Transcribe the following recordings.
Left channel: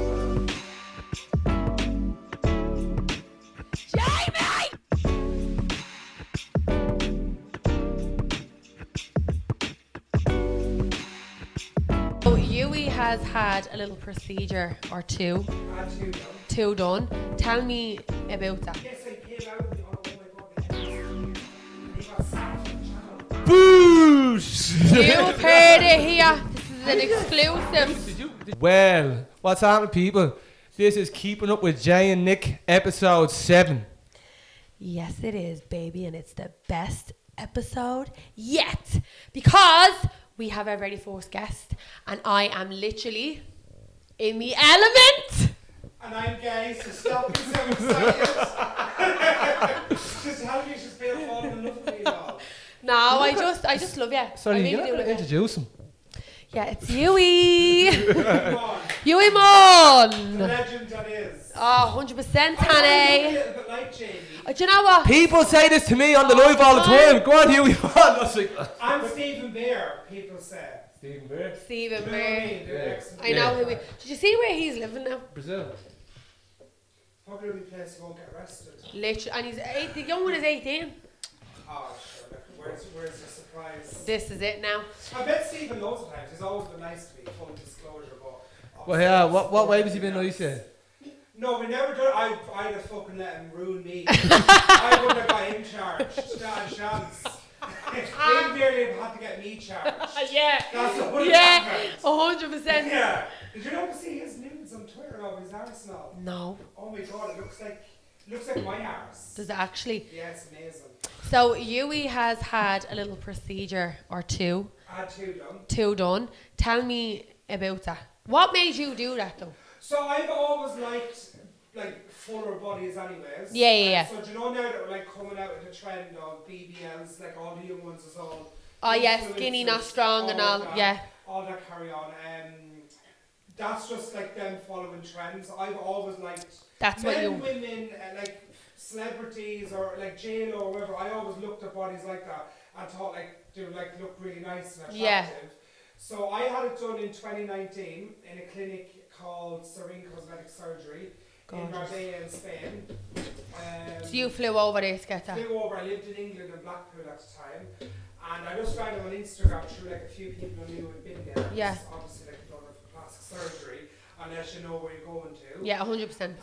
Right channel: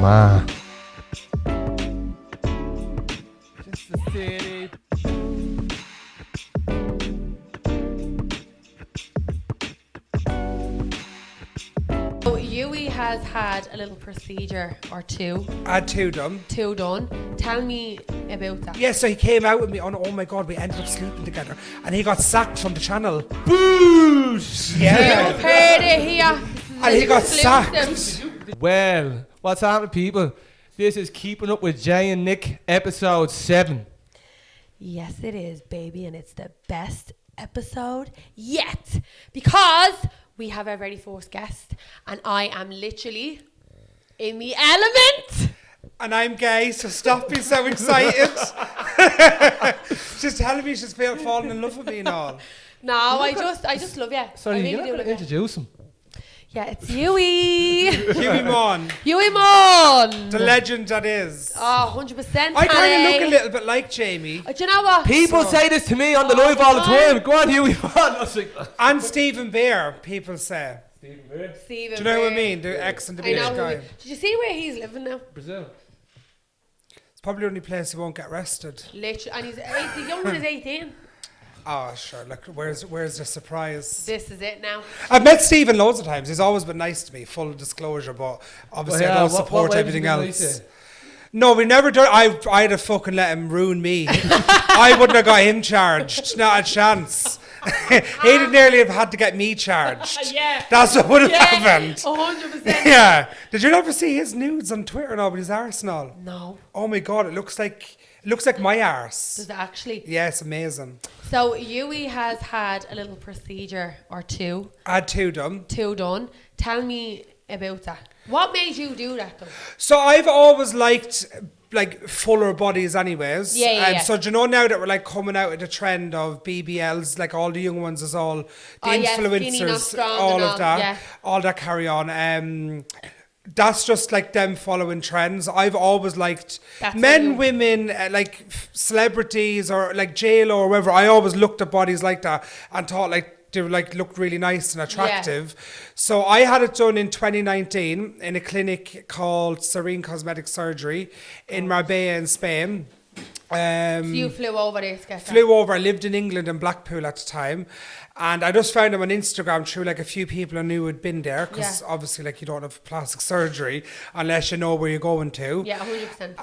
man. So Hughie has had a little procedure or two. I had two done. Two done. Tell me about that. Yeah, so he came out with me on, oh my God, we ended up sleeping together. And he got sacked from the channel. Boosh! You heard it here. This is And he got exclusive. Well, what's happening, people? This is Keeping Up with Jay and Nick, episode 7. Yes, it is, baby, and it's the best episode yet because we have our very first guest, and I am literally in the element. And I'm gay, so stop being so excited. She's telling me she's falling in love with me and all. No, I just love you. Sorry, I really you're do not going love to you. introduce him. Yeah, it's Hughie. Hughie Maughan, Hughie Maughan. the legend that is. Oh, 100%, I kind of look a honey. little bit like Jamie. Do you know what? People say this to me on the live all the time. Go on, Hughie. I was like, I'm Stephen Bear, people say. Stephen Bear. Steven. Do you know what I Bear. mean? The ex and the I know. Bear guy. Did you see where he's living now? Brazil. It's probably the only place he won't get arrested. Literally, and the young one is 18. Oh, sure. Like, where's the surprise? This is it now. I've met Stephen loads of times. He's always been nice to me, full disclosure, but obviously Well, yeah, I don't what support way has he anything been else. nice to? No, we never done. I'd have fucking let him ruin me. I wouldn't have got him charged. Not a chance. He'd nearly have had to get me charged. Yeah. That's what would have happened. 100%. Yeah. Did you ever see his nudes on Twitter and all with his arsenal? No. Oh my God, it looks like my arse. Does it actually? Yeah, it's amazing. So Hughie has had a little procedure or two. I had two done. Two done. Tell me about that. What made you do that though? So I've always liked like fuller bodies anyways. Yeah. So do you know now that we're like coming out of the trend of BBLs, like all the young ones is all the influencers, skinny, not strong all and of all, that, yeah. all that carry on. That's just like them following trends. I've always liked That's men, women, like celebrities or like J-Lo or whatever. I always looked at bodies like that and thought like they were like looked really nice and attractive. So I had it done in 2019 in a clinic called Serene Cosmetic Surgery in Marbella in Spain. So you flew over there to get that? Flew over. I lived in England in Blackpool at the time. And I just found him on Instagram through like a few people I knew had been there. Because obviously like you don't have plastic surgery unless you know where you're going to. Yeah, 100%.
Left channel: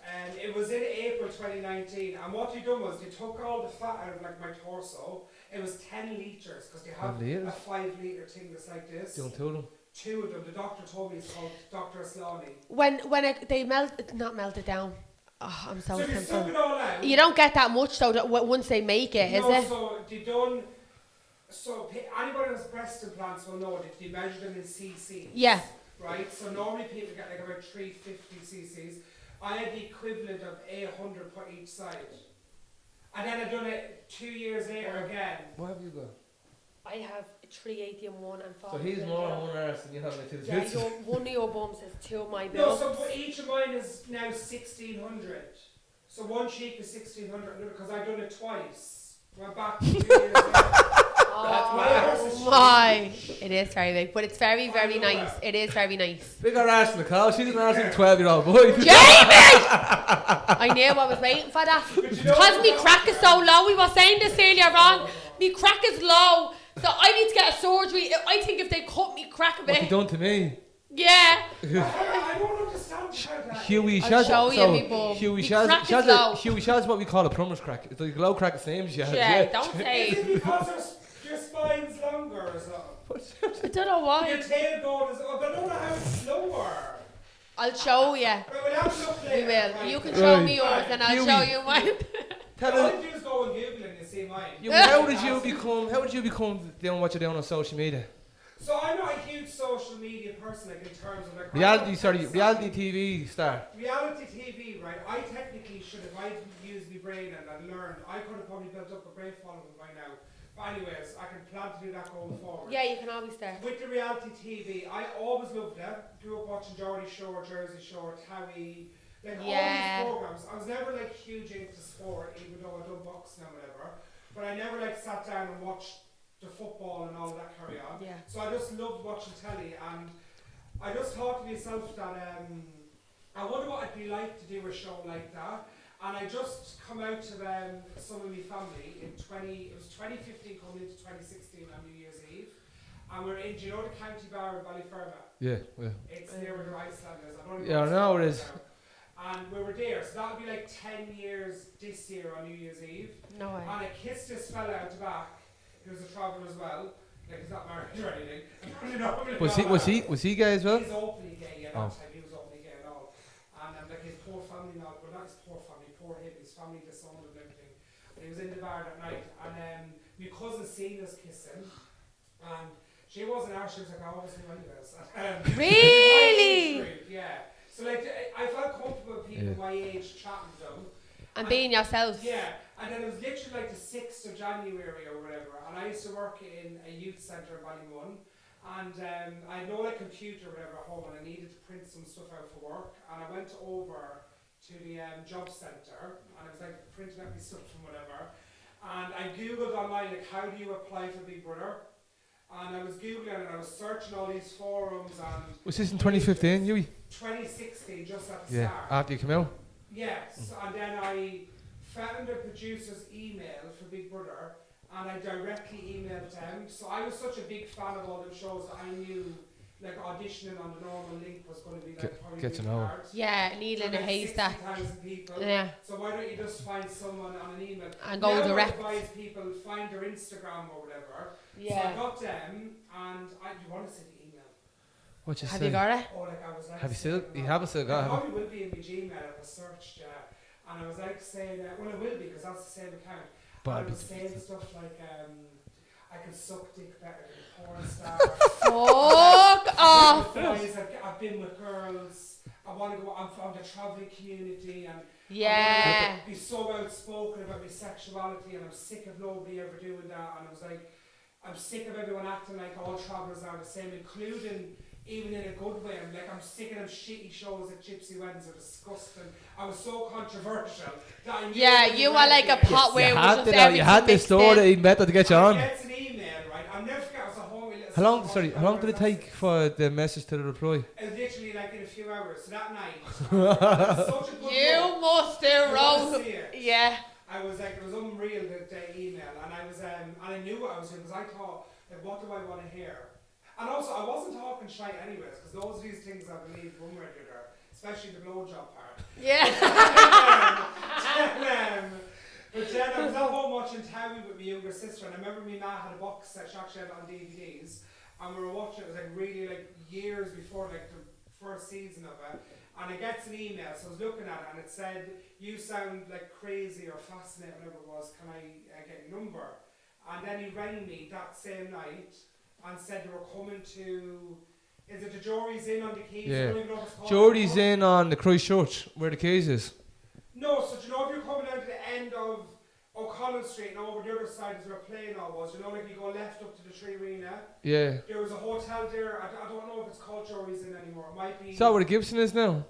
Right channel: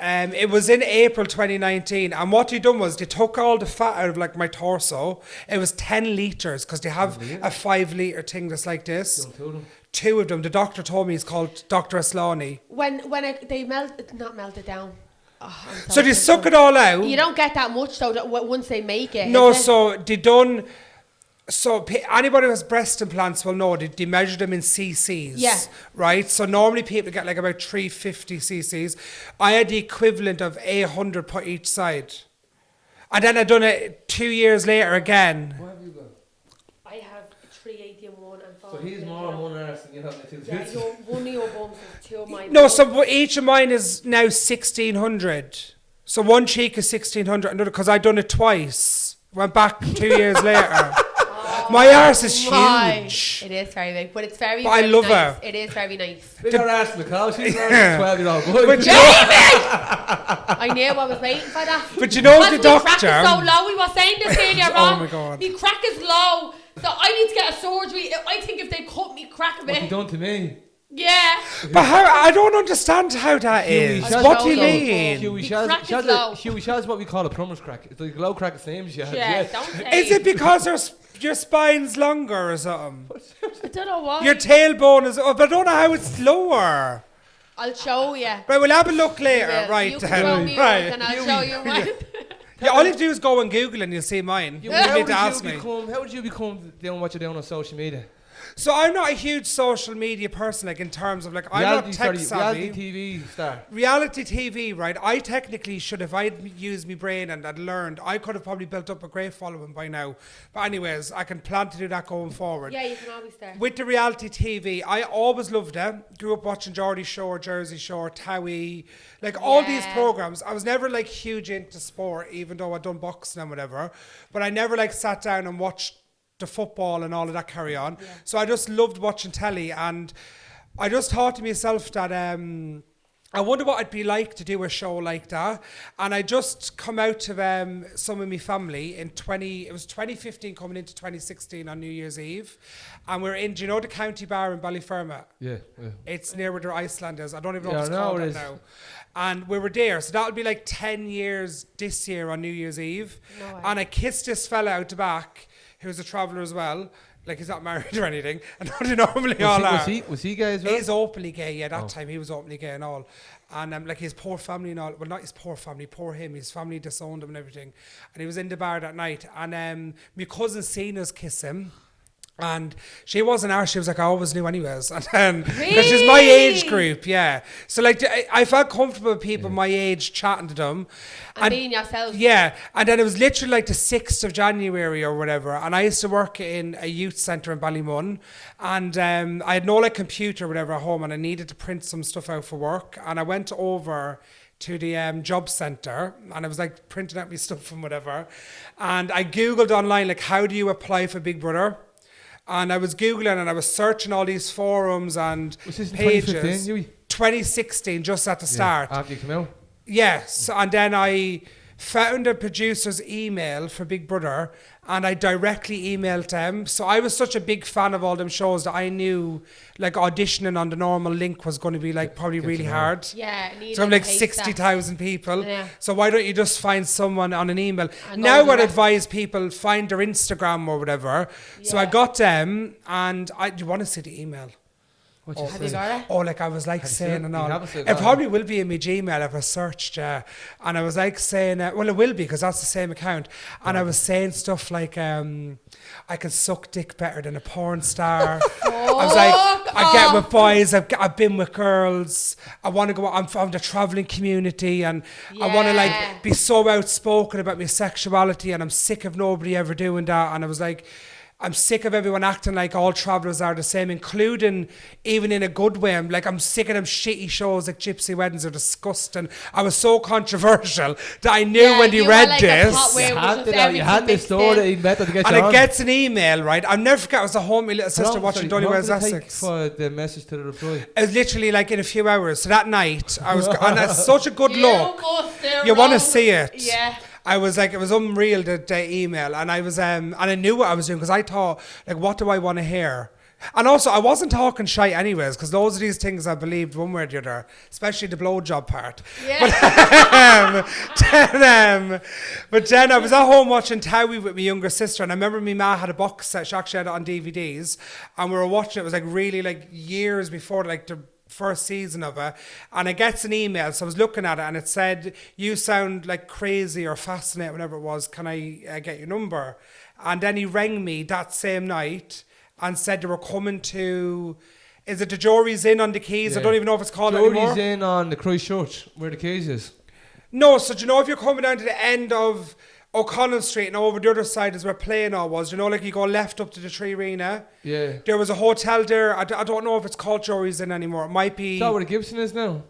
And it was in April 2019. And what they done was they took all the fat out of like my torso. It was 10 litres because they have a 5 litre thing that's like this. Don't tell them. Two of them. The doctor told me it's called Dr. Aslani. When they not melt it down. Oh, I'm So they suck it all out. You don't get that much though once they make it. No, is it? so they done. So anybody who has breast implants will know they measure them in cc's. Yeah. Right. So normally people get like about 350 cc's. I had the equivalent of 800 per each side, and then I done it 2 years later again. What have you got? I have 380 and one and 40. So he's more on one arse than you have in the two. Yeah, one of your bums is two of my No, bums. so each of mine is now 1600. So one cheek is 1600, another because I done it twice. Went back 2 years later. My arse is huge. It is very big, but it's very, But I very love nice. her. It is very nice. Bigger arse than the cow. She's an arse than a 12-year-old boy. Jamie! I knew I was waiting for that. But you know because the my crack doctor. is so low. We were saying this earlier Oh on. my God. My crack is low, so I need to get a surgery. I think if they cut me crack a What he bit, done to me? yeah. But how, I don't understand how that Hughie, is. Shaz, What do you so- mean? Hughie, The Shaz, crack is Shaz, low. Hughie, Shaz, what we call a plumber's crack. It's like a low crack the same as you have. Yeah, don't say. Is it because your spine's longer or something? I don't know why. Your tailbone is up. I don't know how it's lower. I'll show you. Right, we'll have a look later. Will. Right. You can show me yours Right. and I'll Hughie. show you mine. Yeah, all you have to do is go and Google and you'll see mine. You, You don't how need to did you ask me. become doing what you're doing on social media? So I'm not a huge social media person, like in terms of like Reality, I'm not sorry, tech reality savvy. TV star. Reality TV, right? I technically should, if I'd used my brain and I'd learned, I could have probably built up a great following by now. But anyways, I can plan to do that going forward. Yeah, you can always start. With the reality TV, I always loved it. Grew up watching Geordie Shore, Jersey Shore, Towie, like all these Yeah. programs. I was never like huge into sport, even though I'd done boxing and whatever. But I never like sat down and watched the football and all of that carry on. Yeah. So I just loved watching telly, and I just thought to myself that I wonder what it'd be like to do a show like that. And I just come out of some of my family in 2015 coming into 2016 on New Year's Eve. And we're in, do you know the county bar in Ballyfermot? Yeah. It's near where the Iceland is. I don't even know Yeah, what it's I know called it is. now. And we were there. So that'll be like 10 years this year on New Year's Eve. No way. And I kissed this fella out the back, who's a traveller as well. Like, he's not married or anything. I know they normally all are. Was he gay as well? He's openly gay, yeah. That time he was openly gay and all. And like his poor family and all, well, not his poor family, poor him. His family disowned him and everything. And he was in the bar that night. And my cousin seen us kiss him. And she wasn't ours. She was like, I always knew anyways. And then she's my age group, yeah. So like, I felt comfortable with people my age chatting to them. And being yourself. Yeah. And then it was literally like the 6th of January or whatever. And I used to work in a youth centre in Ballymun. And I had no like computer or whatever at home. And I needed to print some stuff out for work. And I went over to the job centre. And I was like printing out my stuff and whatever. And I Googled online, like, how do you apply for Big Brother? And I was Googling and I was searching all these forums and Was this in pages. 2015, Hughie? 2016, just at the start. After you come out? Yes, and then I found a producer's email for Big Brother and I directly emailed them. So I was such a big fan of all them shows that I knew like auditioning on the normal link was going to be like probably Get really to know. hard. Yeah, So I'm like 60,000 people. Yeah. So why don't you just find someone on an email? And go Now I'd direct. advise people find their Instagram or whatever. So I Yeah. got them and do you want to see the email? What you Have say? you got it? Oh, like I was like Have you saying seen it? and You all. haven't still It got it. probably will be in my Gmail if I searched, and I was like saying, well, it will be because that's the same account. And I was saying stuff like, I can suck dick better than a porn star. I was like, I get with boys, I've been with girls. I want to go. I'm from the traveling community, and I want to Yeah. like be so outspoken about my sexuality, and I'm sick of nobody ever doing that. And I was like, I'm sick of everyone acting like all travellers are the same, including even in a good way. I'm sick of them shitty shows like Gypsy Weddings are disgusting. I was so controversial that I knew when they you read were like this. a pot where You it was had just to know, you everything had this mixed story in. that he met to get you And on. it gets an email, right? I'll never forget, it was the home, my little sister watching How Donny long Wales did it take Essex. for the message to the reply? It was literally like in a few hours. So that night, I was, and that's such a good You look. must have You want to wrote- see it. Yeah. I was like, it was unreal, the email. And I was, and I knew what I was doing because I thought, like, what do I want to hear? And also, I wasn't talking shy anyways, because those are these things I believed one way or the other, especially the blowjob part. Yeah. But then I was at home watching Towie with my younger sister, and I remember my ma had a box set. She actually had it on DVDs, and we were watching it. It was like really like years before like the first season of it, and it gets an email. So I was looking at it, and it said, "You sound like crazy or fascinating, whatever it was. Can I get your number?" And then he rang me that same night and said they were coming to. Is it the Jory's Inn on the Keys? I don't even know if it's called Jory's anymore. in on the Christchurch, where the keys is. No, so do you know if you're coming down to the end of O'Connell Street and over the other side is where Playing All was, you know, like you go left up to the Tree Arena. Yeah. There was a hotel there. I don't know if it's called Jory's Inn anymore. It might be. Is that where the Gibson is now?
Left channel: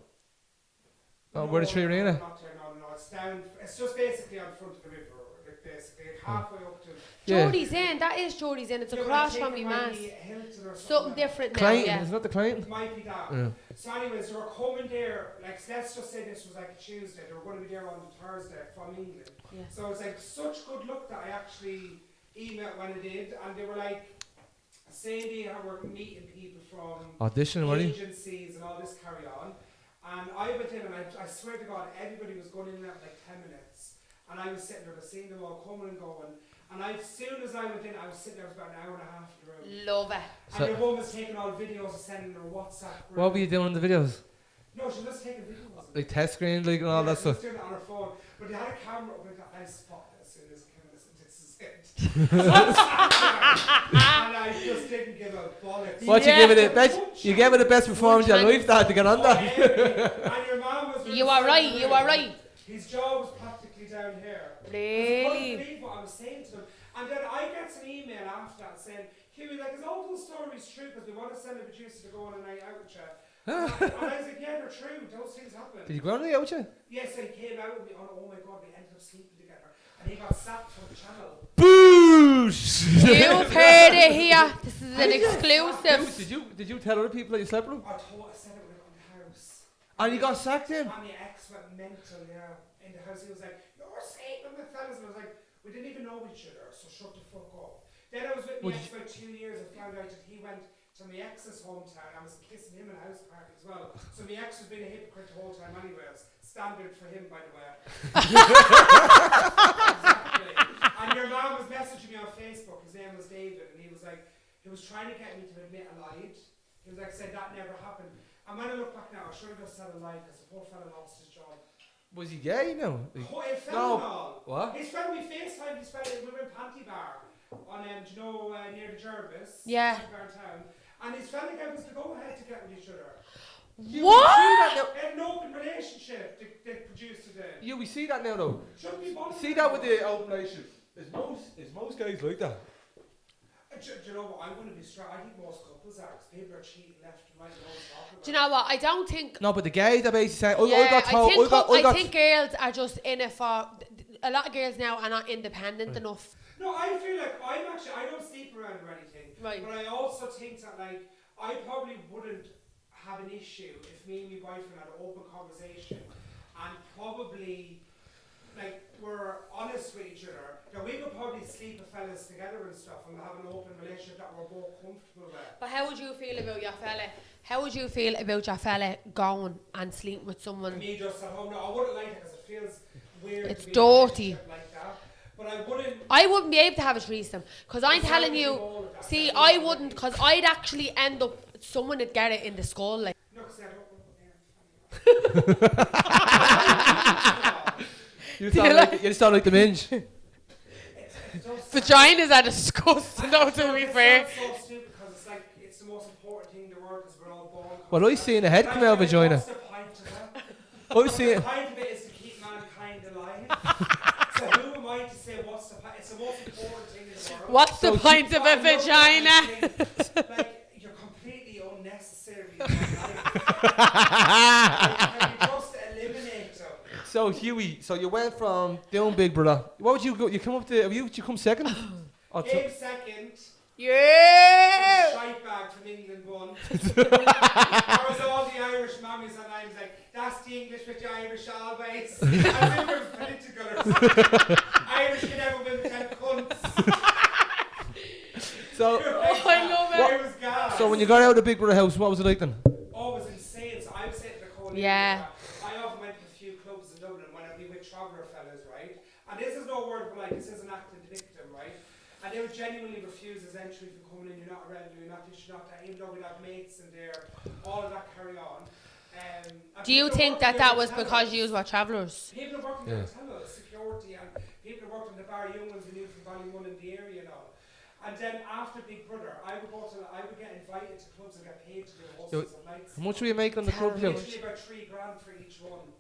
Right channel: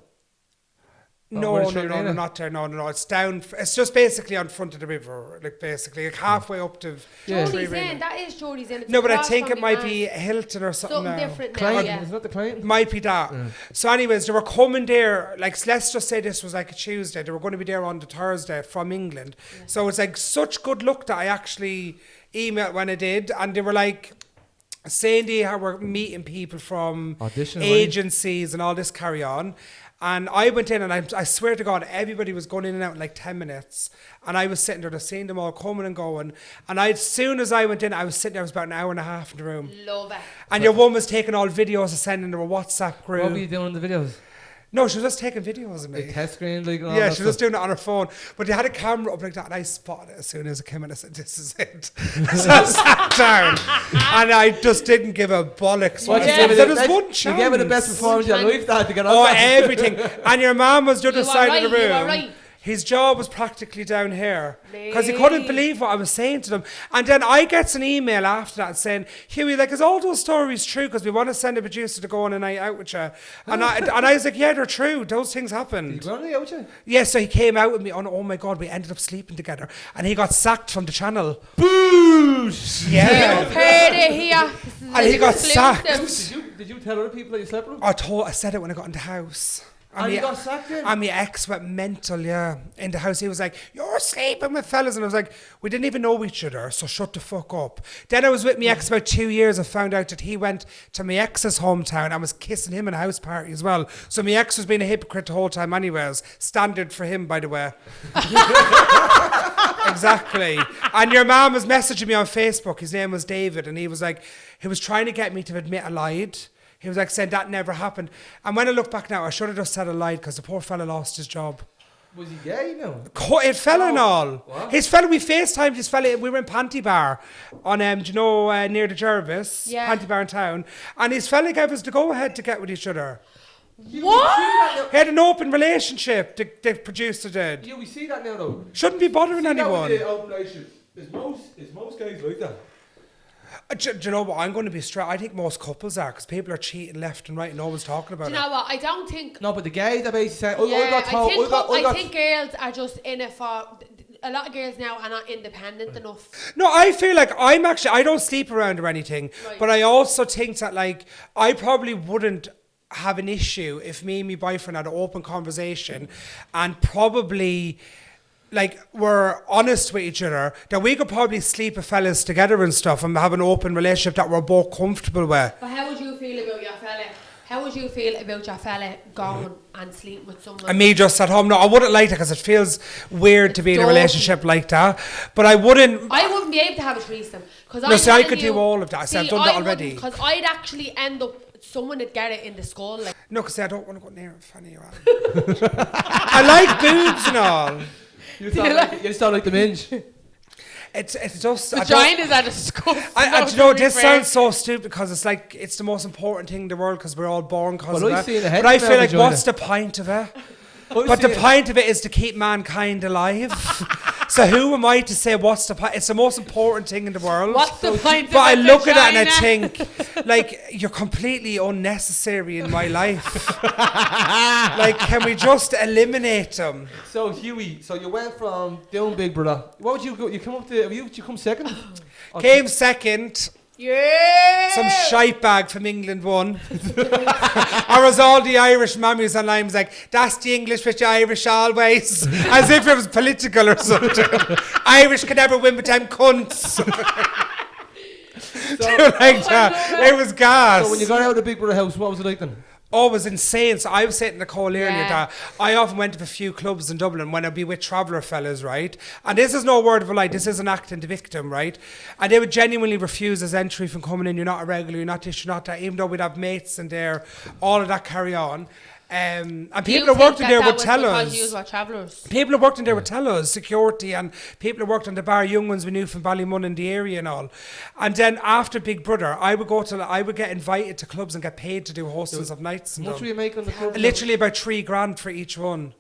No, where the no, Tree no, Arena? not there. No. It's down. It's just basically on front of the river, like basically, like halfway up to. Yeah. Geordie's Inn. That is Geordie's Inn. It's No, but I across think from it your might man's. be Hilton or something. Something now. different now, Client, yeah. isn't that the client? Might be that. Yeah. So anyways, they were coming there, like let's just say this was like a Tuesday. They were going to be there on the Thursday from England. Yeah. So it's like such good luck that I actually emailed when I did. And they were like saying they were meeting people from Audition, weren't you? agencies and all this carry on. And I went in and I swear to God, everybody was going in and out in like 10 minutes. And I was sitting there, just seeing them all coming and going. And as soon as I went in, I was sitting there, it was about an hour and a half in the room. Love it. And your one was taking all videos and sending them a WhatsApp group. What were you doing in the videos? No, she was just taking videos of me. Like test screen, like and all Yeah, that she was stuff. doing it on her phone. But they had a camera up like that, and I spotted it as soon as it came in. I said, "This is it." So I sat down, and I just didn't give a bollocks. What Yeah. you give There it? was The one best, you gave it the best chance. performance of your life. That to get on Oh, that. everything. And your mum was the other You side are right. of the room. You are right. His jaw was practically down here because he couldn't Lee. believe what I was saying to them. And then I get an email after that saying, "Hughie, like, is all those stories true? Because we want to send a producer to go on a night out with you." And I was like, "Yeah, they're true. Those things happen." Did you go on the out with you? Yeah, so he came out with me. Oh my God, we ended up sleeping together, and he got sacked from the channel. Boosh! Yeah. You've heard it here. This is And he an got sacked. exclusive. Did you tell other people that you slept with him? I said it when I got in the house. And you got sacked in? And my ex went mental, yeah. In the house, he was like, "You're sleeping with fellas." And I was like, "We didn't even know each other, so shut the fuck up." Then I was with my ex about 2 years and found out that he went to my ex's hometown and was kissing him in a house party as well. So my ex was being a hypocrite the whole time anyways. Standard for him, by the way. Exactly. And your man was messaging me on Facebook. His name was David. And he was like, he was trying to get me to admit I lied. He was like saying that never happened. And when I look back now, I should have just said I lied because the poor fella lost his job. Was he gay? No. It fell and all. What? His fella, we FaceTimed his fella. We were in Panty Bar on, do you know, near the Jervis? Yeah. Panty Bar in town. And his fella gave us the go-ahead to get with each other. What? He had an open relationship, the producer did. Yeah, we see that now though. Shouldn't be bothering See anyone. that with the open relationship. Is most guys like that? Do you know what? I'm going to be straight. I think most couples are because people are cheating left and right and always talking about Do you know what? I don't think. No, but the guys are basically saying, I think girls are just in it for. A lot of girls now are not independent enough. No, I feel like I don't sleep around or anything, Right. but I also think that like I probably wouldn't have an issue if me and my boyfriend had an open conversation and probably like we're honest with each other, that we could probably sleep with fellas together and stuff and have an open relationship that we're both comfortable with. But how would you feel about your fella? How would you feel about your fella going and sleeping with someone? And me just at home. No, I wouldn't like that because it feels weird It's to be in a dirty. relationship like that. But I wouldn't. I wouldn't be able to have a threesome because I could do all of that. I said I've done that already. wouldn't because I'd actually end up. Someone would get it in the skull. Like. No, because I don't want to go near it. Funny, I like boobs and all. You sound like the minge. It's just Vaginas are disgusting. you know, this sounds so stupid because it's like it's the most important thing in the world because we're all born. Well, I've seen a head but I from feel a like vagina. what's the point of it? But the point of it is to keep mankind alive. So who am I to say what's the point? It's the most important thing in the world. What's the point But of I a look at vagina? it and I think, like, you're completely unnecessary in my life. Like, can we just eliminate them? So Hughie, so you went from doing Big Brother. What would you go? You come up to? Did you come second? Came second. Yeah. Some shite bag from England won. Or was all the Irish mammies online was like, that's the English with the Irish always. As if it was political or something. Irish can never win with them cunts. So, Like that. It was gas. so when you got out of the Big Brother house, what was it like then? Oh, it was insane. So I was saying to Nicole earlier Yeah. that I often went to a few clubs in Dublin when I'd be with traveller fellas, right? And this is no word of a lie. This isn't acting the victim, right? And they would genuinely refuse us entry from coming in. You're not a regular. You're not this. You're not that. Even though we'd have mates in there, all of that carry on. And Do you people who think worked in there that would was tell because us. you were travellers? People who worked in there would tell us, security, and people who worked on the bar, young ones we knew from Ballymun in the area and all. And then after Big Brother, I would get invited to clubs and get paid to do hostess of nights. How much were you making on the club? Literally about $3,000 for each one.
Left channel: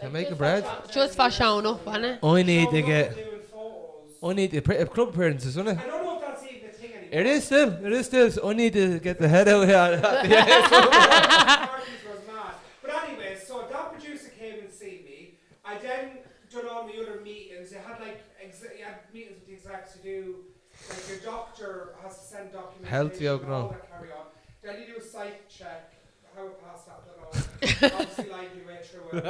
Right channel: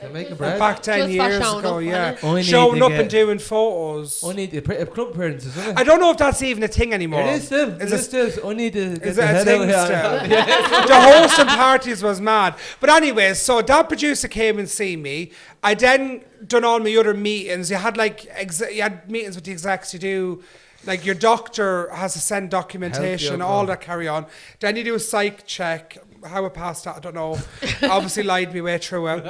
You're making bread. Back 10 Just for years showing ago, up, yeah. wasn't I need Showing to up get- and doing photos. I need club appearances, isn't it? I don't know if that's even a thing anymore. It is still. It is still. I need to get Is the it a head out thing here. still? The hosting parties was mad. But anyway, so that producer came and see me. I then done all my other meetings. You had you had meetings with the execs. You do, like your doctor has to send documentation, all that carry on. Then you do a psych check. How I passed that, I don't know. Obviously lied my way through it.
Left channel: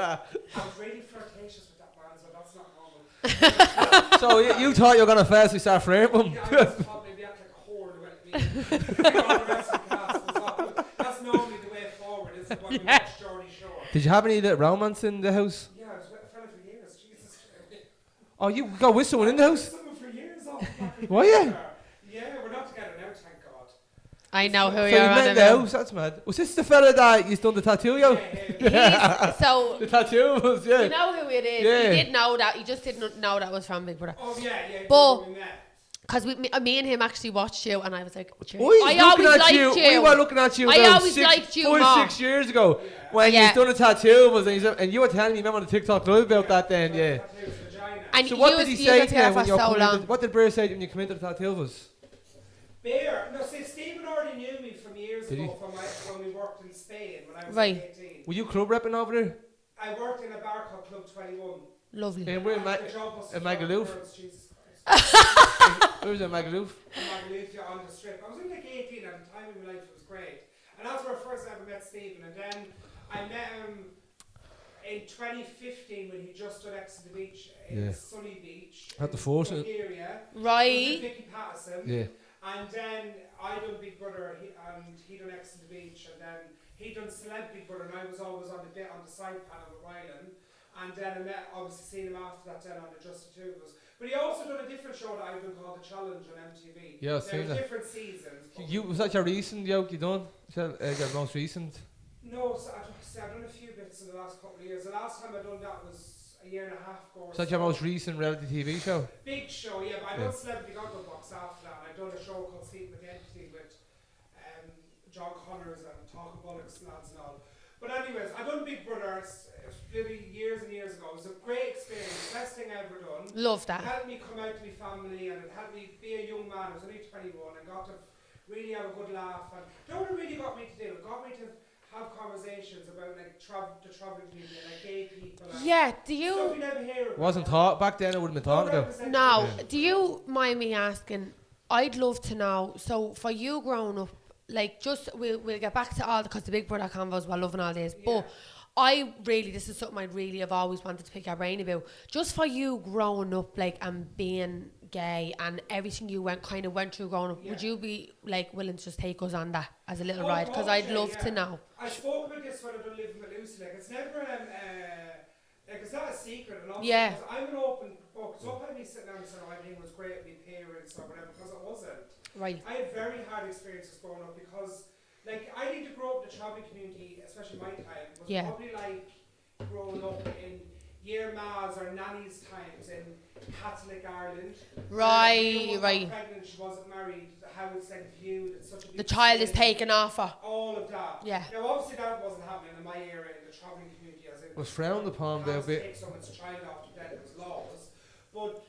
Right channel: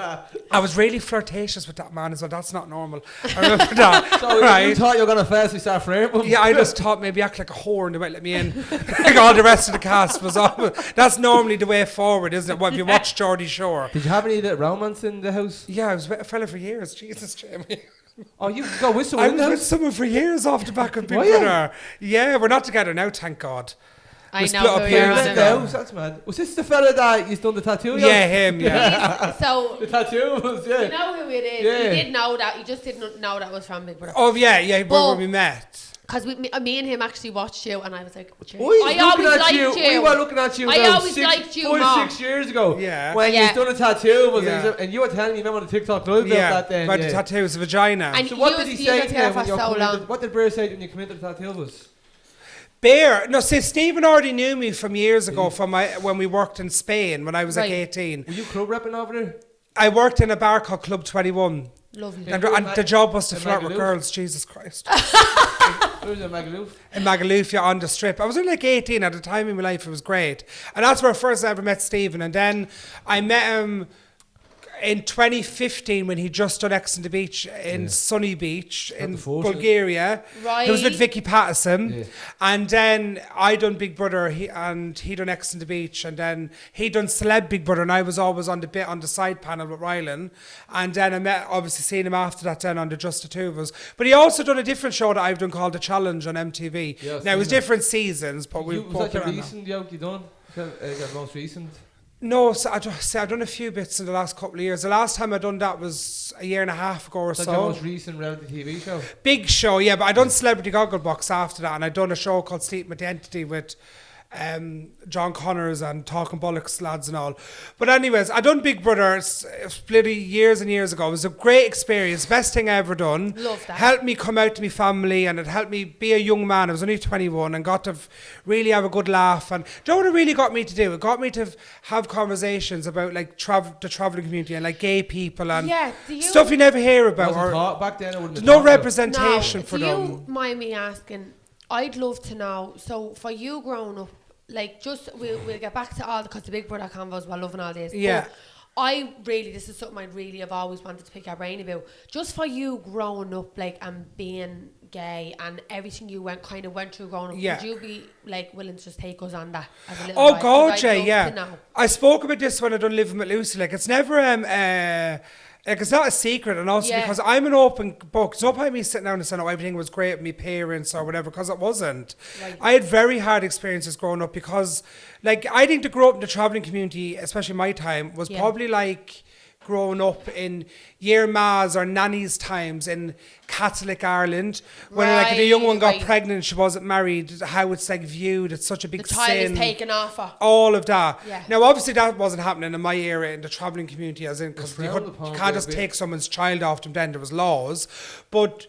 I was really flirtatious with that man as well. That's not normal. I remember that. So you thought you were going to firstly start flirting? Yeah, I just thought maybe act like a whore and they might let me in. Like all the rest of the cast was on. That's normally the way forward, isn't it? When you watch Geordie Shore. Did you have any romance in the house? Yeah, I was with a fella for years. Jesus, Jamie. Oh, you go with someone I in the was with house? someone for years off the back of Big Were you? Brother. Yeah, we're not together now, thank God. I We know split who up you're You in on met in about. the house? That's mad. Was this the fella that you done the tattoo? Yeah, him. Yeah. So The tattoo was, yeah. you know who it is. Yeah. You did know that. You just didn't know that was from Big Brother. Oh yeah, But- when we met. Because me and him actually watched you, and I was like, We were I always liked you. We were looking at you I about always liked you 5, more. 6 years ago. Yeah. When Yeah. you done a tattoo, Yeah. and you were telling me, remember on the TikTok live about Yeah, that then? about Yeah. the tattoos, the vagina. And So what you did he was- you say was to there you for when you so come long. into, what did Bear say when you come into the tattoos? Bear, no, see, Stephen already knew me from years ago from when we worked in Spain when I was like Right. 18. Were you club repping over there? I worked in a bar called Club 21. Lovely. Yeah. And the job was to in flirt with Magaluf? girls, Jesus Christ. Where's in Magaluf? In Magaluf, yeah, on the strip. I was only like 18 at the time in my life. It was great. And that's where first I ever met Stephen. And then I met him in 2015 when he just done X on the Beach in Sunny Beach in Bulgaria. Right. It was with Vicky Pattison. Yeah. And then I done Big Brother and he done X on the Beach. And then he done Celeb Big Brother and I was always on the side panel with Rylan. And then I met, obviously seeing him after that then on the Just the Two of Us. But he also done a different show that I've done called The Challenge on MTV. Yeah, now it was different seasons. But was that your recent yoke you done? Your most recent? No, so I've done a few bits in the last couple of years. The last time I done that was a year and a half ago or so. Is that your most recent reality TV show? Big show, yeah. But I done Celebrity Gogglebox after that, and I done a show called Sleep Identity with John Connors and Talking Bollocks lads and all. But anyways, I done Big Brother. It was bloody years and years ago. It was a great experience. Best thing I ever done. Love that. Helped me come out to my family and it helped me be a young man. I was only 21 and got to really have a good laugh. And do you know what it really got me to do? It got me to have conversations about like the travelling community and like gay people and stuff you never hear about. Wasn't taught back then. It wouldn't no representation for do them. you mind me asking? I'd love to know. So for you growing up, like just we'll get back to all because the Big Brother convos we're loving all this. Yeah. But this is something I really have always wanted to pick your brain about. Just for you growing up, like and being gay and everything you went through growing up, would you be like willing to just take us on that as a little ride? God, I'd love to know. I spoke about this when I done Living with Lucy. Like it's never like it's not a secret, and also because I'm an open book. It's not by me sitting down and saying, "Oh, everything was great with my parents" or whatever, because it wasn't. Right. I had very hard experiences growing up because, like, I think to grow up in the travelling community, especially my time, was probably like growing up in year ma's or nanny's times in Catholic Ireland, when like if a young one got pregnant, she wasn't married, how it's like viewed, it's such a big the child sin, is taken off her. all of that. Yeah. Now obviously that wasn't happening in my era in the travelling community, as in because you can't just take someone's child off them. Then there was laws, but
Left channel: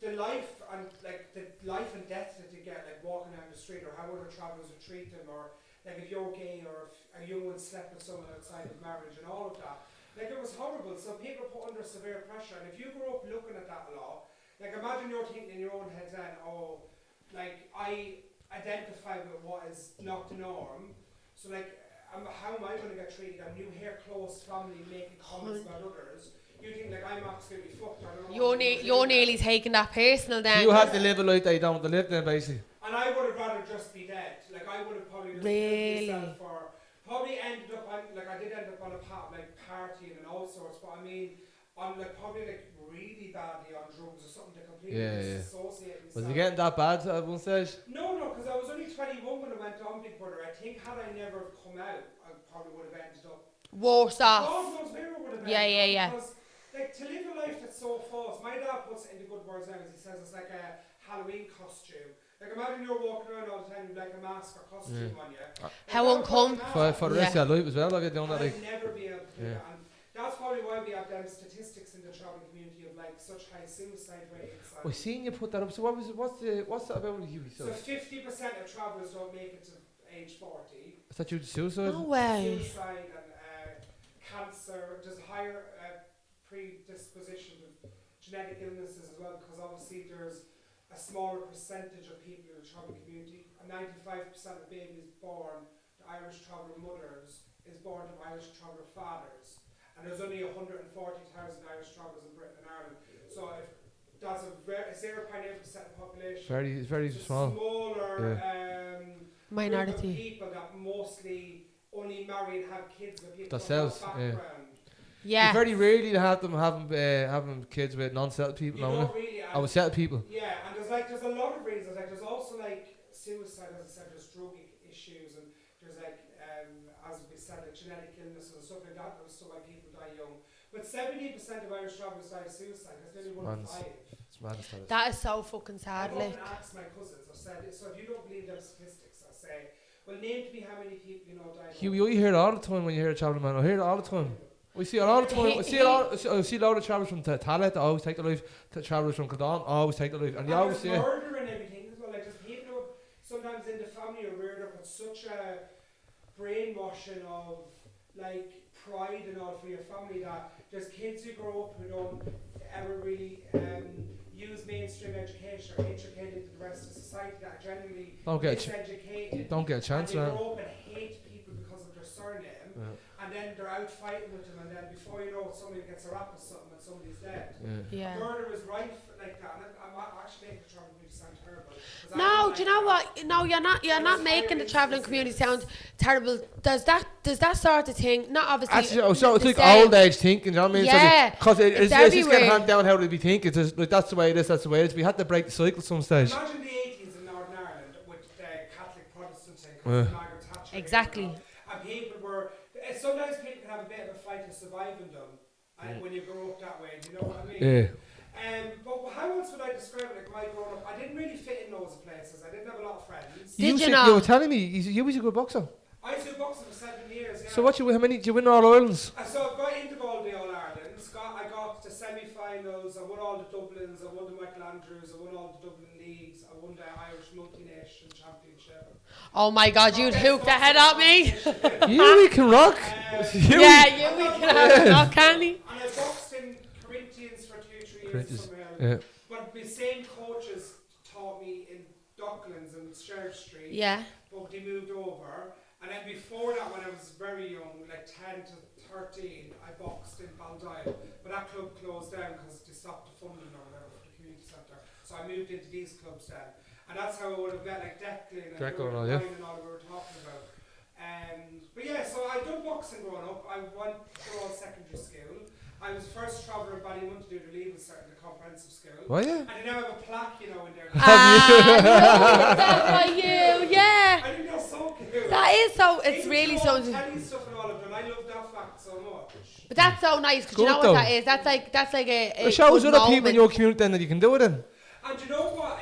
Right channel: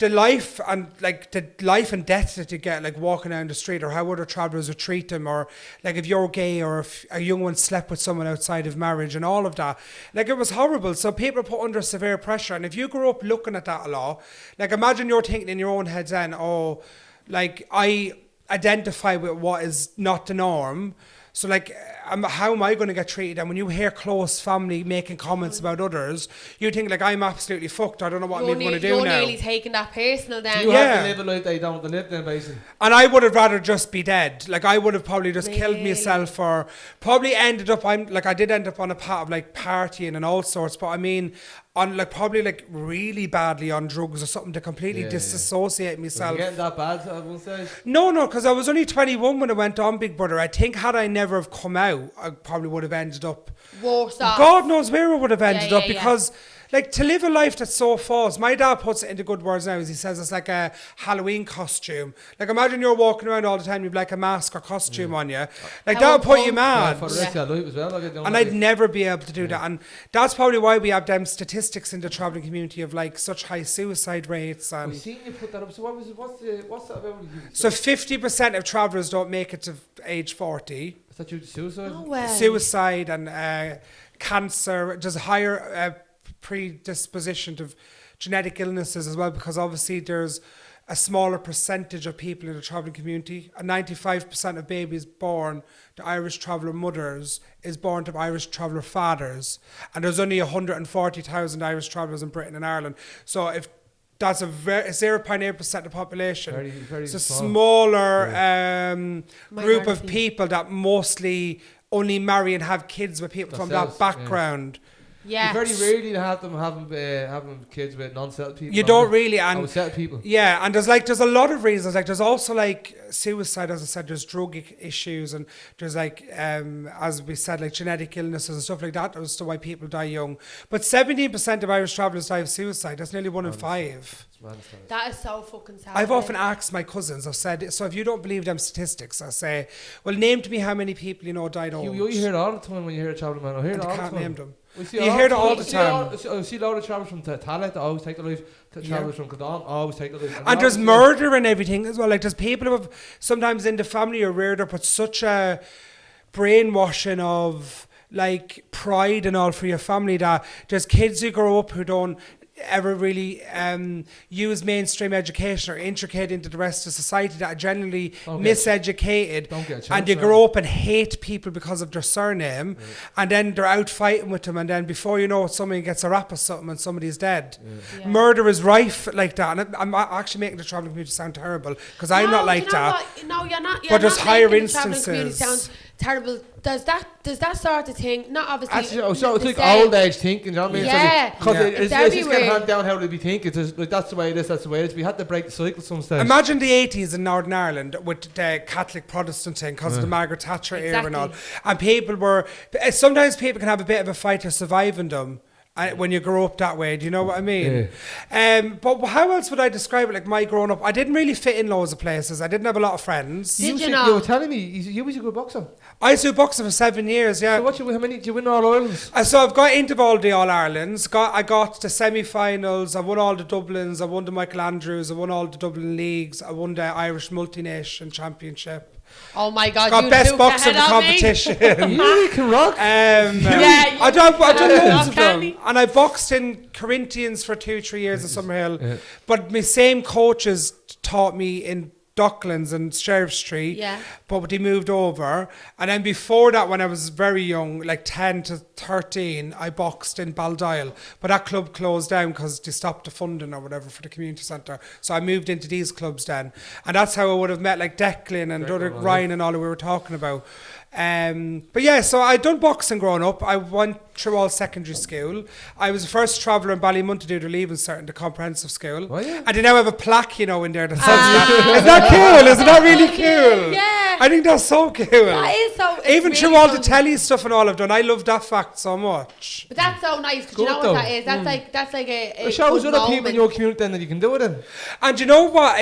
the life and death that you get, like walking down the street, or how other travellers would treat them, or like if you're gay, or if a young one slept with someone outside of marriage, and all of that, like it was horrible. So people put under severe pressure, and if you grew up looking at that a lot, like imagine you're thinking in your own head then, oh, like I identify with what is not the norm, so like how am I going to get treated? And when you hear close family making comments about others, you think like I'm absolutely fucked. I don't know what I'm going to do now. You're nearly taking that personal then. You have to live a life they don't live then, basically. And I would have rather just be dead. Like I would have probably just killed myself, or probably ended up. I did end up on a path of like partying and all sorts. But I mean, on like probably like really badly on drugs or something to completely disassociate myself. Was you getting that bad at one stage? No, because I was only 21 when I went on Big Brother. I think had I never have come out, I probably would have ended up worse off. God knows where I would have ended up because. Like, to live a life that's so false. My dad puts it into good words now, as he says it's like a Halloween costume. Like, imagine you're walking around all the time, you've like a mask or costume on you. Like, that'll put you mad. For the rest of your life as well. And I'd never be able to do that. And that's probably why we have them statistics in the travelling community of like such high suicide rates. And I've seen you put that up. So what's that about you? So 50% of travellers don't make it to age 40. Is that due to suicide? No way. Suicide and cancer. There's a higher predisposition to genetic illnesses as well, because obviously there's a smaller percentage of people in the travelling community. And 95% of babies born to Irish traveller mothers is born to Irish traveller fathers, and there's only 140,000 Irish travellers in Britain and Ireland. So if that's a 0.8% of the population, very it's a small. Smaller group of people that mostly only marry and have kids with people from that background. Yeah, very rarely to have them having kids with non-settled people. You don't really, and with settled people. Yeah, and there's a lot of reasons. Like there's also like suicide, as I said. There's drug issues, and there's like as we said, like genetic illnesses and stuff like that as to why people die young. But 17% of Irish travellers die of suicide. That's nearly 1 in 5. That is so fucking sad. I've often asked my cousins. I've said, so if you don't believe them statistics, I say, well, name to me how many people you know died old. You hear it all the time when you hear a travelling man. I hear it all the time. Name them. We see a lot of travellers from Tallaght that always take their life. Travellers from Kildon always take their life. And there's murder and everything as well. Like there's people who have sometimes in the family are reared up with such a brainwashing of like pride and all for your family that there's kids who grow up who don't ever really use mainstream education or intricate into the rest of society, that are generally miseducated, and you grow up and hate people because of their surname, and then they're out fighting with them, and then before you know it, somebody gets a rap or something and somebody's dead. Murder is rife like that, and I'm actually making the travelling community sound terrible, because I'm not like that. No, you're not. You're not making the travelling community sound terrible. Does that sort of thing? Not obviously. Actually, so it's like old age thinking. You know what I mean? Yeah. Because it's just going to hand down how they be thinking. It's just, like, that's the way it is. That's the way it is. We had to break the cycle some stage. Imagine the 80s in Northern Ireland with the Catholic Protestant thing because of the Margaret Thatcher era and all. And people were. Sometimes people can have a bit of a fight to survive in them. When you grow up that way, do you know what I mean? Yeah. But how else would I describe it? Like my growing up, I didn't really fit in loads of places. I didn't have a lot of friends. Did you know? You were telling me you was a good boxer. I used to do boxing for 7 years, yeah. So how many did you win All Irelands? So I've got into all the All Irelands. I got the semi-finals. I won all the Dublins. I won the Michael Andrews. I won all the Dublin leagues. I won the Irish Multination Championship. Oh my God, got you best took the head off me. You can rock. I don't can he? And I boxed in Corinthians for 2-3 years in Summerhill. Yeah. But my same coaches taught me in Docklands and Sheriff Street. Yeah. But they moved over. And then before that, when I was very young, like 10 to 13, I boxed in Baldoyle. But that club closed down because they stopped the funding or whatever for the community centre. So I moved into these clubs then. And that's how I would have met like Declan and Ryan and all that we were talking about. But yeah, so I done boxing growing up. I went through all secondary school. I was the first traveller in Ballymun to do the leaving cert in the comprehensive school. Oh, yeah. And they now have a plaque, in there. Isn't that cool? Isn't that really cool? Yeah. I think that's so cool. That is so. Even through all the telly stuff and all I've done, I love that fact so much. But that's so nice, because you know what that is. That's like a. It shows other people in your community then that you can do it in. And you know what?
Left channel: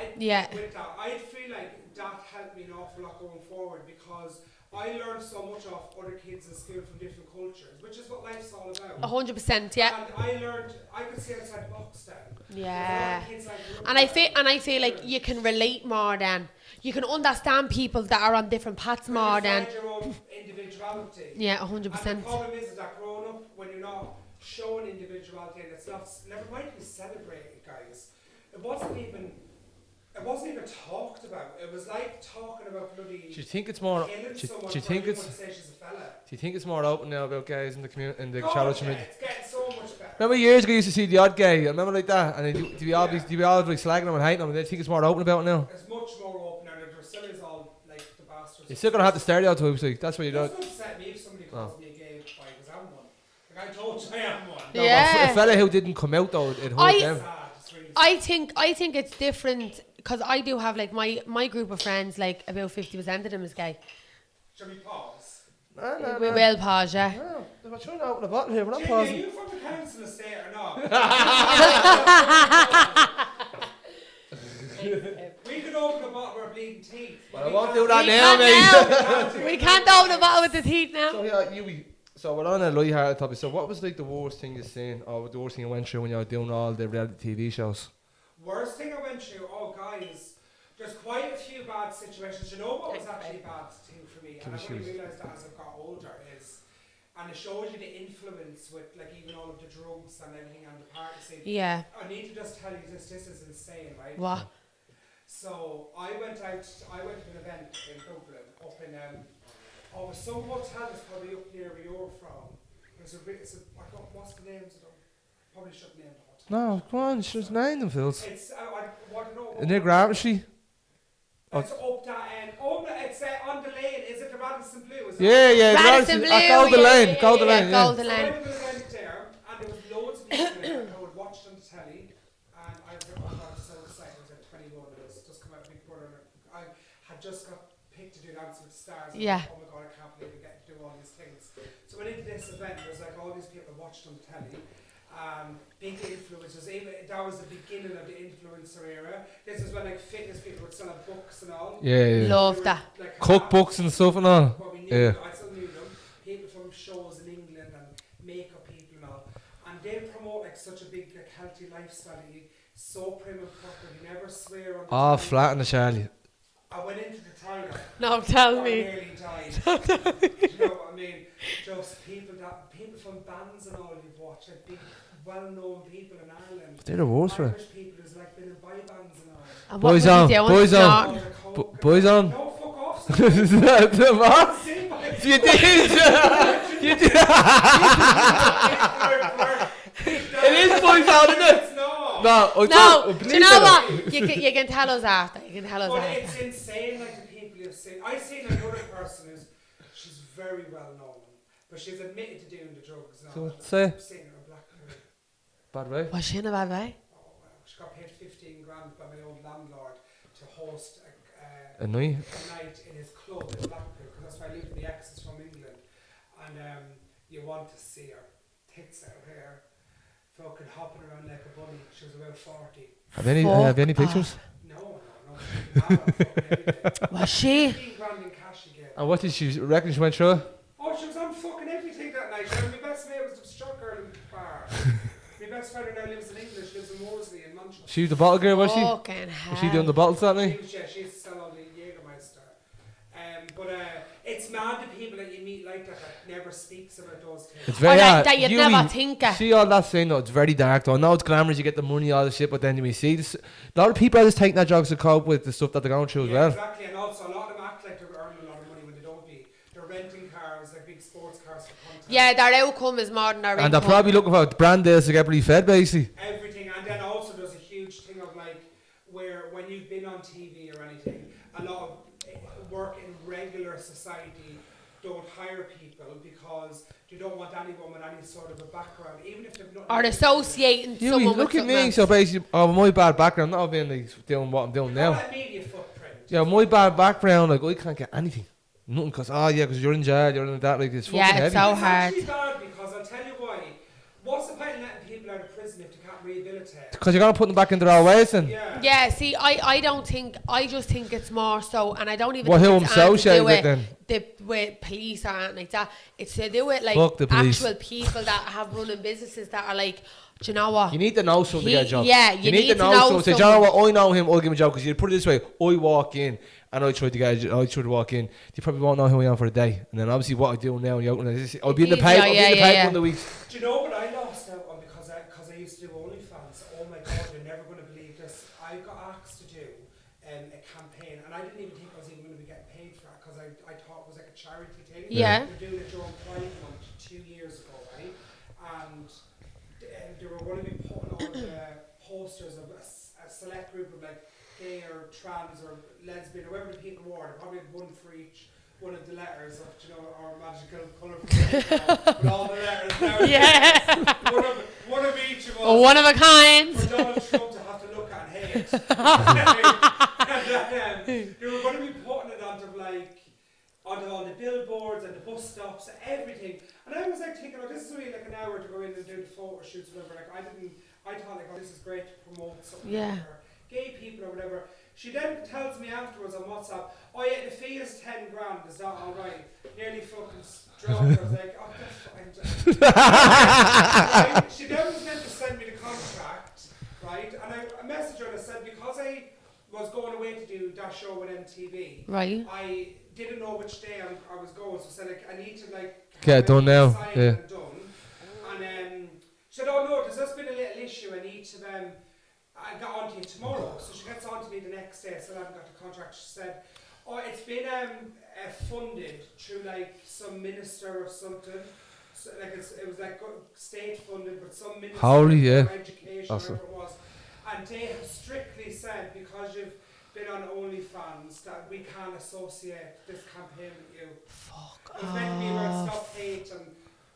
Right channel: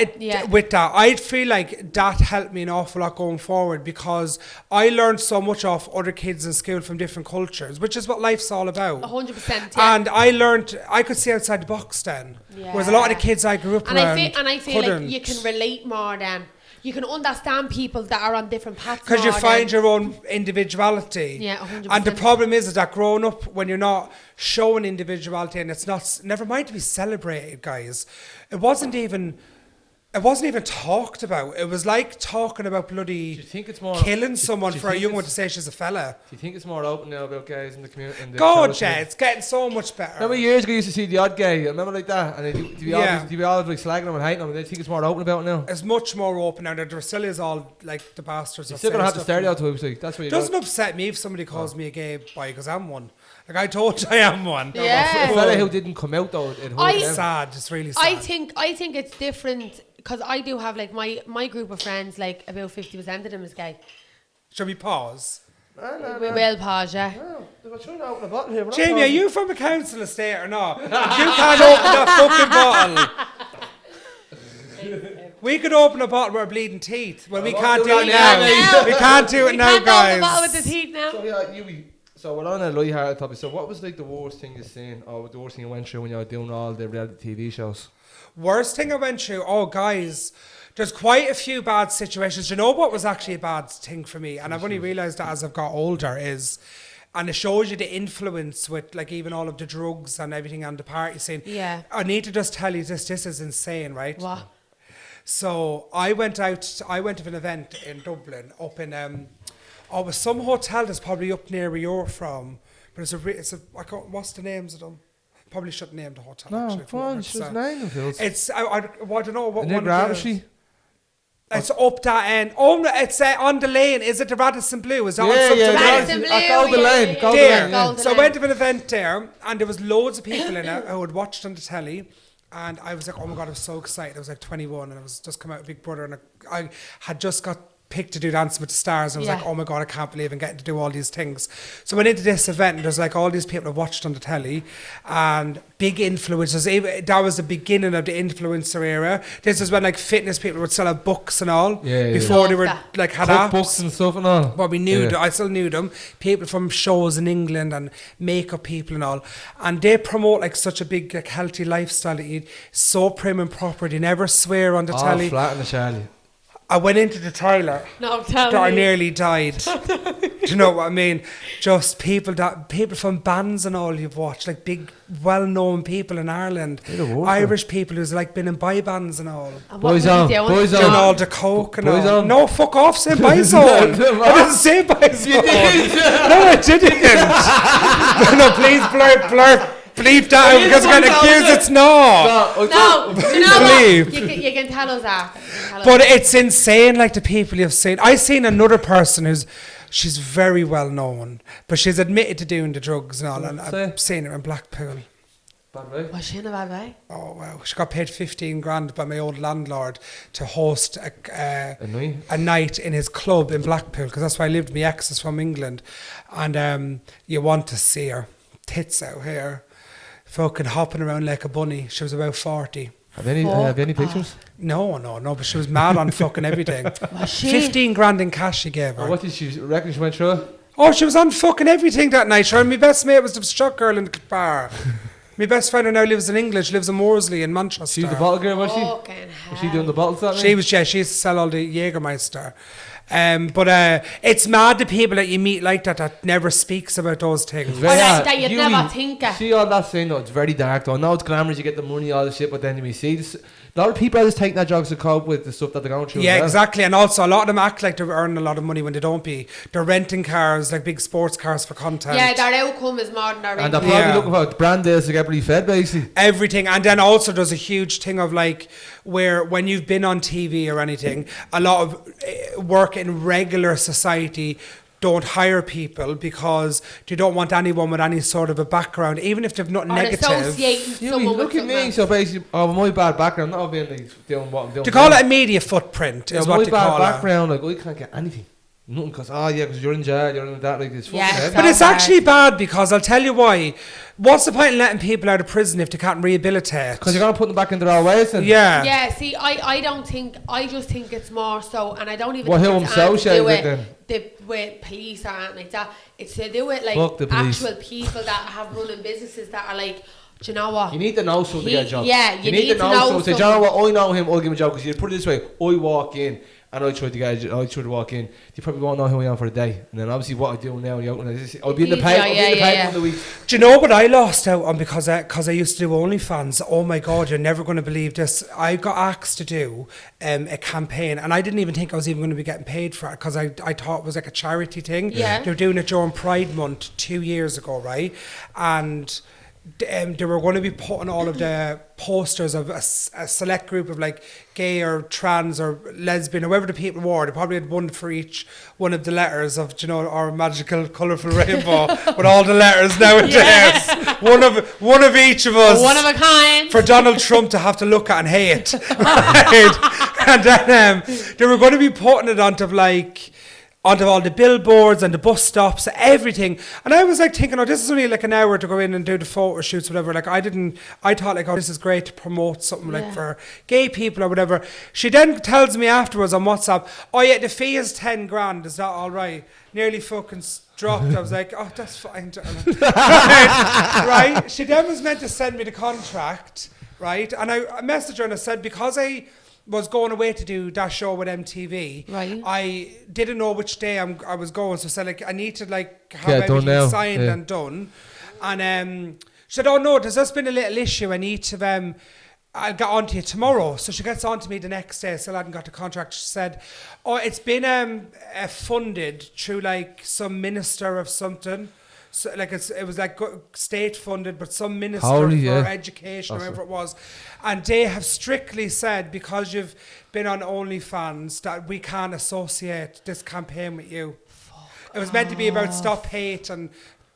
With that, I feel like that helped me an awful lot going forward, because I learned so much off other kids in school from different cultures, which is what life's all about. 100%. Yeah. And I could see outside the box then. Yeah. Whereas a lot of the kids I grew up and around I feel like you can relate more then. You can understand people that are on different paths more. Because you find your own individuality. Yeah, 100%. And the problem is that growing up, when you're not showing individuality, and it's not, never mind to be celebrated, guys. It wasn't even talked about. It was like talking about bloody. Do you think it's more killing someone for a young one to say she's a fella? Do you think it's more open now about gays in the community? God, yeah, it's getting so much better. Remember years ago, you used to see the odd gay. I remember like that, and they'd be always like slagging them and hating them. And they think it's more open about it now. It's much more open now. There still is all like the bastards. You're still gonna have the stereotypes. Like, that's what you. It doesn't upset me if somebody calls me a gay boy, because I'm one. Like I told you, I am one. Yeah. A fella who didn't come out though, it's sad. It's really sad. I think it's different, because I do have like my group of friends, like about 50% of them is gay. Shall we pause? No. We will pause, yeah. No, we're trying to open a bottle here. Jamie, are you from a council estate or not? You can't open a fucking bottle. We could open a bottle with our bleeding teeth. Well, we can't do it now. We can't do it now, We can't open the bottle with the teeth now. So yeah, So we're on a light-hearted topic. So what was like the worst thing you've seen, or the worst thing you went through when you were doing all the reality TV shows? Worst thing I went through? Oh, guys, there's quite a few bad situations. You know what was actually a bad thing for me? And I've only realised that as I've got older is, and it shows you the influence with like even all of the drugs and everything on the party scene. Yeah. I need to just tell you this is insane, right? What? So I went to an event in Dublin, up in it was some hotel that's probably up near where you're from. But what's the names of them? Probably shouldn't name the hotel. No, come on, should name them, Phil. It's, I don't know what. Near Gravity? It's up that end. Oh, it's on the lane. Is it the Radisson Blue? Is that Radisson Blue. Golden Lane. So I went to an event there, and there was loads of people in it who had watched on the telly. And I was like, oh my God, I was so excited. I was like 21, and I was just come out with Big Brother, and I had just got picked to do Dancing with the Stars. I was like, oh my God, I can't believe I'm getting to do all these things. So I went into this event, and there's like all these people I've watched on the telly, and big influencers. That was the beginning of the influencer era. This is when like fitness people would sell out books and all. Before they were like had cookbooks and stuff and all. Well, we knew I still knew them. People from shows in England and makeup people and all. And they promote like such a big like healthy lifestyle that you so prim and proper. They never swear on the telly. Flat on the Charlie. I went into the toilet. No, tell me. I nearly died. Do you know what I mean? Just people from bands and all you've watched, like big, well-known people in Ireland. They're the worst, Irish people who's like been in boy bands and all. And what Boys was he on, doing? boys on. And all the coke and Boys all. on. No, fuck off, say boy zone. I didn't say boy zone. You did. No, I didn't. No, please bleep that Please because I'm bleep out accused it. it's not. No, do you know what? Believe. You can tell us after. You can tell us But after. it's insane, like the people you've seen. I seen another person she's very well known, but she's admitted to doing the drugs and all. And I've seen her in Blackpool. Bad way. Was she in a bad way? Oh wow! She got paid 15 grand by my old landlord to host a night in his club in Blackpool, because that's where I lived. My ex is from England, and you want to see her tits out here, fucking hopping around like a bunny. She was about 40. Have any pictures? No, but she was mad on fucking everything. Was she? 15 grand in cash she gave her. And what did she reckon she went through? Oh, she was on fucking everything that night. Sure, my best mate was the struck girl in the bar. My best friend who now lives in England. She lives in Morsley in Manchester. She was the bottle girl, was she? Fucking hell. Was she doing the bottles that night? She was, yeah. She used to sell all the Jägermeister. But it's mad the people that you meet like that never speaks about those things. It's very hard. That you'd Hughie, never think of. See all that saying though, it's very dark though. I know it's glamorous, you get the money, all the shit, but then you see this, a lot of people are just taking that drugs to cope with the stuff that they're going through. Yeah, as well. exactly. And also a lot of them act like they're earning a lot of money when they don't be. They're renting cars, like big sports cars for content. Yeah, their outcome is more than their And they're income. probably looking for brand deals to get pretty fed basically. Everything. And then also there's a huge thing of like, where when you've been on TV or anything, a lot of work in regular society don't hire people because they don't want anyone with any sort of a background, even if they've nothing Or negative. associating someone with look at something me, else. so basically, my bad background, not being like doing what I'm doing. They call now. it a media footprint. Yeah, is my what they bad call background, like I can't get anything. Nothing, because you're in jail, you're in that, like it's fucking Yeah, heavy. so But it's hard. actually bad because I'll tell you why. What's the point in letting people out of prison if they can't rehabilitate? Because you're gonna put them back into their ways, and Yeah. Yeah, see, I just think it's more so, and I don't even Well, think who it's I'm anything to do associated with with police or anything like that. It's to do with like Fuck the police. actual people that have running businesses that are like, do you know what? you need to know someone to get a job. Yeah, you need to know someone. Say, do you know someone. what? I know him. I'll give him a job. Because you put it this way: I walk in and I try to walk in. You probably won't know who I am for a day, and then obviously what I do now, I'll be in the Easy, paper. I'll be in the paper yeah. one of the weeks. Do you know what I lost out on because I used to do OnlyFans? Oh my God, you're never going to believe this. I got asked to do a campaign, and I didn't even think I was even going to be getting paid for it because I thought it was like a charity thing. Yeah. They were doing it during Pride Month 2 years ago, right? And they were going to be putting all of the posters of a select group of like gay or trans or lesbian or whoever the people were. They probably had one for each one of the letters of, you know, our magical colourful rainbow with all the letters nowadays. Yeah. One of each of us. One of a kind. For Donald Trump to have to look at and hate. Right? And then they were going to be putting it onto all the billboards and the bus stops, everything. And I was like thinking, oh, this is only like an hour to go in and do the photo shoots, whatever. Like I thought like, oh, this is great to promote something like for gay people or whatever. She then tells me afterwards on WhatsApp, oh yeah, the fee is 10 grand. Is that all right? Nearly fucking dropped. I was like, oh, that's fine. Right? She then was meant to send me the contract, right? And I messaged her and I said, because I was going away to do that show with MTV. Right. I didn't know which day I was going, so I said like I need to like have Get it done everything now. signed Yeah. and done. And she said, "Oh no, there's just been a little issue. I need to I'll get on to you tomorrow." So she gets on to me the next day. Still hadn't got the contract. She said, "Oh, it's been funded through like some minister of something." So, like it was like state funded, but some minister for education or whatever it was. And they have strictly said, because you've been on OnlyFans, that we can't associate this campaign with you. It was meant to be about stop hate and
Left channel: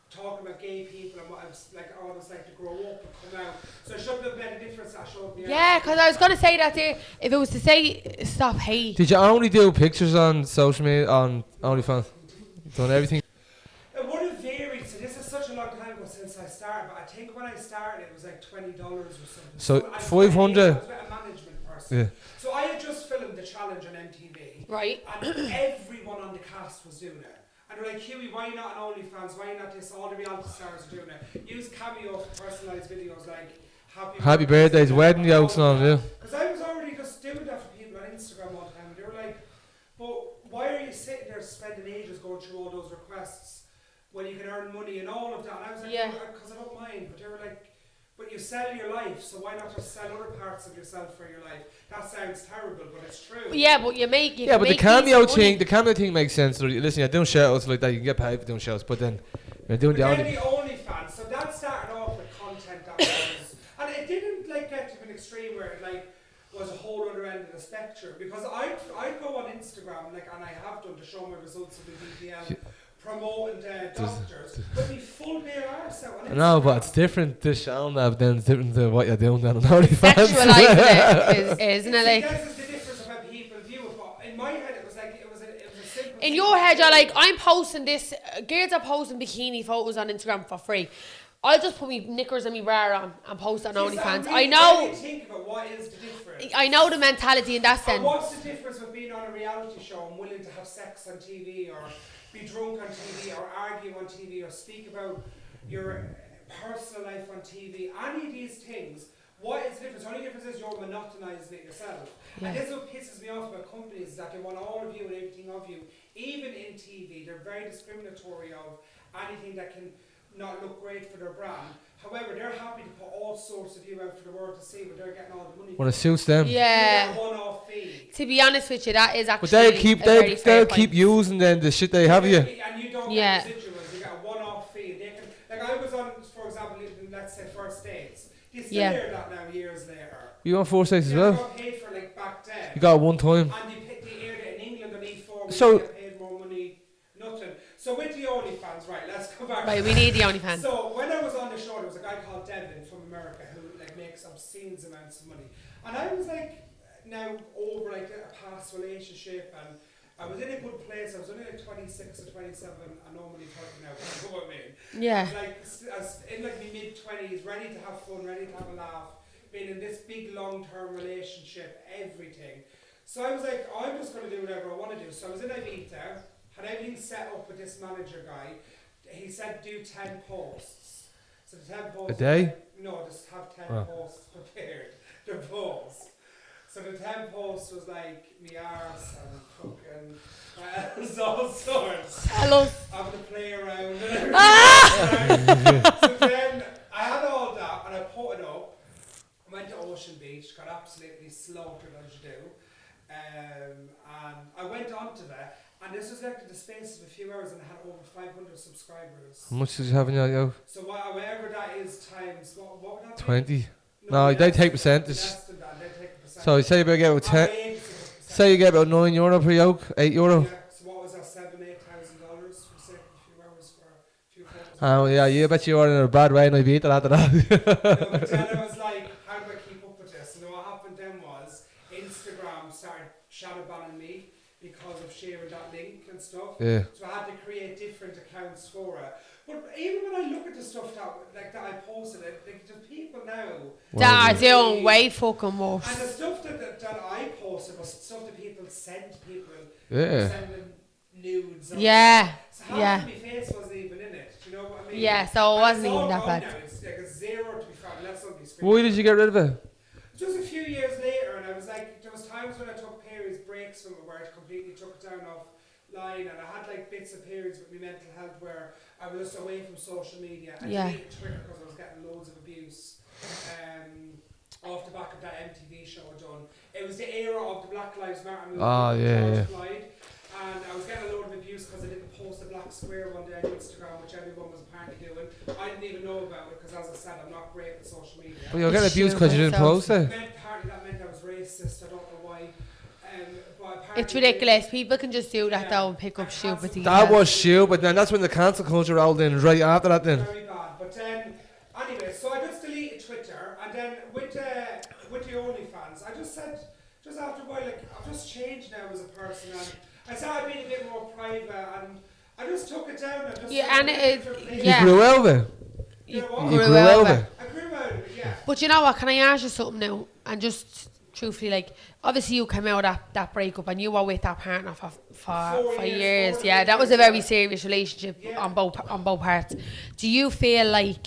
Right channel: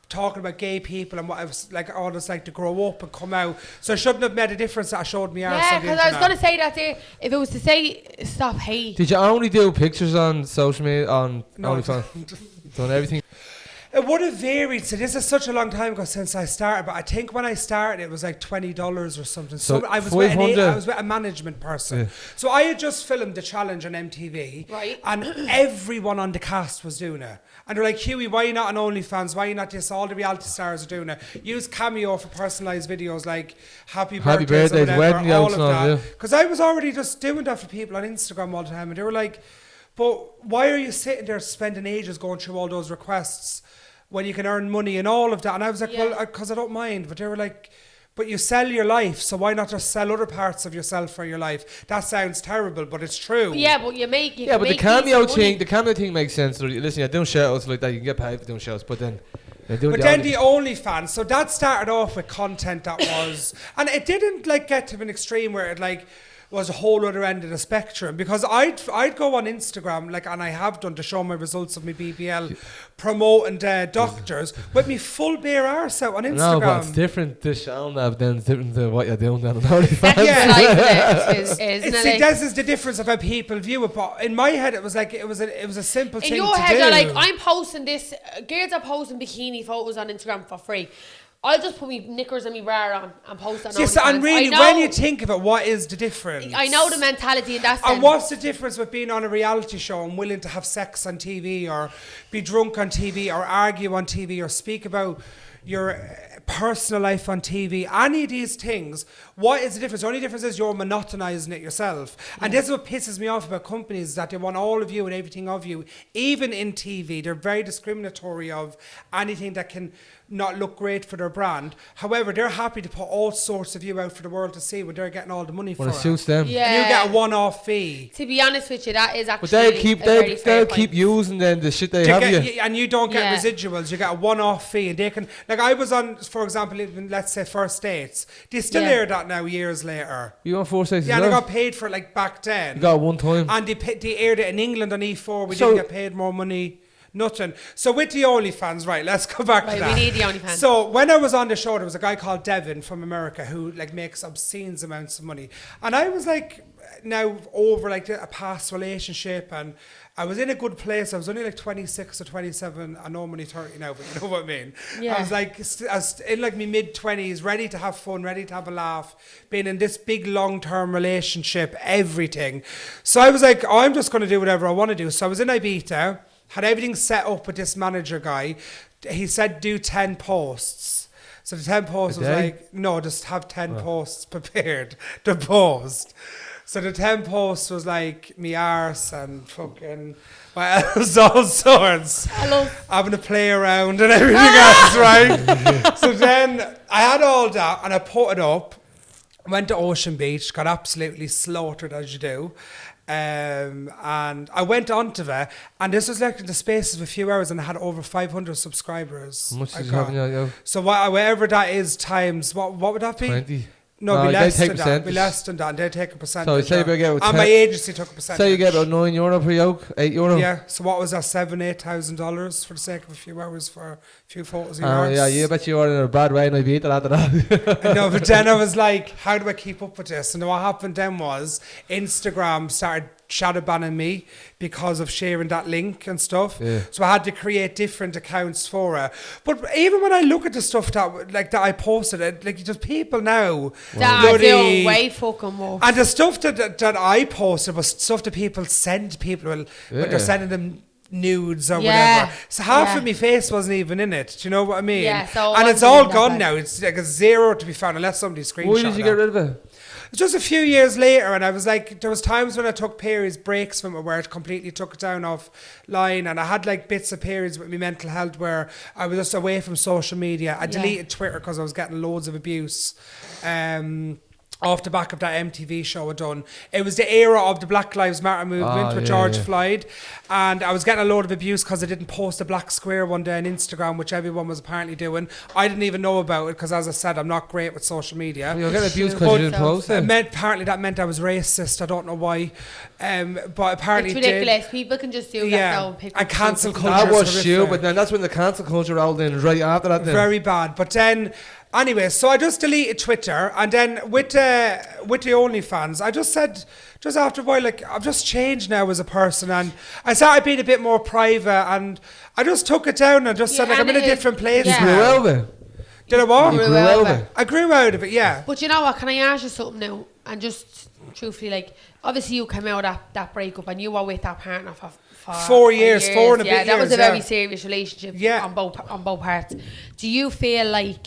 talking about gay people and what I was like, all this like to grow up and come out. So it shouldn't have made a difference that I showed me. Yeah, because I was going to say that there. If it was to say stop hate. Did you only do pictures on social media on OnlyFans? Done everything. It would have varied. So this is such a long time ago since I started, but I think when I started it was like $20 or something. So I was 500. I was with a management person. Yeah. So I had just filmed the challenge on MTV. Right. And everyone on the cast was doing it. And they're like, Hughie, why not on OnlyFans? Why not this? All the reality stars are doing it. Use Cameo for personalised videos like happy birthdays, wedding jokes and all, yeah. Because I was already just doing that for people on Instagram all the time, and they were like, but why are you sitting there spending ages going through all those requests when you can earn money and all of that? And I was like, well, because I don't mind. But they were like, but you sell your life, so why not just sell other parts of yourself for your life? That sounds terrible, but it's true. Yeah, but you make but the cameo thing makes sense. So listen, you're doing shows like that, you can get paid for doing shows, but then you're doing the OnlyFans, so that started off with content that was, and it didn't like get to an extreme where it like was a whole other end of the spectrum, because I'd go on Instagram, like, and I have done to show my results of my BBL, promoting doctors with me full bare arse out on Instagram. No, but it's different to showing that, then it's different to what you're doing down on OnlyFans. Isn't it? This is the difference of how people view it. But in my head, it was like it was a simple thing. In your head, you're like, I'm posting this. Girls are posting bikini photos on Instagram for free. I'll just put me knickers and me bra on and post on OnlyFans. And really, when you think of it, what is the difference? I know the mentality in that sense. And what's the difference with being on a reality show and willing to have sex on TV, or be drunk on TV, or argue on TV, or speak about your personal life on TV? Any of these things, what is the difference? The only difference is you're monotonizing it yourself. Yeah. And this is what pisses me off about companies, that they want all of you and everything of you, even in TV. They're very discriminatory of anything that can not look great for their brand. However, they're happy to put all sorts of you out for the world to see, when they're getting all the money for it. When it suits them. Yeah. You get a one-off fee. To be honest with you, that is actually but they'll keep using then the shit they have you. And you don't get residuals. You get a one-off fee. And they can, like, I was on, for example, even, let's say, First Dates. They still air that now years later. You on First Dates as well? Yeah, they got paid for it like back then. You got it one time. And they aired it in England on E4. We didn't get paid more money. Nothing. So with the OnlyFans, right, let's go back to that. We need the OnlyFans. So when I was on the show, there was a guy called Devin from America who like makes obscene amounts of money. And I was like, now over like a past relationship, and I was in a good place. I was only like 26 or 27. I know I'm only 30 now, but you know what I mean? Yeah. I was like, I was in like my mid-20s, ready to have fun, ready to have a laugh, being in this big long-term relationship, everything. So I was like, I'm just going to do whatever I want to do. So I was in Ibiza, had everything set up with this manager guy. He said do 10 posts. So the 10 posts was like, no, just have 10 posts prepared to post. So the 10 posts was like me arse and fucking my ass, all sorts. Hello. Having to play around and everything else, right? So then I had all that and I put it up, went to Ocean Beach, got absolutely slaughtered as you do. And I went onto it, and this was like in the space of a few hours, and I had over 500 subscribers. How much did you have in your? So whatever that is times, what would that be? 20. No, they take percentage. Less than that, and they take a percentage. So say you get about 10. And my agency took a percentage. Say you get about €9 per yoke, €8. Yeah. So what was that? $7,000-8,000 for the sake of a few hours for a few photos. Oh yeah, you bet you were in a bad way, and I beat it after that. No, but then I was like, how do I keep up with this? And what happened then was Instagram started shadow banning me because of sharing that link and stuff. Yeah. So I had to create different accounts for it. But even when I look at the stuff that I posted, like there's people now that are doing way fucking more. And the stuff that I posted was stuff that people send people when they're sending them nudes or whatever. So half of my face wasn't even in it. Do you know what I mean? Yeah. So and it's all gone now. It's like a zero to be found unless somebody screenshot. Why did you get rid of it? Just a few years later, and I was like, there was times when I took periods breaks from it where it completely took it down offline, and I had like bits of periods with my mental health where I was just away from social media. I deleted Twitter because I was getting loads of abuse. Off the back of that MTV show I done. It was the era of the Black Lives Matter movement with George Floyd, and I was getting a load of abuse because I didn't post a black square one day on Instagram, which everyone was apparently doing. I didn't even know about it because, as I said, I'm not great with social media. Well, you're getting abused because you didn't post it. Apparently that meant I was racist. I don't know why. But apparently it's ridiculous. People can just do that though and pick up cancel culture. That was shit, but then that's when the cancel culture rolled in right after that. Then very bad. But then. Anyway, so I just deleted Twitter, and then with the OnlyFans, I just said, just after a while, like, I've just changed now as a person, and I started being a bit more private, and I just took it down and just said, like, I'm in a different place. You grew out of it. Did I what? You grew out of it. I grew out of it, yeah. But you know what, can I ask you something now? And just truthfully, like, obviously you came out of that breakup, and you were with that partner for for 4 years, 4 and a yeah, bit that was a years, very yeah. serious relationship Yeah. on both parts. Do you feel like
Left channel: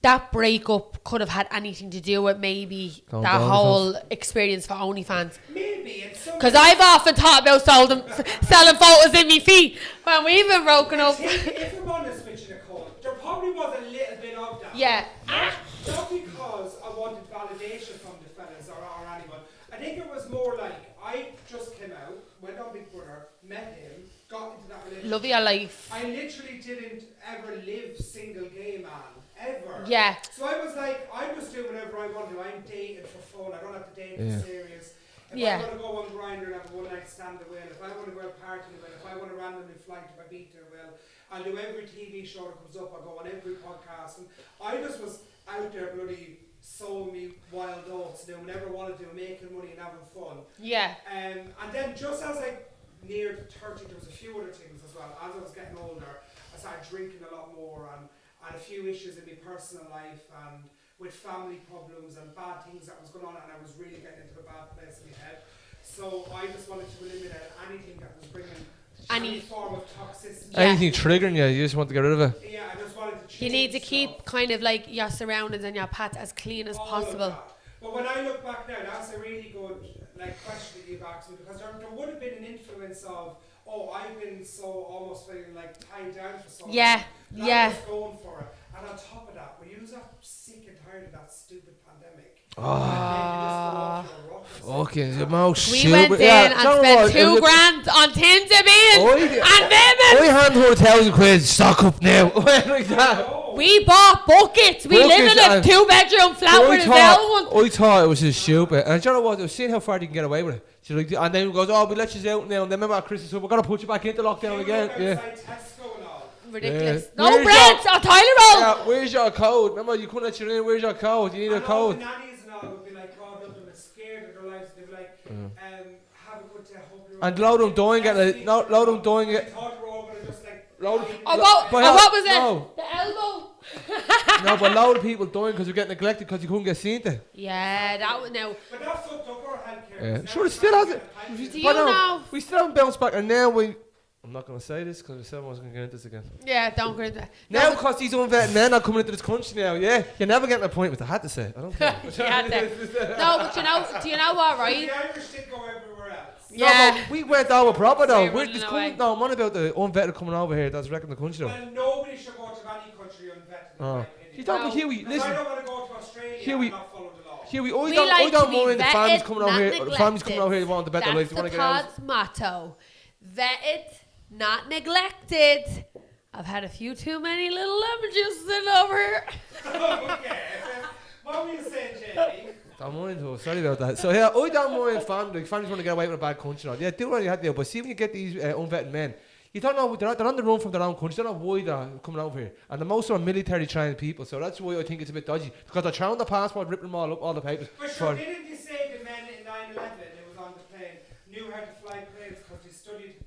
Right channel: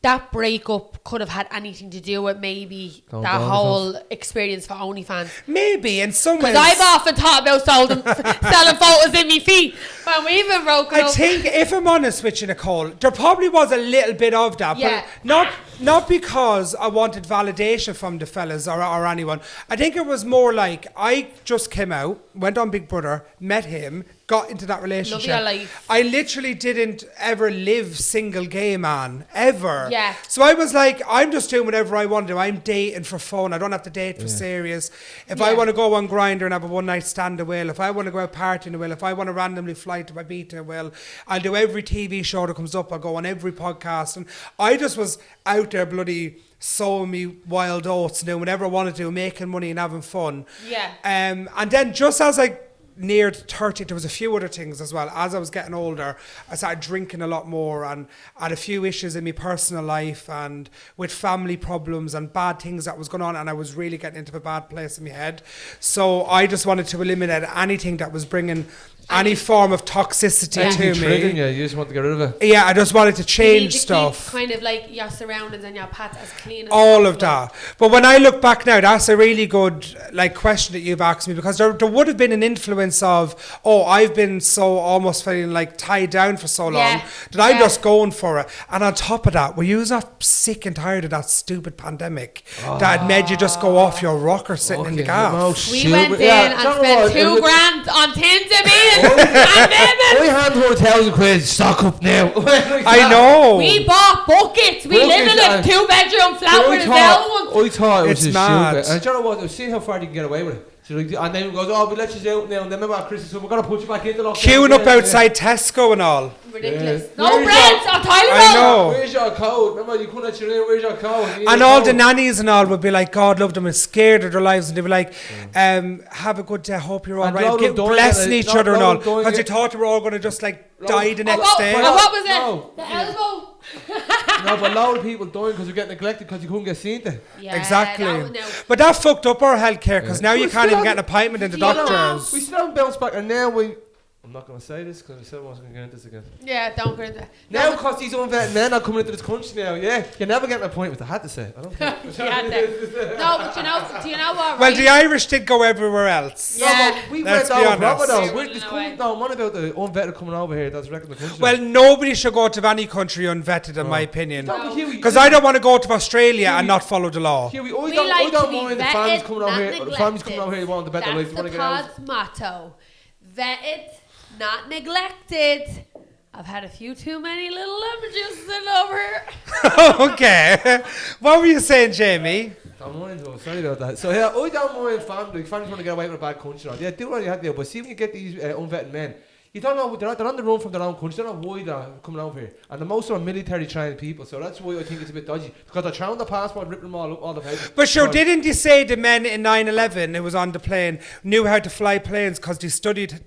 that breakup could have had anything to do with maybe Going that to whole experience for OnlyFans? Maybe in some Because ways. I've often thought about selling photos in me feet when we've been broken I up. think, if I'm honest with you, Nicole, there probably was a little bit of that. Yeah. But not because I wanted validation from the fellas or anyone. I think it was more like I just came out, went on Big Brother, met him, got into that relationship. Love your life. I literally didn't ever live single gay man, ever. Yeah. So I was like, I'm just doing whatever I want to do. I'm dating for fun. I don't have to date for serious. If I Yeah. want to go on Grindr and have a one night stand, I will. If I want to go out partying, I will. If I want to randomly fly to Ibiza, I will. I'll do every TV show that comes up. I'll go on every podcast. And I just was out there bloody sowing me wild oats, doing whatever I wanted to do, making money and having fun. Yeah. And then just as I neared 30, there was a few other things as well. As I was getting older, I started drinking a lot more, and I had a few issues in my personal life and with family problems and bad things that was going on, and I was really getting into a bad place in my head. So I just wanted to eliminate anything that was bringing any form of toxicity to Anything me. triggering you just want to get rid of it. Yeah, I just wanted to You change need to stuff. keep kind of like your surroundings and your pets as clean as All possible. of that. But when I look back now, that's a really good question that you've asked me, because there would have been an influence of, I've been so almost feeling like tied down for so long Yeah. that I'm Yeah. just going for it. And on top of that, were you not sick and tired of that stupid pandemic that had made you just go off your rocker sitting in the gaff? We went in and spent $2,000 on Tinder beans and I women. hand her £1,000 stock up now. I know. We bought buckets. We live in a Buckets, 2-bedroom flat with a bell one. I thought it was It's just mad. stupid. And do you know what? I was seeing how far you can get away with it. So like, and then it goes, we let you out now. And then remember at Christmas, so we're going to put you back into lockdown. Queuing up again. outside Tesco and all. Ridiculous. Yeah. No Where's bread your- or toilet I roll. know. Where's your code? Remember, you couldn't let you in. Where's your code? You need And a all the code. nannies and all would be like, God love them and scared of their lives, and they'd be like, have a good day, hope you're all And right. load of dying Blessing at- each load- other and load all, of dying because they at- thought they were all going to just like Load- die the And next what, day. and what was it? No. The elbow. No, but a lot of people dying because they're getting neglected because you couldn't get seen to. Yeah, Exactly. that was, no. But that fucked up our healthcare, because now So you we can't still even get an have- appointment in the Do you know- doctor. We still haven't bounced back, and now I'm not going to say this because I said I wasn't going to get into this again. Yeah, don't go into it. Now, No, but- because these unvetted men are coming into this country now, yeah, you're never getting an appointment. I had to say it. I don't care. You had to. No, but do you know what, Well, right? the Irish did go everywhere else. Yeah. No, but we Let's went be over proper honest. though. We're We're running just away. coming down. Man about the unvetted coming over here that's wrecking the country. Well, nobody should go to any country unvetted, in my opinion. No, but Hughie, Because I don't want to go to Australia Hughie- and not follow the law. Hughie, We I like to don't be mind the vetted, families coming over not here. The families coming over here neglected. want to bet their lives. They want That's to the get out. pod's motto. Vetted, not neglected. I've had a few too many little lemon juices sitting over here. Okay. What were you saying, Jamie? Don't mind though. Sorry about that. So yeah, I don't mind family. Families want to get away with a bad country. Yeah, do what you have to do. But see when you get these unvetted men, you don't know they're on the run from their own country. They don't know why they're coming over here. And the most are military trained people. So that's why I think it's a bit dodgy, because they're throwing the passport, ripping them all up, all the papers. But sure, So- didn't you say the men in 9/11 who was on the plane knew how to fly planes because they studied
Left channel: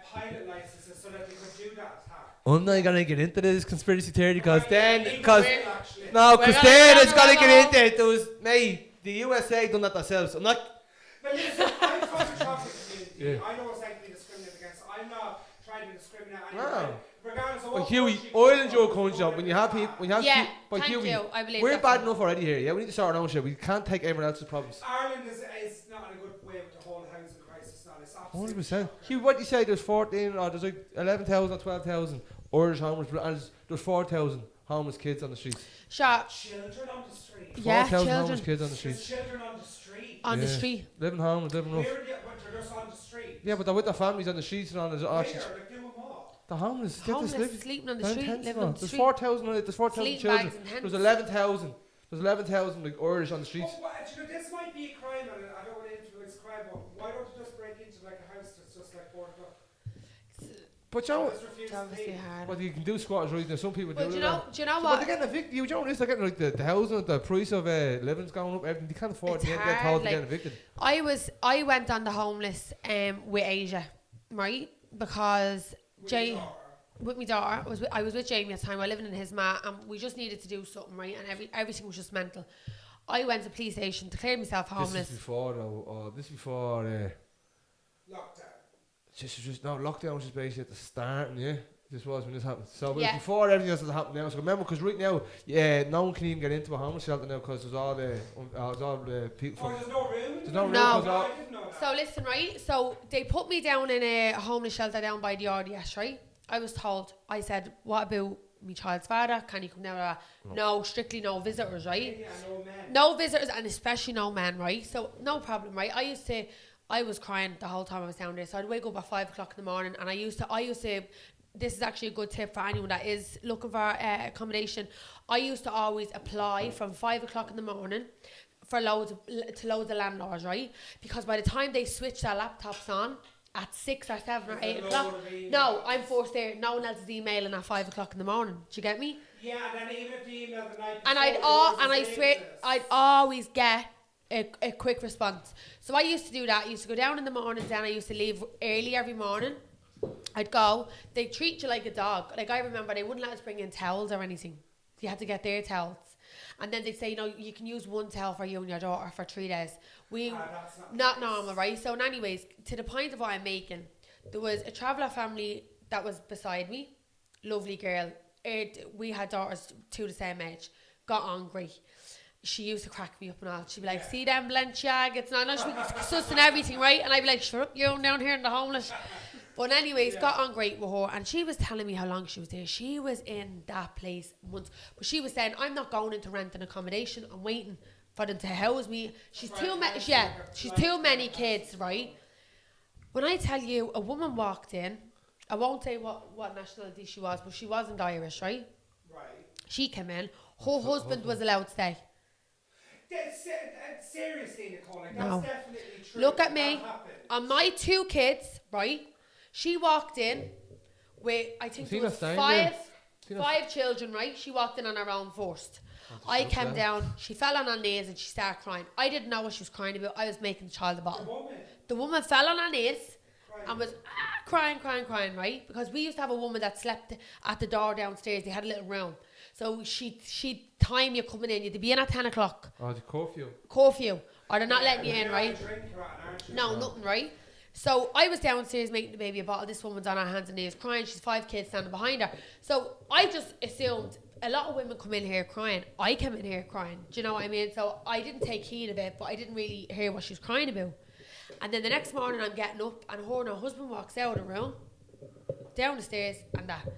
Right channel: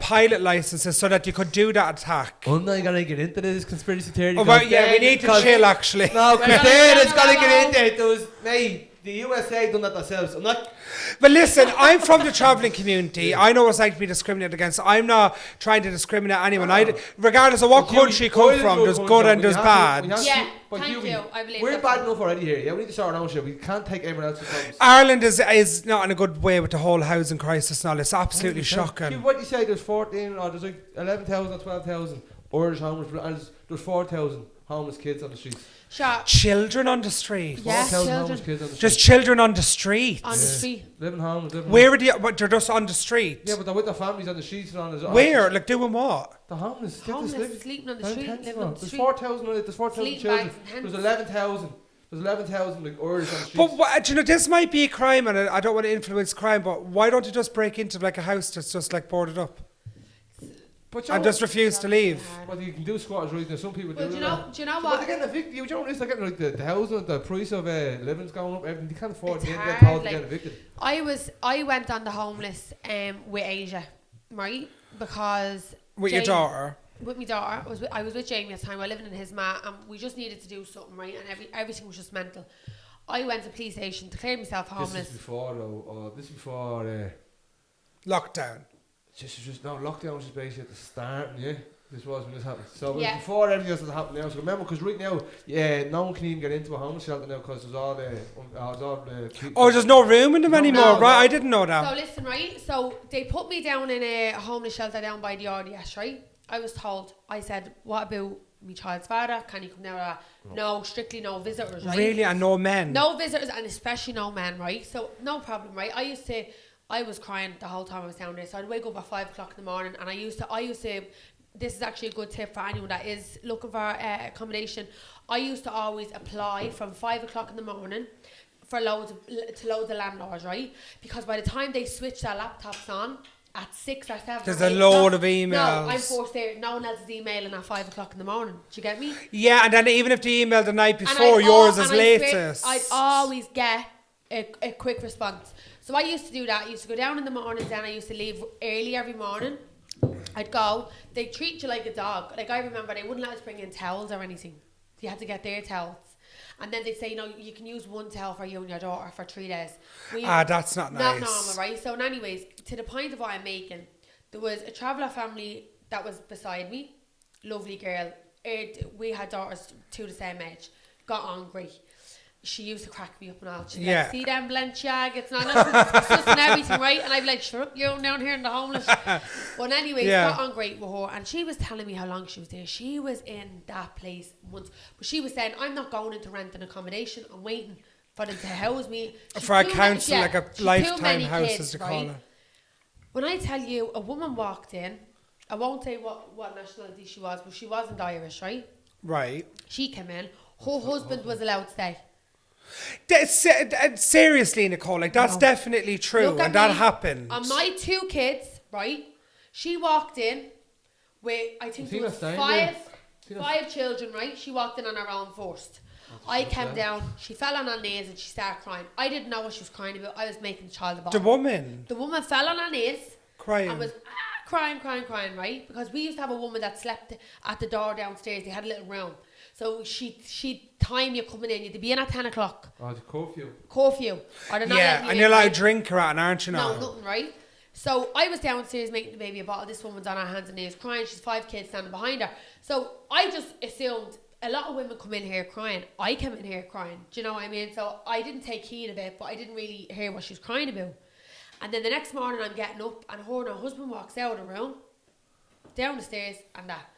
pilot licenses so that you could do that attack? I'm not gonna get into this conspiracy theory. Oh, because well, yeah, we then- need to 'cause- chill, actually. No, because We're then gonna it's gonna go get on. into it. There was, mate, the USA done that themselves. I'm not. But listen, I'm from the travelling community. I know what it's like to be discriminated against. I'm not trying to discriminate anyone. Regardless of what Hughie, country you oil come is from, your there's country, good and we there's have to- we bad. have Yeah, to- but thank Hughie, you. I believe we're that's bad right. enough already here. Yeah, we need to start our own shit. We can't take everyone else's problems. Ireland is not in a good way with the whole housing crisis now. It's absolutely shocking. Hughie, what do you say? There's 14 or there's like 11,000 or 12,000 Irish homeless, and there's 4,000 homeless kids on the streets. Sure. Children on the street. Yeah, 4,000 homeless children kids on the Just streets. children on the street. On the street. Living homeless, living Where homeless. are they? But they're just on the street. Yeah, but they're with their families on the streets and on the. Where? Like doing what? The homeless. they Homeless, just live- sleeping on the they're in street, tents living now. on the There's street. 4,000. There's 4,000 Sleeping children. bags and tents. There's 11,000. There's 11,000 like Irish on the streets. But what, do you know, this might be a crime, and I don't want to influence crime. But why don't you just break into like a house that's just like boarded up But you and know, just refuse to leave? what you can do squatters rights. Now some people Well, do. do you that. know? Do you know So, but what? they're getting evicted. You know, they're getting like the housing, the price of living's going up. Everything they can't afford It's to get hard, told to like- get evicted. I went on the homeless with Asia, right? Because With your Jamie- daughter. With my daughter, I was with Jamie at the time. We were living in his mat, and we just needed to do something, right? And everything was just mental. I went to the police station, declared myself This homeless. is before though. This is before. Lockdown. Just no, lockdown was just basically at the start, yeah. This was when this happened. So it was before everything else that happened now. So remember, because right now, no one can even get into a homeless shelter now because there's all the, there's no room in them anymore, no, right? I didn't know that. So listen, right? So they put me down in a homeless shelter down by the RDS, right? I was told, I said, what about my child's father? Can he come down? No, strictly no visitors, right? Really? And no men? No visitors, and especially no men, right? So no problem, right? I was crying the whole time I was down there. So I'd wake up at 5 o'clock in the morning, and I used to, this is actually a good tip for anyone that is looking for accommodation. I used to always apply from 5 o'clock in the morning for loads of landlords, right? Because by the time they switch their laptops on at 6 or 7 there's or 8 a load o'clock, of emails. No, I'm forced there. No one else is emailing at 5 o'clock in the morning. Do you get me? Yeah, and then even if they email the night before, yours is latest. I'd always get a quick response. So I used to do that. I used to go down in the mornings, and I used to leave early every morning. I'd go. They treat you like a dog. Like, I remember they wouldn't let us bring in towels or anything. You had to get their towels. And then they'd say, you can use one towel for you and your daughter for 3 days. That's not nice. Not normal, right? So anyways, to the point of what I'm making, there was a traveller family that was beside me. Lovely girl. We had daughters the same age. Got on great. She used to crack me up and all. She'd be like, see them Balenciaga, it's not discussing everything, right? And I'd be like, shut up, you're down here in the homeless. But anyways, got on great with her. And she was telling me how long she was there. She was in that place months. But she was saying, I'm not going into rent and accommodation. I'm waiting for them to house me. For a council, like a lifetime too many house, kids, right? When I tell you, a woman walked in, I won't say what nationality she was, but she wasn't Irish, right? Right. She came in. Her husband was allowed to stay. Seriously, Nicole, like that's definitely true. Look at and that me. happened. On my 2 kids, right? She walked in with, I think there was five children, right? She walked in on her own first. I came down, she fell on her knees and she started crying. I didn't know what she was crying about. I was making the child a bottle. The woman fell on her knees. Crying. And was crying, right? Because we used to have a woman that slept at the door downstairs. They had a little room. So she'd time you coming in. You'd be in at 10 o'clock. Oh, the curfew. Or they're not letting you in, and you're like right? a drinker, aren't you? No, nothing, right? So I was downstairs making the baby a bottle. This woman's on her hands and knees crying. She's 5 kids standing behind her. So I just assumed a lot of women come in here crying. I came in here crying. Do you know what I mean? So I didn't take heed of it, but I didn't really hear what she was crying about. And then the next morning I'm getting up and her husband walks out of the room, down the stairs and that.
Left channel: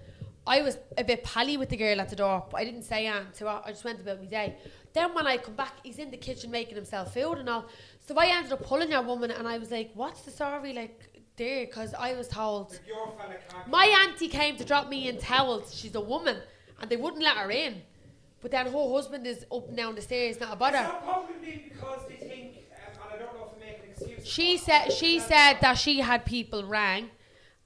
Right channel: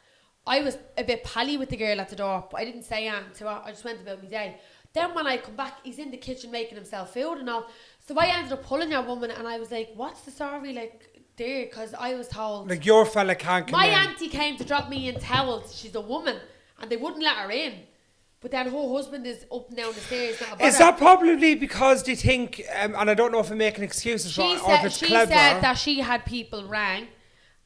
I was a bit pally with the girl at the door, but I didn't say anything to her. I just went about my day. Then when I come back, he's in the kitchen making himself food and all. So I ended up pulling your woman and I was like, what's the story like there? Because I was told... Like your fella can't come My in. auntie came to drop me in towels. She's a woman. And they wouldn't let her in. But then her husband is up and down the stairs, not a bother. Is that probably because they think, and I don't know if I'm making excuses, she said that she had people rang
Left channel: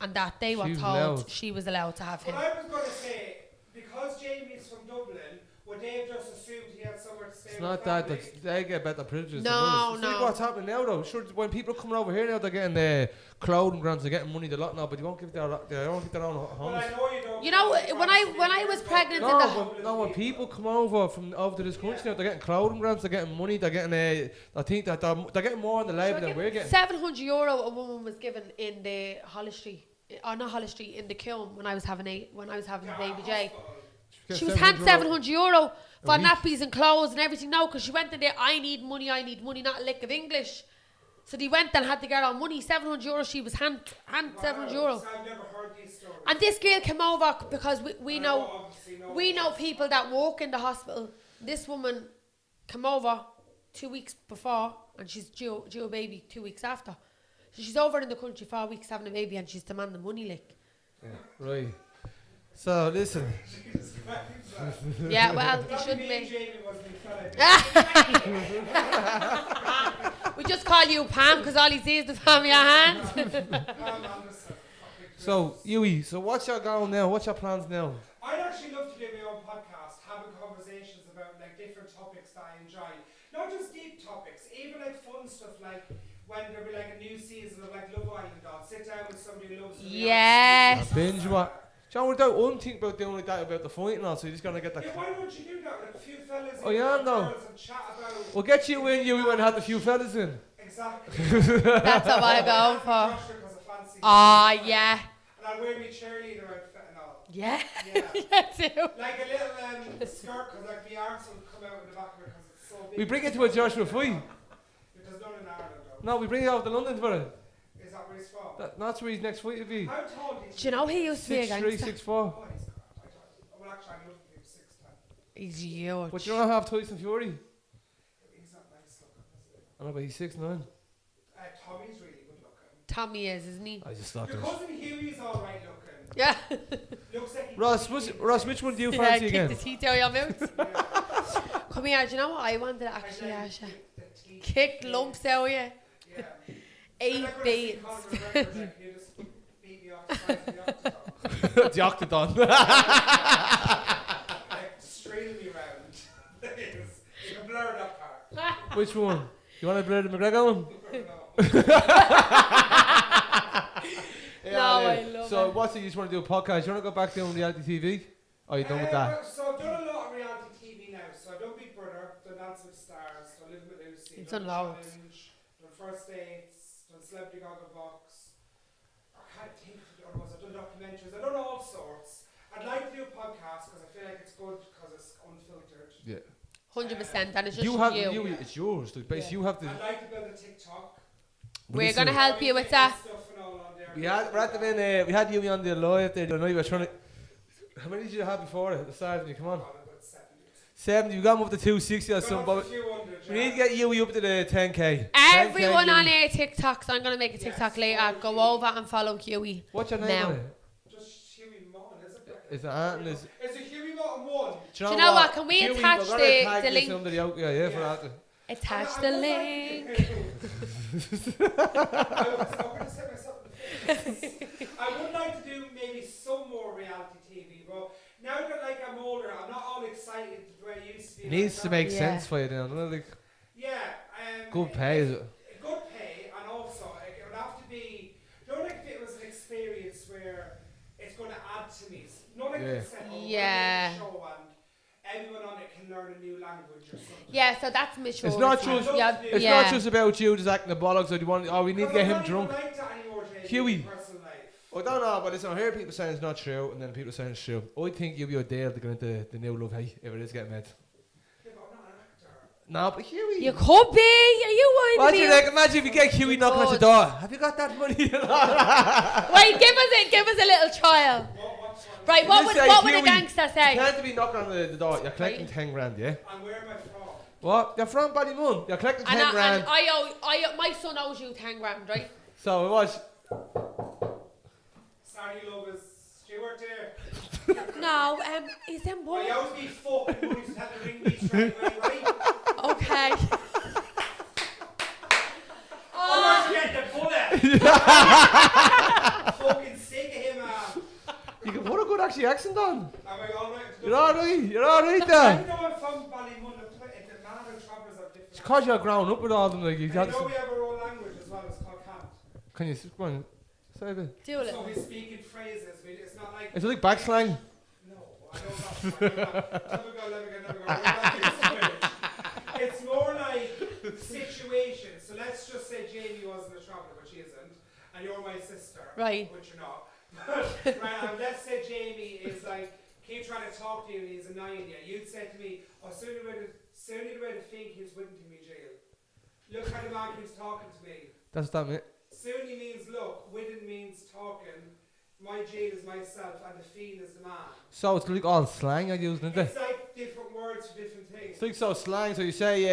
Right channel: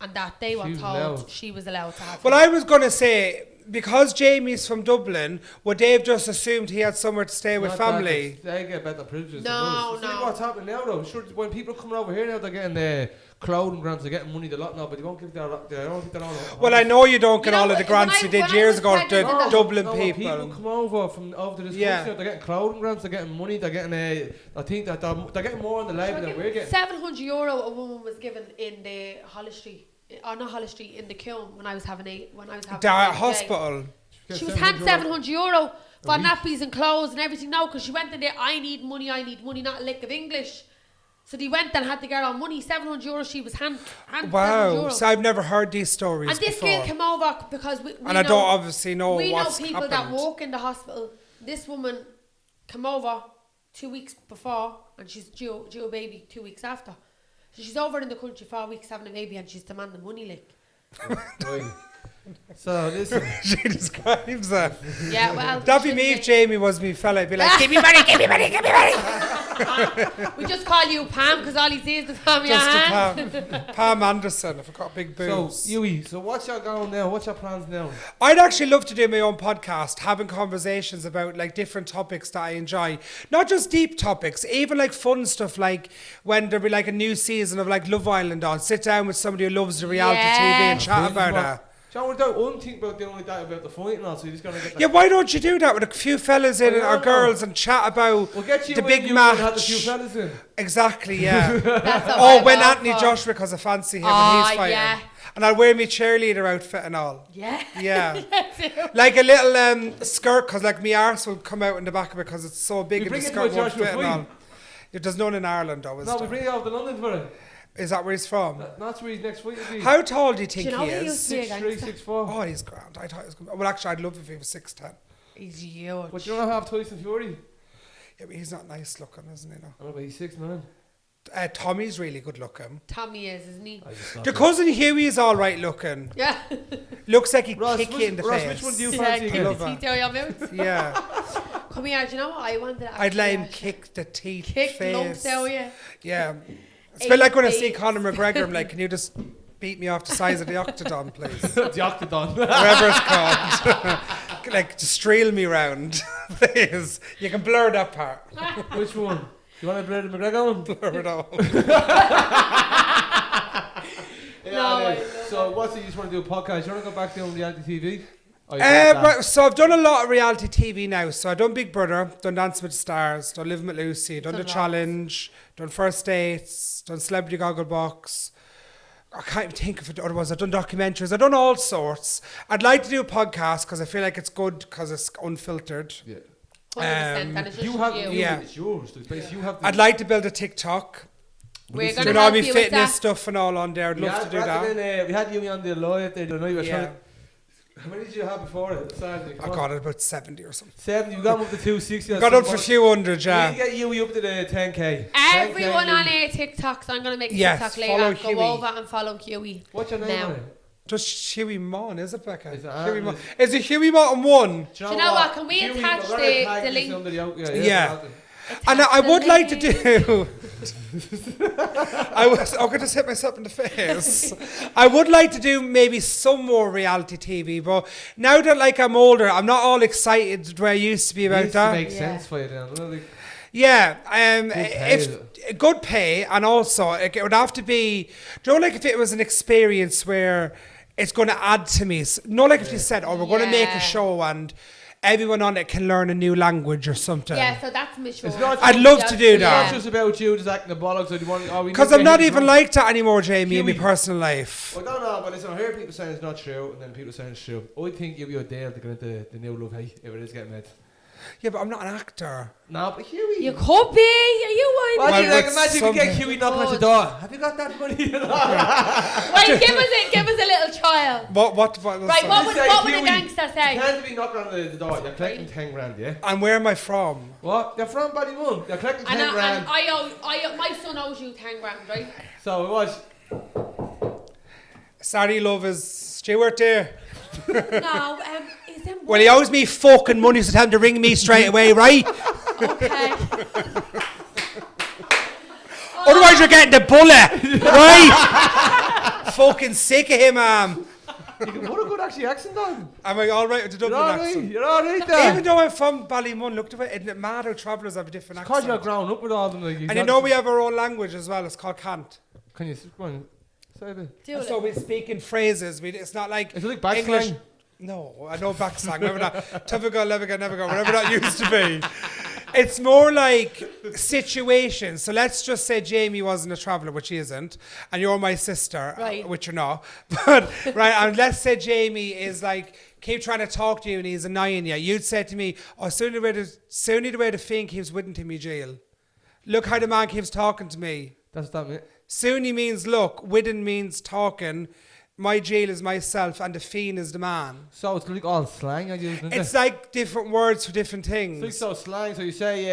and that they were told she was allowed to have him. Well, I was going to say, because Jamie's from Dublin, would they have just assumed he had somewhere to stay with family? They get better privileges. No. Like what's happening now, though? Sure, when people are coming over here now, they're getting clothing grants, they're getting money, they're lot now, but they won't give their own. Well, I know you don't get all of the grants you did years ago. The Dublin people. When people come over to this country now, they're getting clothing grants, they're getting money, they're getting I think that they're getting more on the label than we're getting. €700 a woman was given in the Holly Street. Not Holly Street, in the Kiln when I was having the hospital. She was handed €700 for nappies and clothes and everything now because she went in there, I need money, not a lick of English. So they went and had to get on money, €700 she was handed €700. So I've never heard these stories And this girl came over because we and I don't obviously know we know what's people that work in the hospital. This woman came over 2 weeks before and she's due a baby 2 weeks after. So she's over in the country 4 weeks having a baby and she's demanding money like. Right. So listen. She describes that. Yeah, well. That'd be me if Jamie was me fella. I'd be like, give me money. We just call you Pam because all he sees is the Pam in your hand. Pam Anderson. I've got big boobs. So, Hughie, so what's your goal now? What's your plans now? I'd actually love to do my own podcast, having conversations about like different topics that I enjoy. Not just deep topics, even like fun stuff, like when there'll be like a new season of like Love Island on. Sit down with somebody who loves the reality TV and chat about it. John, without one thing about doing like that about the fight and all, so you're just gonna get that. Yeah, why don't you do that with a few fellas in yeah, or no. girls and chat about We'll get you the in big you match. and have a few fellas in. Exactly, yeah. That's what Or I'm when going Anthony for. Joshua, because I fancy him. Ah, and he's fighting. yeah. And I'll wear my cheerleader outfit and all. Yeah. Yeah. too. Like a little skirt, because like my arse will come out in the back of it because it's so big. We and bring the it to a skirt won't Joshua fit and fight. all. There's none in Ireland, though. No, we bring it out to London for it. Is that where he's from? That's where his next fight would be. How tall do you think Do you know he he is? used to be a 6'3", gangster? 6'4". Oh, he's grand. I thought he was good. Well, actually, I'd love if he was 6'10". He's huge. But you don't have Tyson Fury. Yeah, but he's not nice looking, isn't he? No. I know, but he's 6'9". Tommy's really good looking. Tommy is, isn't he? I just thought The that. cousin Hughie is all right looking. Yeah. Looks like he Ross, kick you in the Ross, face. which one do you Yeah, fancy kick again? the teeth out of your mouth. Yeah, Come here, do you know what I wanted to I'd actually let him ask you? kick the teeth. Kick face. lumps out of you. Yeah. It's a bit like when I see Eight Conor McGregor, I'm like, can you just beat me off the size of the octagon, please? The Octagon. Whatever it's called. Like, to streel me round, please. You can blur that part. Which one? You want to blur the McGregor one? Blur it out. No, I love So it. what's it? You just want to do a podcast? You want to go back doing reality TV? Oh, you got that. Right, so I've done a lot of reality TV now. So I've done Big Brother, done Dancing with the Stars, done Living with Lucy, done done The lots. Challenge, done First Dates, done Celebrity Gogglebox. I can't even think of it otherwise. I've done documentaries. I've done all sorts. I'd like to do a podcast because I feel like it's good because it's unfiltered. Yeah. 100%, and it's just You have you. Yeah. It's yours. The place you have. I'd like to build a TikTok. We're going to With all help my you with fitness that. stuff and all on there. I'd We love had, to do that. we had you on the live there. I know you were trying Yeah. to. How many did you have before it? At the start, I got it about 70 or something. 70. You got him up to 260. Got up for a few hundred, We need yeah. to get you up to the 10k. Everyone 10K, on Hughie. our TikToks, I'm going to make a Yes, TikTok later. follow Go Hughie. over and follow Hughie. What's your name Now. on it? Just Hughie Maughan, is it, Becca? Is it Hughie Aaron? Maughan. Is it Hughie Maughan 1? Do you know what? Can we Hughie, attach we're gonna the tag this link? under the out- yeah. Yeah. we'll And I Attach would the like to link. do. I'm going to hit myself in the face. I would like to do maybe some more reality TV, but now that like I'm older, I'm not all excited where I used to be It about needs to that. make Yeah. sense for you then. doesn't it? Like, Yeah, Good pay, is good pay, and also like, it would have to be. Do you know, like if it was an experience where it's going to add to me? Not like if you said, "Oh, we're going to make a Yeah. show and everyone on it can learn a new language or something." Yeah, so that's mature. It's not I'd love to do it's that. not just about you just acting the bollocks. Or you want, oh, we need Because to I'm get not him even drunk. like that anymore, Jamie, in my Hughie. personal life. I don't know, but listen, I hear people saying it's not true, and then people saying it's true. I think you'll be a deal to get into the new love, hey, if it is getting made. Yeah, but I'm not an actor. No, but Hughie. You could be. Are you What do whining? you Well, like? Imagine if you get something. Hughie knocking at your Good. door. Have you got that money? Wait, give us a little trial. What Right, what would a Hughie, gangster You say? can't be knocking on the door. You're collecting Right. 10 grand, yeah? And where am I from? What? You're from Ballymun. You're collecting 10 grand. My son owes you 10 grand, right? So it was. Sorry, love, is Stuart there? No, is them Well, he owes me fucking money, so tell him to ring me straight away, right? Okay. Otherwise, you're getting the bullet, right? Fucking sick of him, What a good actually accent on. Am I all right with the You're Dublin alright. accent? You're alright Even there. though I'm from Ballymun, look at it, it doesn't matter, travellers have a different Because accent. you're grown up with all them. Like, And you know we have our own language as well, it's called cant. Can you go on? Say a bit. Do So it. we speak in phrases, it's not like... Is it like back English- slang? No, I know back slang, never that. Typical, never go, whatever that used to be. It's more like situations. So let's just say Jamie wasn't a traveller, which he isn't, and you're my sister, Right. which you're not. But, right, and let's say Jamie is like, keep trying to talk to you and he's annoying you. You'd say to me, oh, soon the way to think he was wouldn't to me jail. Look how the man keeps talking to me. That's that, mate. Soony means look, Widden means talking, my jail is myself, and the fiend is the man. So it's like all slang I use, isn't it? It's like different words for different things. It's like so slang. So you say,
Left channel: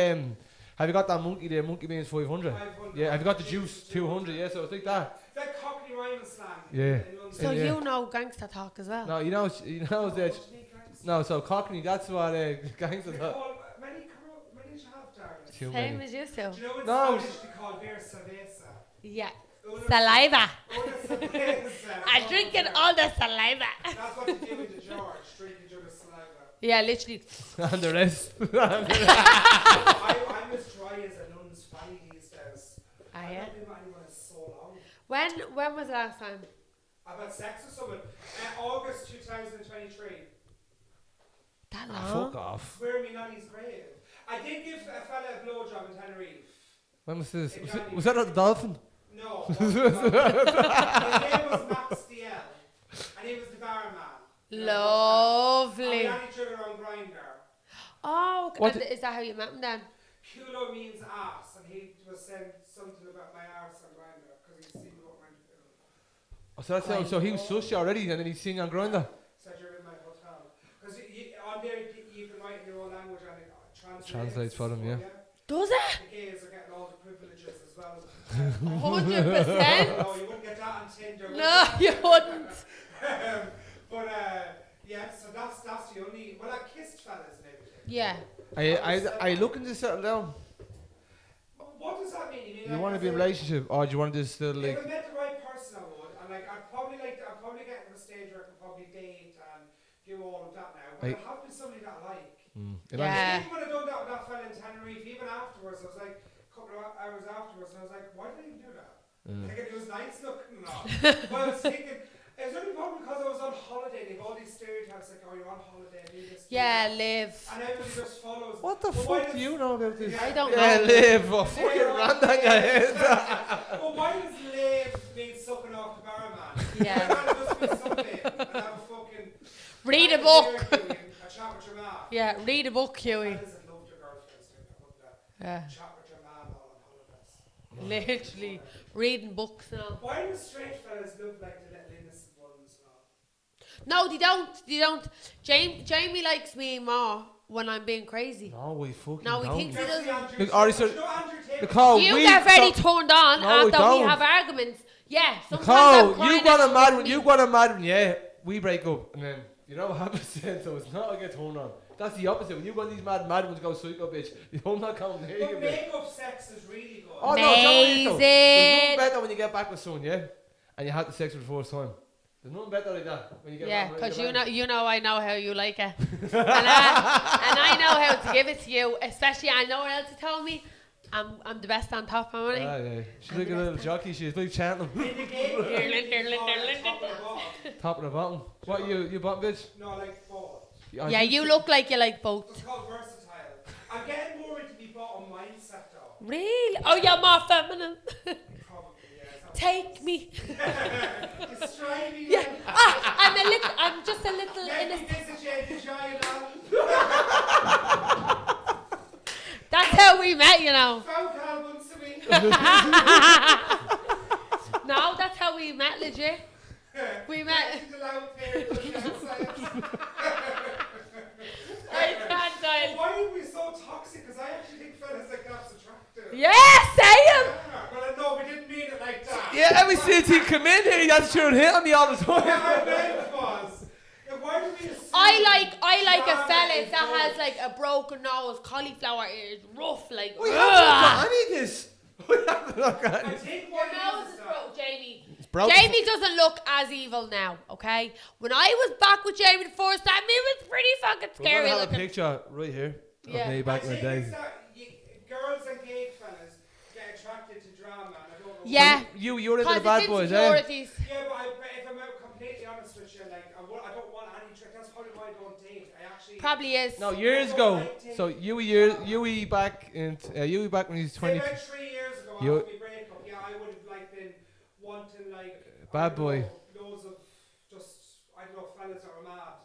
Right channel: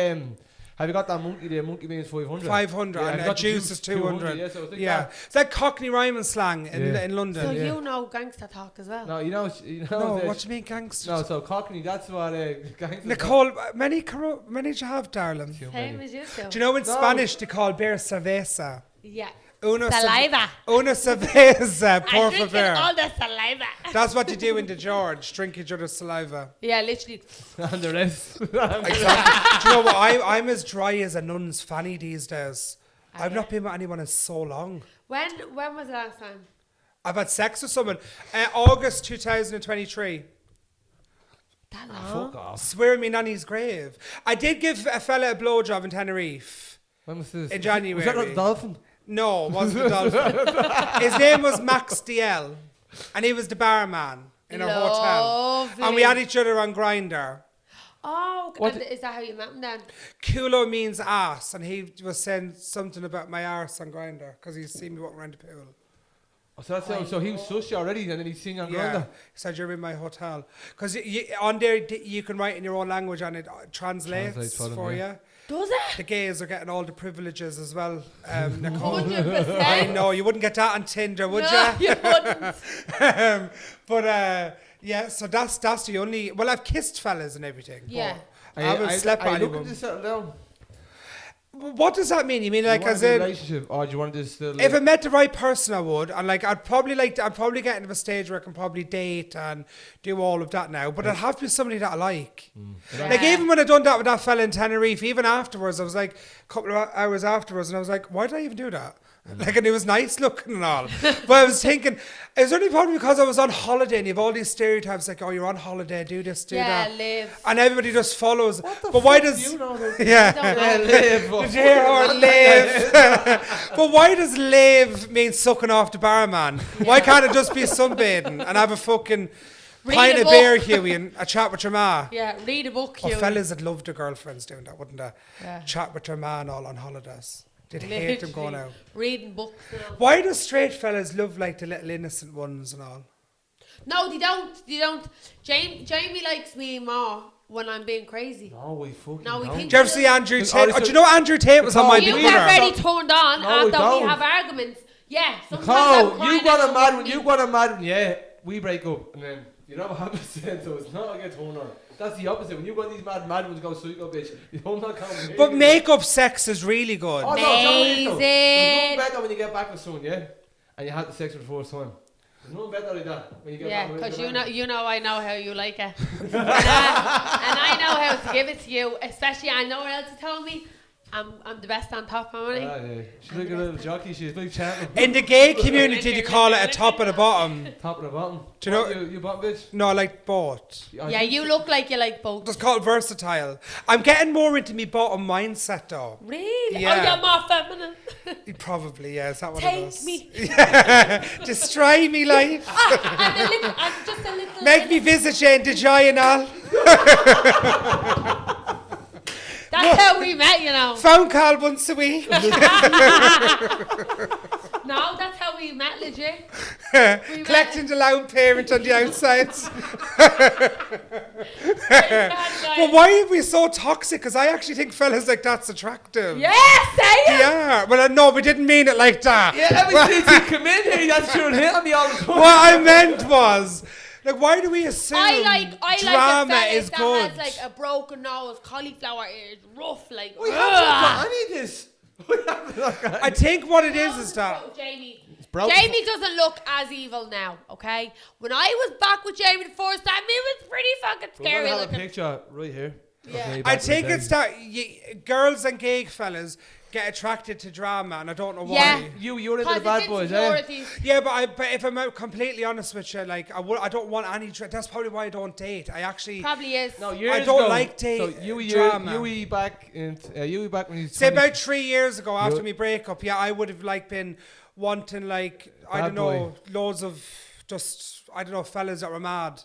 have you got that monkey there? Monkey means 500. 500, Yeah, have and you got the the juice juice? is 200. Yeah, so it's like Yeah, that. it's like Cockney rhyming slang in London. So Yeah. you know gangster talk as well. No, you know, No, the- what do you mean gangsters? no. So Cockney, that's what gangsters. Nicole, many do you have, darling? Too Same many. as you two. Do you know in No. Spanish they call beer cerveza? Yeah. Una Saliva. Una cerveza, I'm por drinking favor. all the saliva. That's what you do in the George, drink each other's saliva. Yeah, literally. And the rest. Do you know what? I'm as dry as a nun's fanny these days. Ah, I've yeah? not been with anyone in so long. When was the last time? I've had sex with someone. August 2023. That long? Fuck off. Swear me nanny's grave. I did give a fella a blowjob in Tenerife. When was this? In January. Was that not the dolphin? No, it wasn't the dolphin. His name was Max DL. And he was the barman in a hotel. Lovely. And we had each other on Grindr. Oh, What and is that how you met him then? Culo means ass. And he was saying something about my arse on Grindr. Because he's seen me walking around the pool. Oh, so that's so he was sushi already, and then he's singing on Grindr. He said you're in my hotel. Because on there you can write in your own language and it translates for them, for yeah. you. Does it? The gays are getting all the privileges as well. 100%. No, you wouldn't get that on Tinder, would No, you? you wouldn't. Yeah, so that's the only. Well, I've kissed fellas and everything. Yeah. but I haven't slept Are you with looking anyone. to settle down? What does that mean? You mean Do like you want as to be in a in, relationship, or do you want to just still? if I met the right person, I would, and like I'd probably get into a stage where I can probably date and do all of that now. But it'd have to be somebody that I like. Like Yeah. even when I done that with that fella in Tenerife, even afterwards, I was like a couple of hours afterwards, and I was like, why did I even do that? Like, and it was nice looking and all. But I was thinking, it was only probably because I was on holiday and you have all these stereotypes like, oh, you're on holiday, do this, do Yeah, that. live. And everybody just follows. What the but fuck why do does you know about this? Yeah. I don't Yeah, know. live. Oh, Yeah, or live. But why does live mean sucking off the barman? Why Yeah. can't it just be sunbathing and have a fucking Read pint a of beer, book. Hughie, and a chat with your ma? Yeah, read a book, Hughie. Fellas would love their girlfriends doing that, wouldn't they? Yeah. Chat with their man all on holidays. They'd hate them going Literally out. reading books now. Why do straight fellas love like the little innocent ones and all? No, they don't. They don't. Jamie likes me more when I'm being crazy. No, we fucking No, we don't. think- Do you ever see Andrew Look, Tate? honestly- Do you know Andrew Tate was on my You we get are. very turned on No, we after we don't. have arguments. Yeah, sometimes I'm Nicole, crying you got a out mad with one. me. You got a mad one. Yeah, we break up, and then you know what happens then. So it's not I get turned on. That's the opposite. When you go on these mad ones, go psycho bitch. You don't not come. But makeup sex is really good. Oh no, Johnny, though. There's nothing Amazing. better when you get back with someone, yeah, and you have the sex for the first time. There's nothing better like that when you get Yeah, back with because your you man. know I know how you like it, and I know how to give it to you. Especially I know what else you told me. I'm the best on top, am I? Ah, yeah. She's like a little jockey. She's like chanting. In the gay community, you call it a top and a bottom. Top and the bottom. Do you What, know- you bottom bitch? No, I like both. Yeah, you look like you like both. It's called versatile. I'm getting more into me bottom mindset though. Really? Yeah. Oh, you're more feminine. Probably, yeah. Is that what it Take is? me. Destroy me life. I'm just a little. Make me visit you in the Giant. That's how we met, you know. Phone call once a week. No, that's how we met, legit. We Collecting the loud parent on the outside. But why are we so toxic? Because I actually think fellas like that's attractive. Yeah, say it. Yeah. Well, no, we didn't mean it like that. Yeah, every since you come in here, that's sure hit on me all the time. What I meant was, like, why do we assume I like a drama fella is that good? has like a broken nose, cauliflower ears, rough, like. We haven't got any of this. We haven't got I any. think what it is that Jamie. broken. Jamie doesn't look as evil now, okay? When I was back with Jamie the first time, it was pretty fucking We're gonna scary have a looking. picture right here. Yeah. Okay, I back in the think day. it's that girls and gay fellas get attracted to drama, and I don't know Yeah. why. You're into the Because bad it's boys, eh? insecurities. Yeah, but if I'm completely honest with you, like I don't want any. That's probably why I don't date. I actually Probably is. No, years don't ago. like date so drama. Yui back when he's say 20. about 3 years ago after You- my breakup. Yeah, I would have like been wanting like I Bad don't know boy. loads of just I don't know fellas that were mad,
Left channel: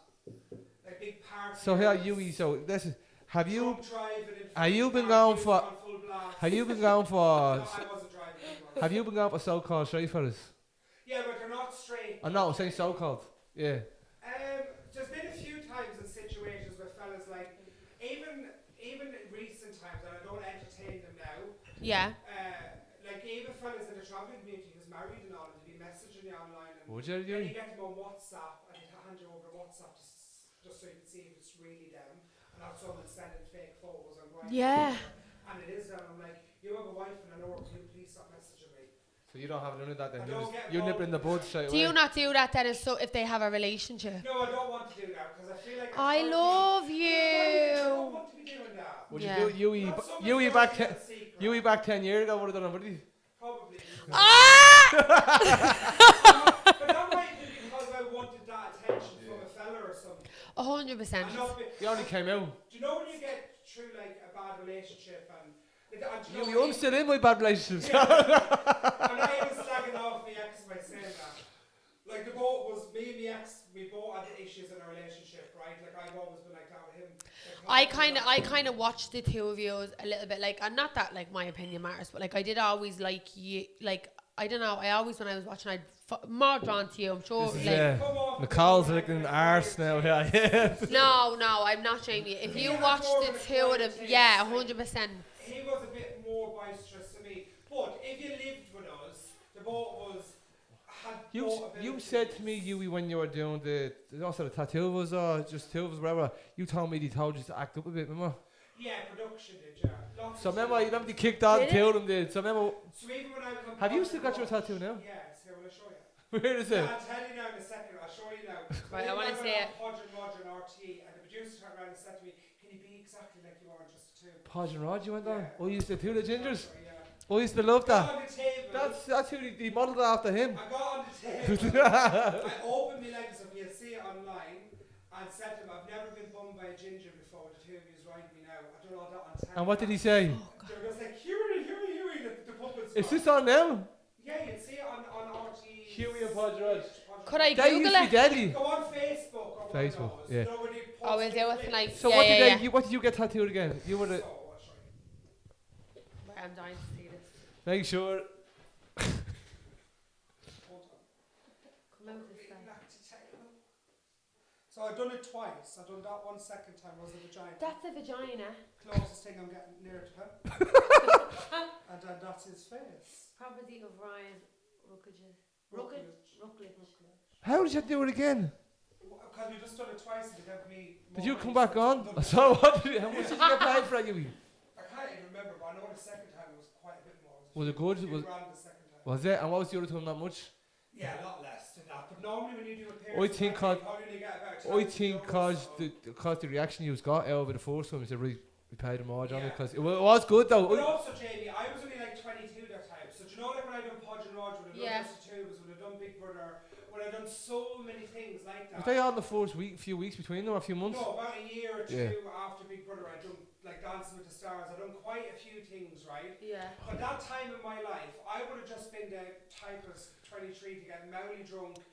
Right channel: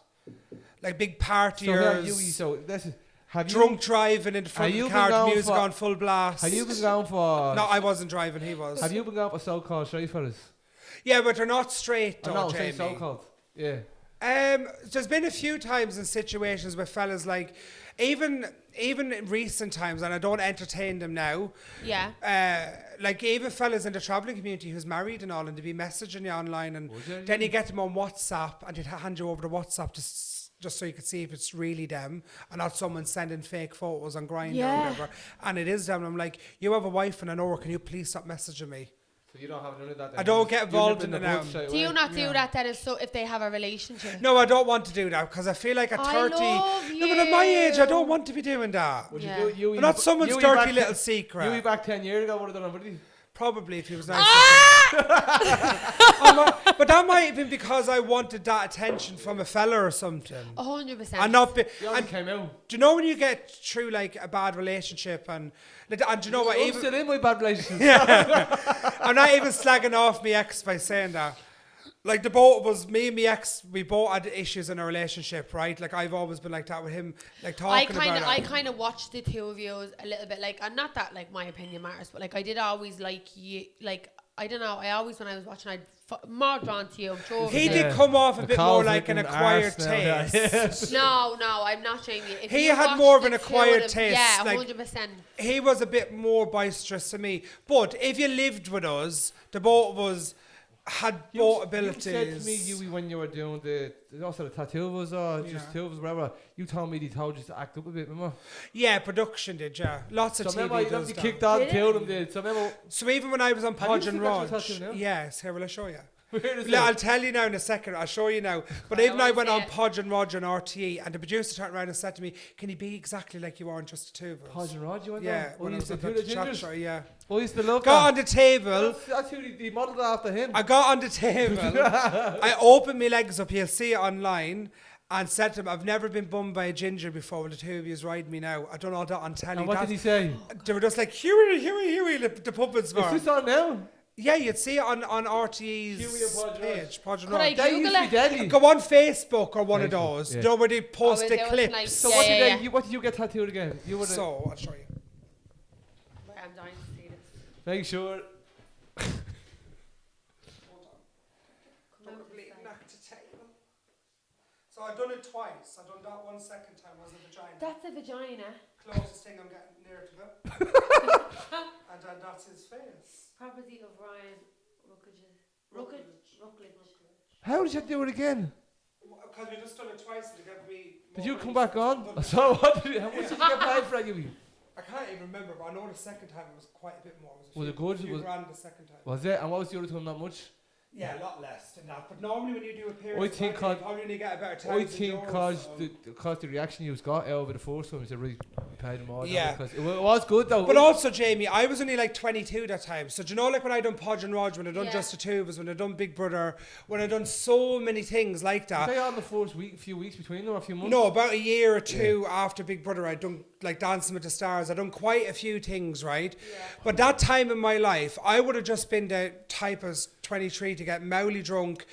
like big partiers. So here, Yui. So this is. Have drunk driving in the front Have you of the been car, going music for- on full blast. Have you been going for? No, I wasn't driving. He was. Have you been going for so-called straight fellas? Yeah, but they're not straight. Oh though, no, I'm saying Jamie. so-called. Yeah. There's been a few times in situations with fellas like, even in recent times, and I don't entertain them now. Yeah. Like even fellas in the travelling community who's married and all, and they be messaging you online, and Would you, then Jenny? you get them on WhatsApp, and they'd hand you over the WhatsApp just so you could see if it's really them and not someone sending fake photos on Grindr Yeah. or whatever. And it is them. And I'm like, you have a wife and an hour, can you please stop messaging me? So you don't have none of that. Then. I don't get You involved nip in the it bud now. straight Do you away. not do that then if they have a relationship? No, I don't want to do that because I feel like at 30, I love no, but at my age, I you. don't want to be doing that. Would Yeah. you do Yui? But not someone's Yui dirty back little ten- secret. Yui back 10 years ago would have done it, would he? Probably if he was nice. Ah! But that might have been because I wanted that attention from a fella or something. 100%. And not be, You already and came out. do you know when you get through like a bad relationship and do you know what? I'm Even, still in my bad relationship. I'm not even slagging off my ex by saying that. Like the both of us, me and my ex, we both had issues in a relationship, right? Like I've always been like that with him, like talking I kind of watched the two of you a little bit, like, and not that like my opinion matters, but like I did always like you, like I don't know, I always when I was watching, I'd more drawn to you. I'm sure. He like, did come off a bit more like an acquired now, taste. no, I'm not Jamie. If He you had watched more of the an two acquired of them, taste, yeah, like- 100%. He was a bit more boisterous to me. But if you lived with us, the both of us had both You abilities. said to me, Hughie, when you were doing the also the tattoo was just two of us, whatever. You told me they told you to act up a bit, remember? Yeah, production did, yeah. Lots So of remember, TV you does they that. kicked on, Did it? two of them did. So remember, So even when I was on Have you Podge still and got your Rog, tattoo now? yes, here will I show you. where is Yeah, I'll it? tell you now in a second. I'll show you now. But Right, even I I wanna went see on it. Podge and Roger and RTE, and the producer turned around and said to me, "Can you be exactly like you are in Just the Two of Us?" Podge and Rod, you went Yeah. there? Oh, when you I used to was do up the at Chat gingers? Show, yeah. Oh, you used to love Got on that. the table. That's who they modelled after him. I got on the table. I opened my legs up. You'll see it online. And said to him, "I've never been bummed by a ginger before. When the two of yous ride me now, I don't know that on telly." And what did he say? They were just like Huey, the puppets Is were. this on now? Yeah, you'd see it on RTE's Huey and Podge Rog. page. Podge and Could I Rog. That used Google to be it? deadly. Go on Facebook or one of Facebook, those. yeah. You know where they post is the there clips. like- So Yeah, what yeah, did yeah. what did you get tattooed again? You were the, So I'll show you. Right, I'm dying to see this. make sure. Come out this side. So I've done it twice. I've done that one second time was a vagina. That's a vagina. Closest thing I'm getting near to him. And then that's his face. Property of Ryan Rookledge. How did you do it again? Because we just done it twice and it gave me. Did more you come money, back so I've on? done it So twice. what? How much did you get paid for that, Hughie? I can't even remember, but I know the second time was quite a bit more. Was it good? A few Was- grand the second time. Was it? And what was the other time? Not much. Yeah, a lot less than that. But normally when you do a period, I think you probably only get about I think cause the reaction you got out of it the first time, you said, really, we paid them all. Yeah. Because it was good though. But also, Jamie, I was only like 22 that time. So do you know, like when I done Podge and Rog, when I done Yeah. Just the Two of Us, when I done Big Brother, when I done so many things like Were that. they on the first few weeks between them, a few months? No, about a year or two after Big Brother, I done like Dancing with the Stars. I done quite a few things, right? Yeah. But that time in my life, I would have just been the type as 23 to get mouthy drunk,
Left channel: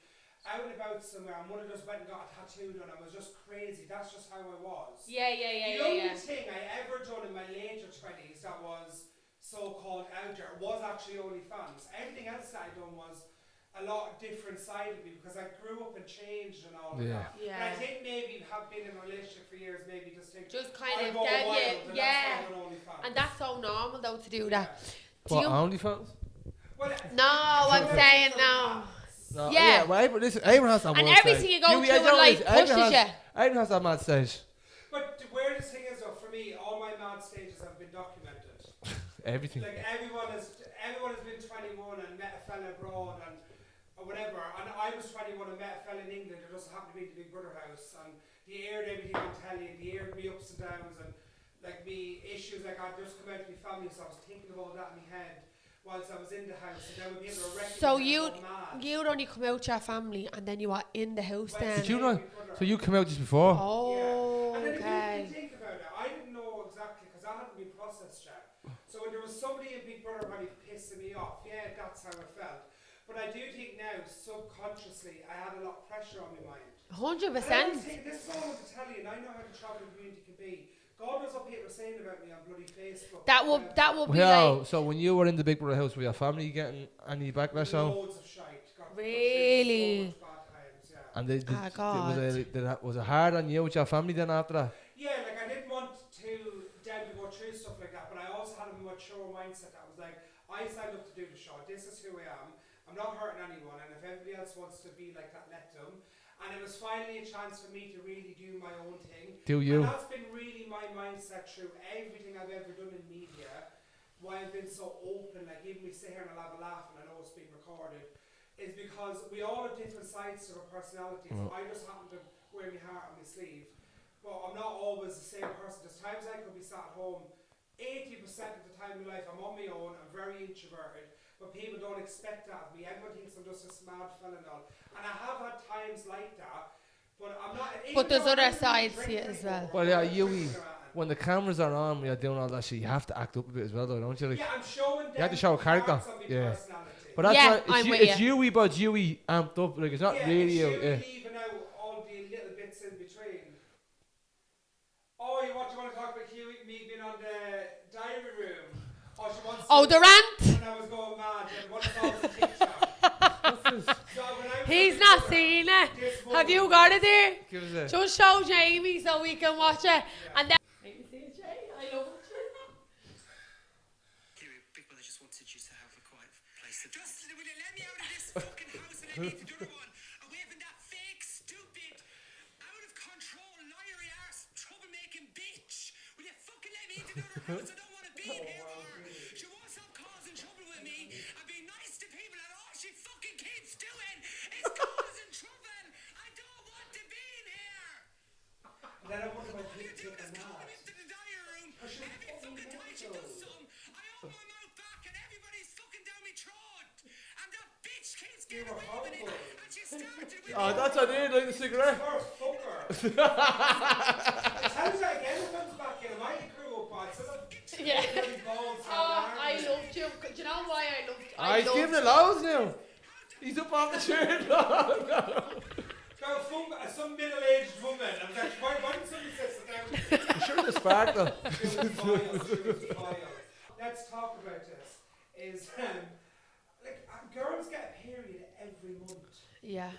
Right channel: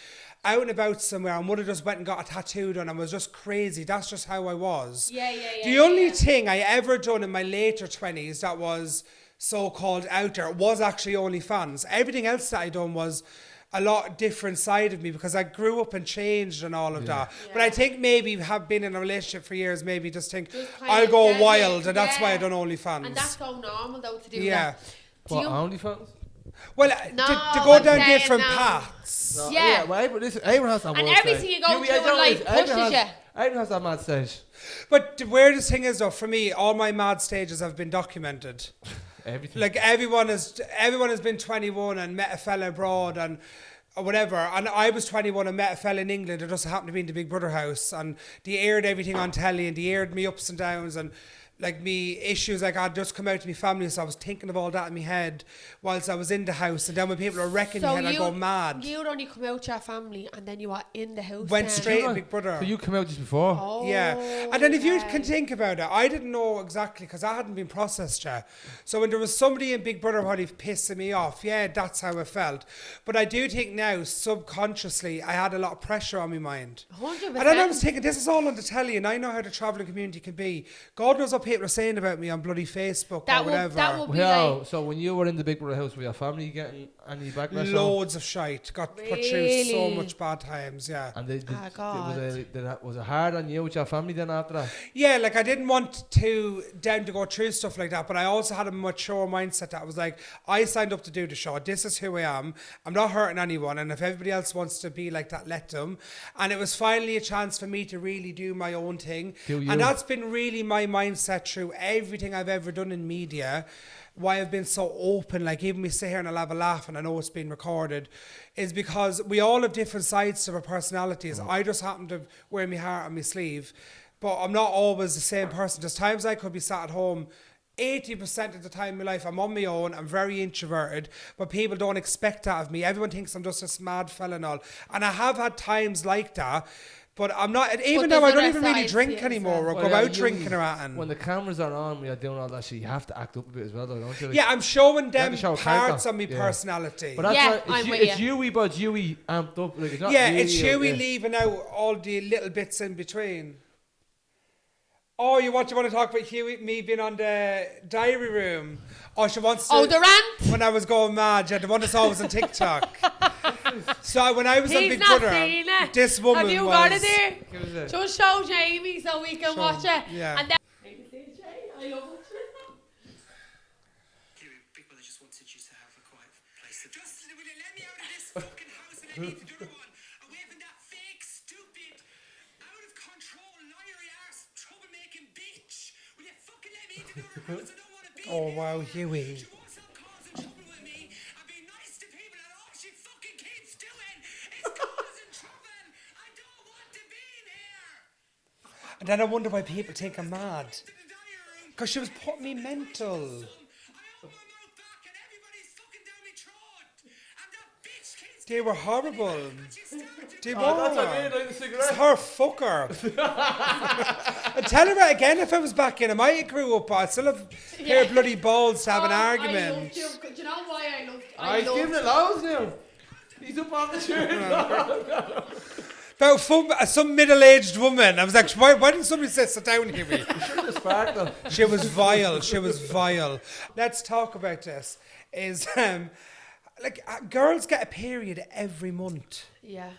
out and about somewhere, and would have just went and got a tattoo done and was just crazy. That's just how I was. Yeah. The only thing I ever done in my later 20s that was so-called out there was actually OnlyFans. Everything else that I done was a lot different side of me because I grew up and changed and all of that. Yeah. But I think maybe have been in a relationship for years, maybe just think Just kind I'll of go get it, wild, and that's why I yeah. done OnlyFans. And that's so normal though to do Yeah. that. Do What, you- OnlyFans? well, No, to go I'm down saying different no. paths. No, Yeah. Well, everyone has that And one everything stage. you go Hughie, through I in don't life know, everyone pushes has- you. Everyone has that mad stage. But the weirdest thing is though, for me, all my mad stages have been documented. Everything. Like everyone has been 21 and met a fella abroad and or whatever, and I was 21 and met a fella in England who just happened to be in the Big Brother house, and they aired everything on telly and they aired me ups and downs and like me issues like I'd just come out to my family, so I was thinking of all that in my head whilst I was in the house, and then when people are wrecking So me, I go mad. you'd only come out to your family and then you are in the house. Went then. straight to Big Brother. So you came out just before? Oh, Yeah, and then if you okay. can think about it, I didn't know exactly because I hadn't been processed yet. So when there was somebody in Big Brother who pissing me off, yeah, that's how I felt. But I do think now, subconsciously, I had a lot of pressure on my mind. 100%. And then I was thinking, this is all on the telly, and I know how the travelling community can be. God knows what people are saying about me on bloody Facebook that or will whatever. that will be Well, like so when you were in the Big Brother house, were your family getting any backlash on? Loads of shite. Got put through Really? so much bad times, yeah. And God. was it hard on you with your family then after that? Yeah, like I didn't want to go through stuff like that, but I also had a mature mindset that I was like, I signed up to do the show. This is who I am. I'm not hurting anyone, and if everybody else wants to be like that, let them. And it was finally a chance for me to really do my own thing. Do you? And that's been really my mindset through everything I've ever done in media. Why I've been so open, like even we sit here and I'll have a laugh and I know it's being recorded, is because we all have different sides to our personalities. I just happen to wear my heart on my sleeve, but I'm not always the same person. There's times I could be sat at home 80% of the time in my life, I'm on my own, I'm very introverted, but people don't expect that of me. Everyone thinks I'm just a mad fella and all. And I have had times like that, but I'm not, even though I don't even really drink anymore or go out drinking or anything. When the cameras are on, when you're doing all that shit, you have to act up a bit as well, though, don't you? Like, yeah, I'm showing them show parts of my personality. But that's Yeah, why it's Hughie, but Hughie amped up. Like, it's not really it's Hughie leaving out all the little bits in between. Oh, you want to talk about Hughie, me being on the diary room? Oh, she wants to. Oh, the rant? When I was going mad, yeah, the one that's always on TikTok. So when I was He's on Big not Brother, seen it. this woman Have you was, got it there? Give us a- Just show Jamie so we can watch it. Yeah. And then I love it. Big Brother just wanted you to have a quiet place. Just will you let me out of this fucking house and I need to do the one away from that fake, stupid, out of control, liar arse, troublemaking bitch. Will you fucking let me into the other house? I don't want to be Oh here. wow, Hughie. She won't stop causing trouble with me and be nice to people, and all she fucking keeps doing is causing trouble. I don't want to be in here. And then I wonder why people think I'm mad. Into the diary room. Because she was putting me mental. I open my mouth back and everybody's fucking down me throat. And that bitch keeps They were horrible. They Oh, that's were. what I did, like the It's cigarette. her fucker. I'd tell her that again if I was back in. I might have grew up. I'd still have pair of bloody balls to have an I argument. loved you. Do you know why I loved you? He's giving it loads now. He's up on the shirt. About some middle-aged woman. I was like, why didn't somebody sit down here? Sure, the spark though. She was vile. She was vile. Let's talk about this. Is girls get a period every month. Yeah.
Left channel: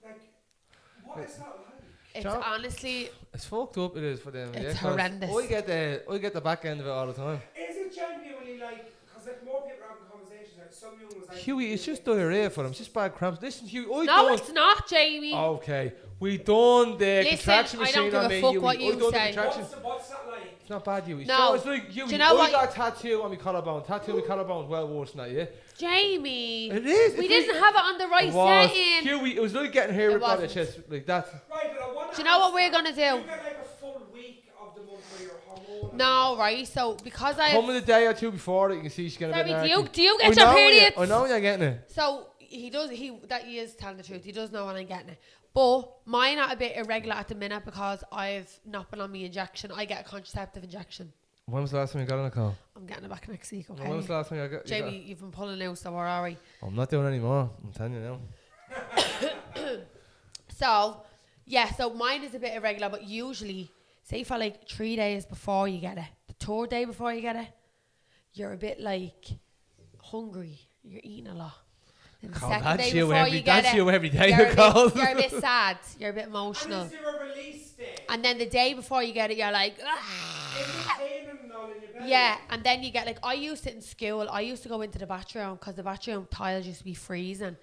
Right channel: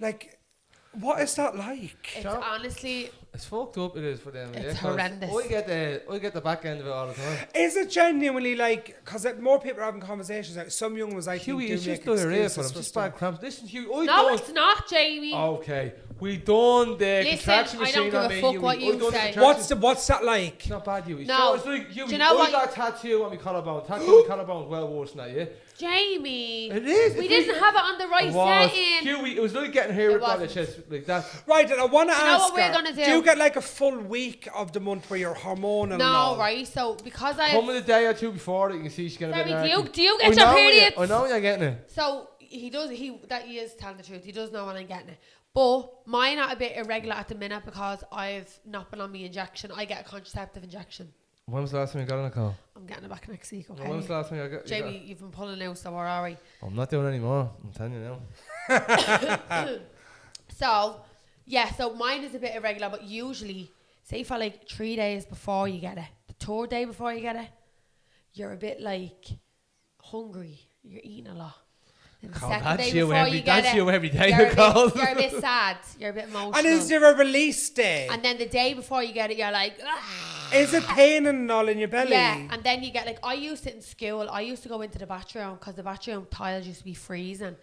Like, what is that like? It's Sure. honestly, It's fucked up. It is for them. It's 'cause horrendous. Oh, I get the back end of it all the time. Is it genuinely like, because more people are having conversations, like some young ones, I Hughie, think, it's do just make diarrhea excuses for them. It's just stuff. bad cramps. Listen, Hughie, I no, don't. it's not, Jamie. Okay, we done the Listen, contraction I machine don't give on a me. fuck Hughie. what I you done the say. contraction- What's that like? It's not bad, Hughie. No. So it's like, Hughie, Do you know I what- got a tattoo on my collarbone. Tattoo on my collarbone is well worse than that, yeah? Jamie. It is. We It's didn't like- have it on the right It was. setting. Hughie, it was like getting hair It ripped out of the wasn't. chest like that. Right, and I want to ask Do you know what we're her, gonna do? Do you get like a full week of the month where you're hormonal? and No, all? right? So because I Come in a day or two before it, you can see she's getting a bit Sammy, narky. do you I get your know when you- periods? I know when you're getting it. So he is telling the truth. He does know when I'm getting it. But mine are a bit irregular at the minute because I've not been on my injection. I get a contraceptive injection. When was the last time you got on a call? I'm getting it back next week, When was okay? the last time you got? Jamie, you've been pulling out, so where are we? I'm not doing any more. I'm telling you now. So, yeah, so mine is a bit irregular, but usually, say for like 3 days before you get it, the third day before you get it, you're a bit like hungry. You're eating a lot. Then the God, second that's day you before every- you get that's it, you every day, you're a Nicole. bit, you're a bit sad. You're a bit emotional. And is there a release day? And then the day before you get it, you're like, ah. Is it pain and all in your belly? Yeah, and then you get like, I used it in school. I used to go into the bathroom because the bathroom tiles used to be freezing.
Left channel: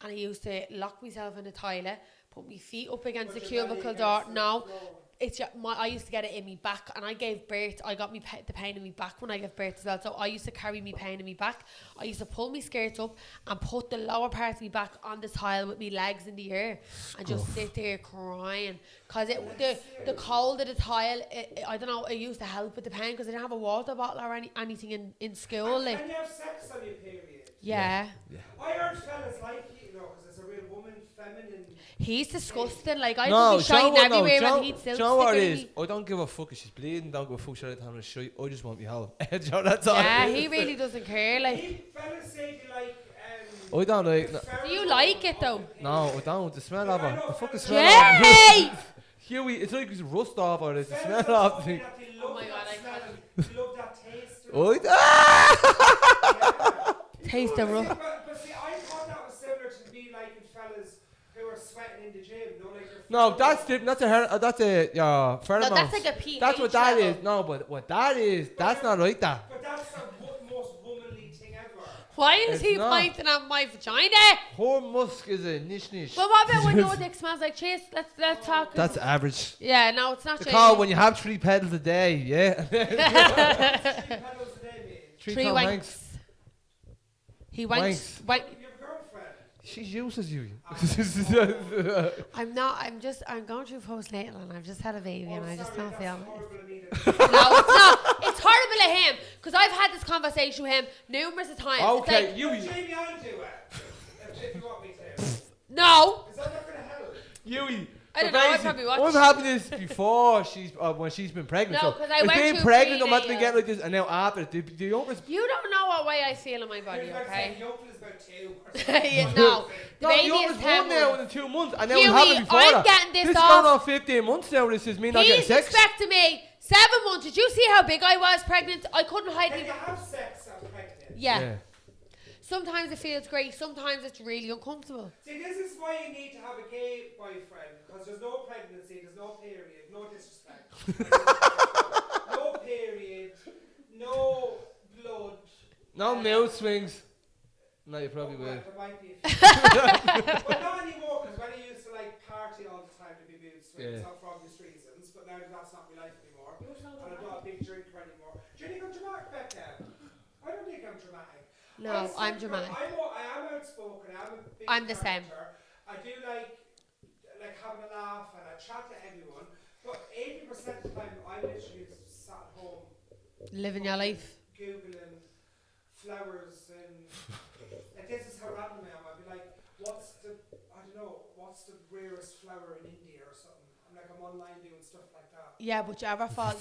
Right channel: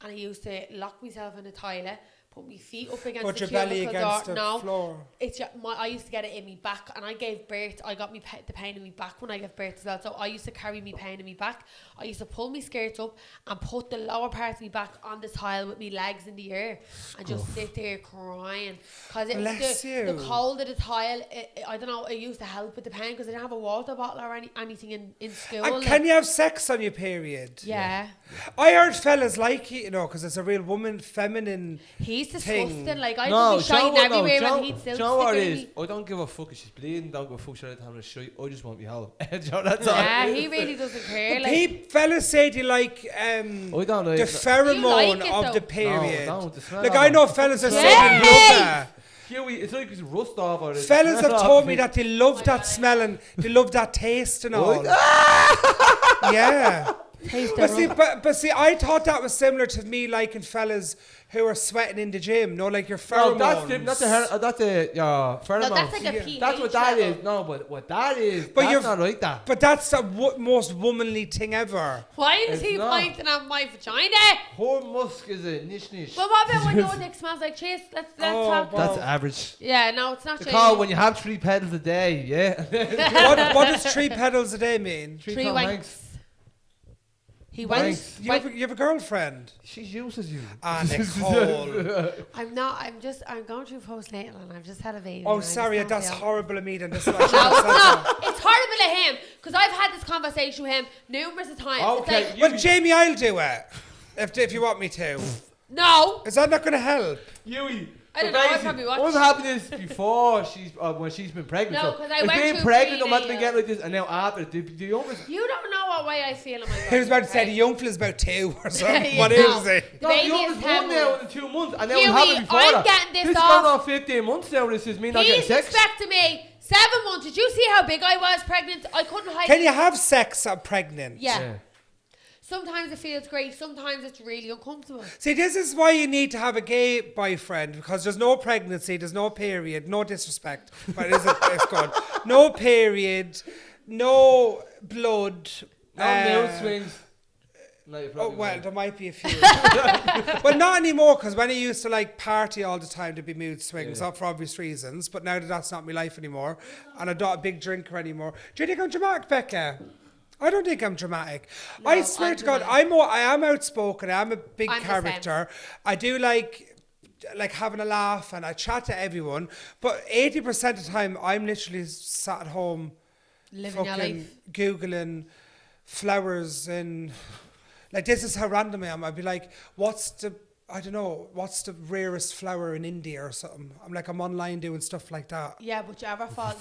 And I used to lock myself in the toilet, put my feet up against Put the your belly cubicle door. against the No, floor. it's I used to get it in my back, and I gave birth. I got the pain in my back when I gave birth as well. So I used to carry my pain in my back. I used to pull my skirts up and put the lower part of my back on the tile with my legs in the air and just sit there crying because Bless the you. cold of the tile. I don't know. It used to help with the pain because I didn't have a water bottle or anything in school. And like- can you have sex on your period? yeah. I heard fellas like it, because it's a real woman, feminine. He's disgusting. Thing. Like I No, could be shine everywhere and he'd do still you know what stick it in is? me. I don't give a fuck if she's bleeding. Don't give a fuck if she's having a shite. I just want me home. Do you know, that's all. Yeah, it he is. really doesn't care. Like Fellas say they like I don't the like. pheromone like it, of though? the period. No, I don't. The smell Like of I it. know The fellas are fucking so smell. Yay! Hughie, it's like it's rust off or it's Fellas smell have off told me it. that they love my that God, I smell and they love that taste and all. Right? Ah! Yeah. Taste the But see, I thought that was similar to me liking fellas who are sweating in the gym. No, like your No, pheromones. that's different. That's that's a pheromones. No, that's like a pH That's what that level. is. No, but what that is, But that's you're- not like that. But that's the most womanly thing ever. Why is It's he not. pointing at my vagina? Her musk is a niche. Well, what about when your dick smells like cheese? Let's Oh, talk. That's average. Yeah, no, it's not The cheese. call when you have 3 pedals a day, yeah. what does 3 pedals a day mean? Three Tom wanks. Hanks. He went. Thanks. You have a girlfriend. She uses you. Nicole. I'm not. I'm going through postnatal and I've just had a baby. Oh, and I just sorry, don't that's feel- horrible of me. Then No, it's not. It's horrible of him because I've had this conversation with him numerous times. Okay, It's like, Well, Jamie, I'll do it if you want me to. no. Is that not going to help? Yui. I don't know, I probably watched. I've had this before when she's been pregnant. No, so 'cause I it's went being through pregnant, I'm not been prenatal. getting like this, and now after the young person. You don't know what way I feel in my body. He was about to say okay? the young fella's about 2 or something. Yeah, What no. is it? The No, baby the is youngest 10 one now months. in 2 months, and now Hughie, we have it before I'm that. getting this is off. going on 15 months now. This is me not He's getting sex. expecting me 7 months. Did you see how big I was pregnant? I couldn't hide. Can you have sex pregnant? Yeah. Sometimes it feels great. Sometimes it's really uncomfortable. See, this is why you need to have a gay boyfriend, because there's no pregnancy, there's no period, no disrespect, but it's good. No period, no blood. No mood swings. No, you Oh, probably well, will. there might be a few. But not anymore, because when I used to like party all the time, there'd be mood swings, Yeah. not for obvious reasons. But now that that's not my life anymore, and I'm not a big drinker anymore. Do you think I'm dramatic, Becca? I don't think I'm dramatic. No, I swear I'm to God, dramatic. I am outspoken. I am a big I'm the same. character. I do like having a laugh, and I chat to everyone. But 80% of the time, I'm literally sat at home, Living your fucking life. Googling flowers and like, this is how random I am. I'd be like, what's the rarest flower in India or something? I'm online doing stuff like that. Yeah, but you ever fall?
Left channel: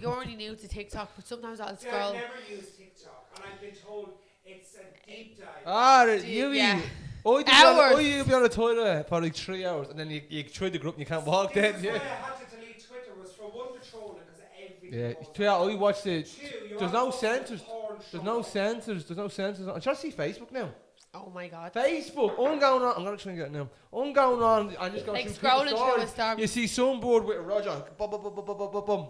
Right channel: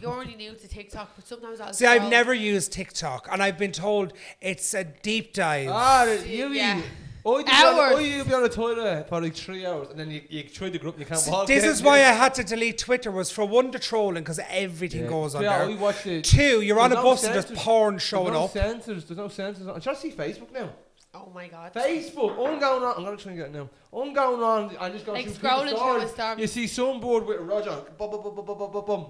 You're only new to TikTok, but sometimes I'll See, scroll. I've never used TikTok, and I've been told it's a deep dive. Yui. Yeah. Oh, you'll be on the toilet for like 3 hours, and then you try the group and you can't walk. This again. is why I had to delete Twitter, was for one, the trolling, because everything goes on Yeah, there. I watched it. 2, you're on a There's no bus and censors. there's porn showing There's no up. censors. There's no censors. I'm trying to see Facebook now. Oh my god. Facebook. I'm going on. I'm gonna try and get it now. I'm going on. I just go Like through scrolling people's through a stories. star. You see some board with Roger. Bum, bum, bum, bum, bum, bum, bum.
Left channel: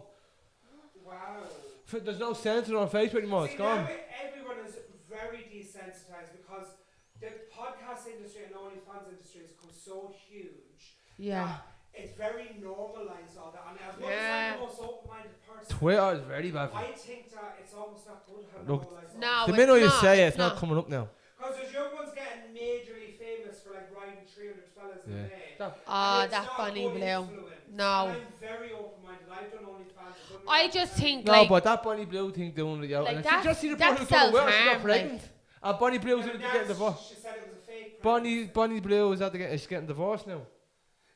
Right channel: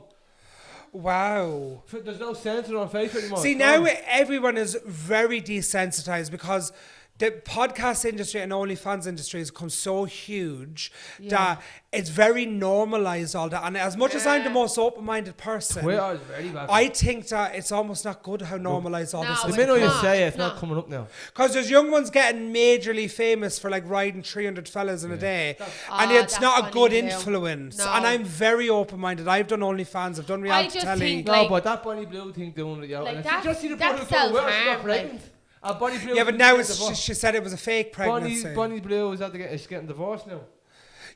Wow. There's no censor on Facebook anymore. See, It's now gone. everyone is very desensitized, because the podcast industry and OnlyFans industry has become so huge that it's very normalized, all that. And as much as I'm the most open-minded person, Twitter is very bad. I think that it's almost not good how normalized all No, this the is. minute you not, say it, it's it's not not. coming up now. Because there's young ones getting majorly famous for like riding 300 fellas in a day. Ah, And it's that's not a funny, good Lou. influence. No. And I'm very open-minded. I've done OnlyFans, I've done reality just telly. think, No, like- but that Bonnie Blue thing doing it, yeah. Like, and that's- just see the that's brother coming well, she's self-harm, not pregnant. Bonnie Blue. Yeah, but now she said it was a fake pregnancy. Bonnie Blue is she's getting divorced now.